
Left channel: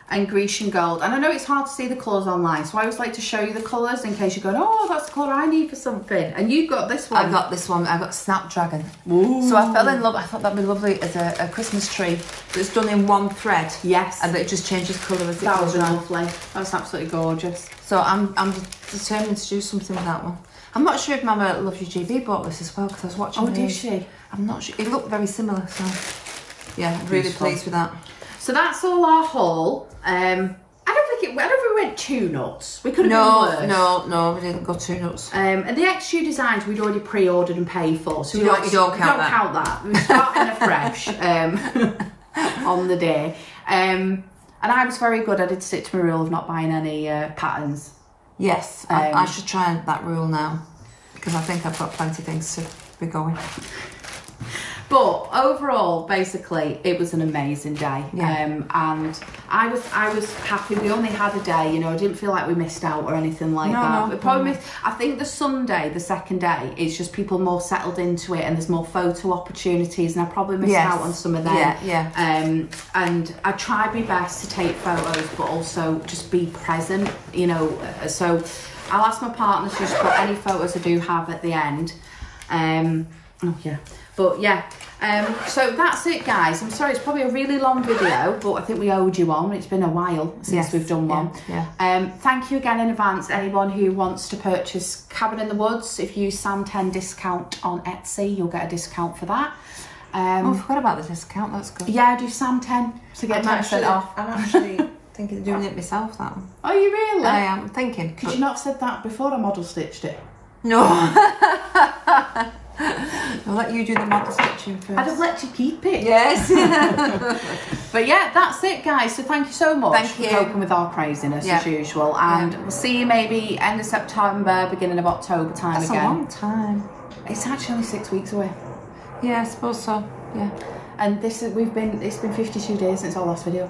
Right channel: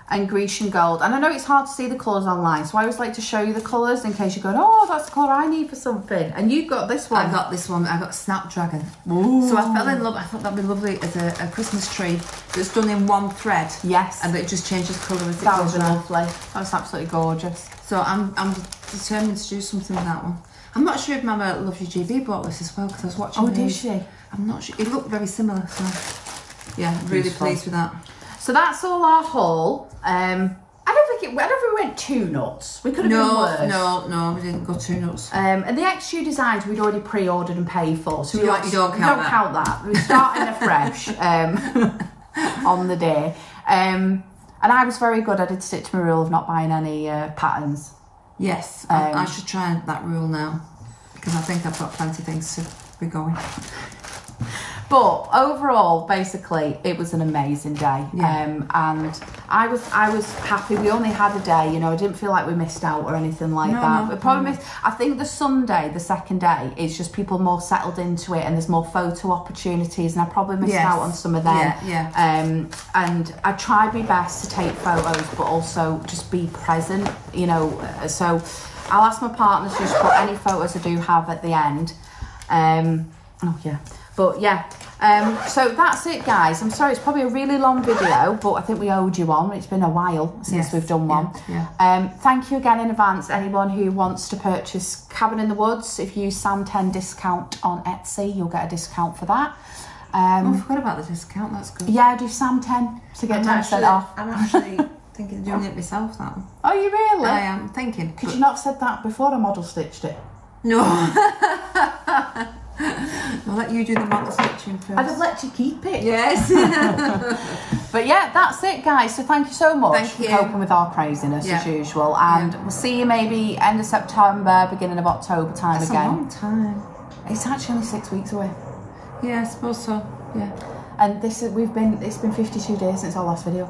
and Grecian Gold. And I know it's hard to see the colours online, so I always like to show you the colours in case you're going, oh, that's the colour I need for something. And you've got this one. I've got this one. I've got Snapdragon. Ooh. So I fell in love. I thought that'd be lovely as a Christmas tree that's done in one thread. Yes. And that it just changes colour as it that goes was around. lovely. That was absolutely gorgeous. So I'm determined to do something with that one. I'm not sure if MommlovesyouGB bought this as well because I was watching. Oh, did she? I'm not sure. It looked very similar. So yeah, I'm really pleased with that. So that's all our haul. I don't think we went too nuts. We could have been worse. No, we didn't go too nuts. And the XU designs we'd already pre-ordered and paid for, so you don't count that. We're starting afresh on the day. And I was very good. I did stick to my rule of not buying any patterns. Yes, I should try that rule now because I think I've got plenty of things to be going. But overall, basically, it was an amazing day, and I was happy. We only had a day, you know. I didn't feel like we missed out or anything like that. We probably missed. I think the Sunday, the second day, it's just people more settled into it, and there's more photo opportunities, and I probably missed out on some of them. And I tried my best to take photos, but also just be present, you know. So I'll ask my partner to just put any photos I do have at the end. But yeah, so that's it, guys. I'm sorry, it's probably a really long video, but I think we owed you one. It's been a while since we've done one. Thank you again in advance, anyone who wants to purchase Cabin in the Woods. If you use Sam10 discount on Etsy, you'll get a discount for that. I forgot about the discount, that's good. Yeah, do Sam10 to get 10% off. I'm actually Thinking of doing it myself now. Are you really? I am thinking. Could you not have said that before I model stitched it? No. I'll let you do the model stitching first. I'd have let you keep it. Yes. But yeah, that's it, guys. So thank you so much for coping with our craziness as usual. And we'll see you maybe end of September, beginning of October time again. That's a long time. It's actually only 6 weeks away. Yeah, I suppose so. Yeah. And this is it's been 52 days since our last video.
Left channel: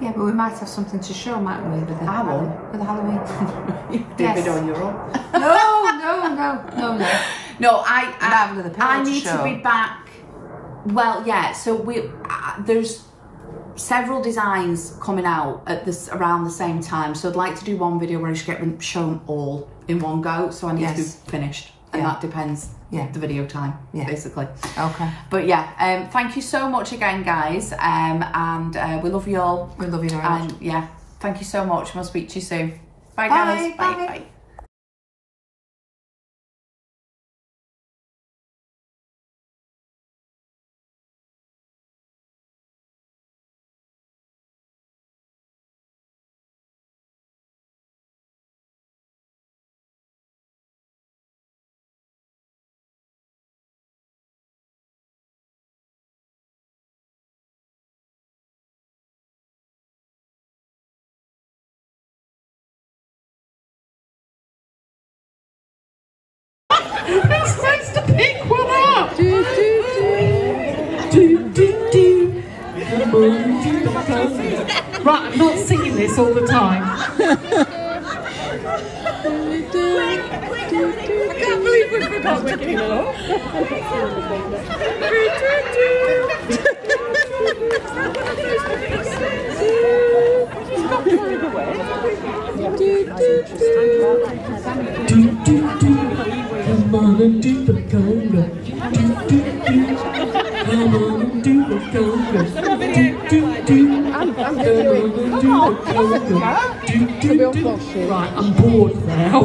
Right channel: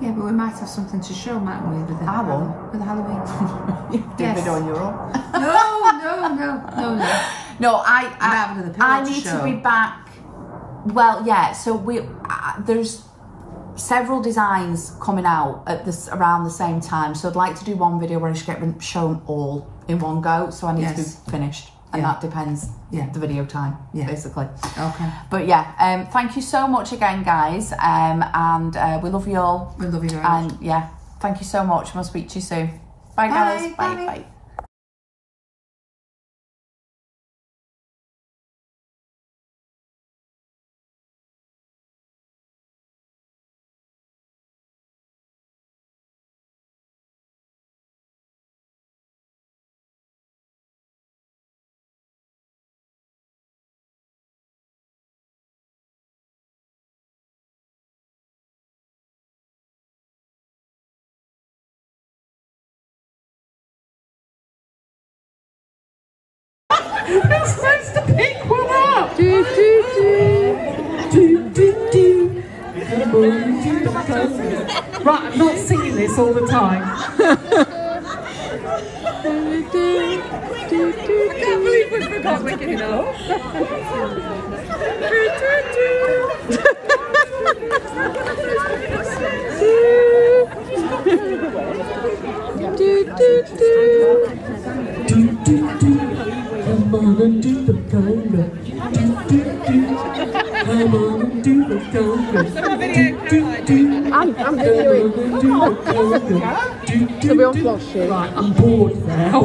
Yeah, but we might have something to show, mightn't we? I won't. For the Halloween. You do a video on your own. No. No, I need to be back. Well, yeah. So there's several designs coming out at around the same time. So I'd like to do one video where I just get them shown all in one go. So I need to be finished, and that depends. The video time, basically. Okay. But yeah, thank you so much again, guys. And we love you all. We love you very much. And thank you so much. We'll speak to you soon. Bye, guys. Bye. Who's supposed to pick one up? Right, I'm not singing this all the time. I can't believe we forgot the kid off. Come on and do the conga. Come on and do the conga. I'm going to do the conga. Right, I'm bored now.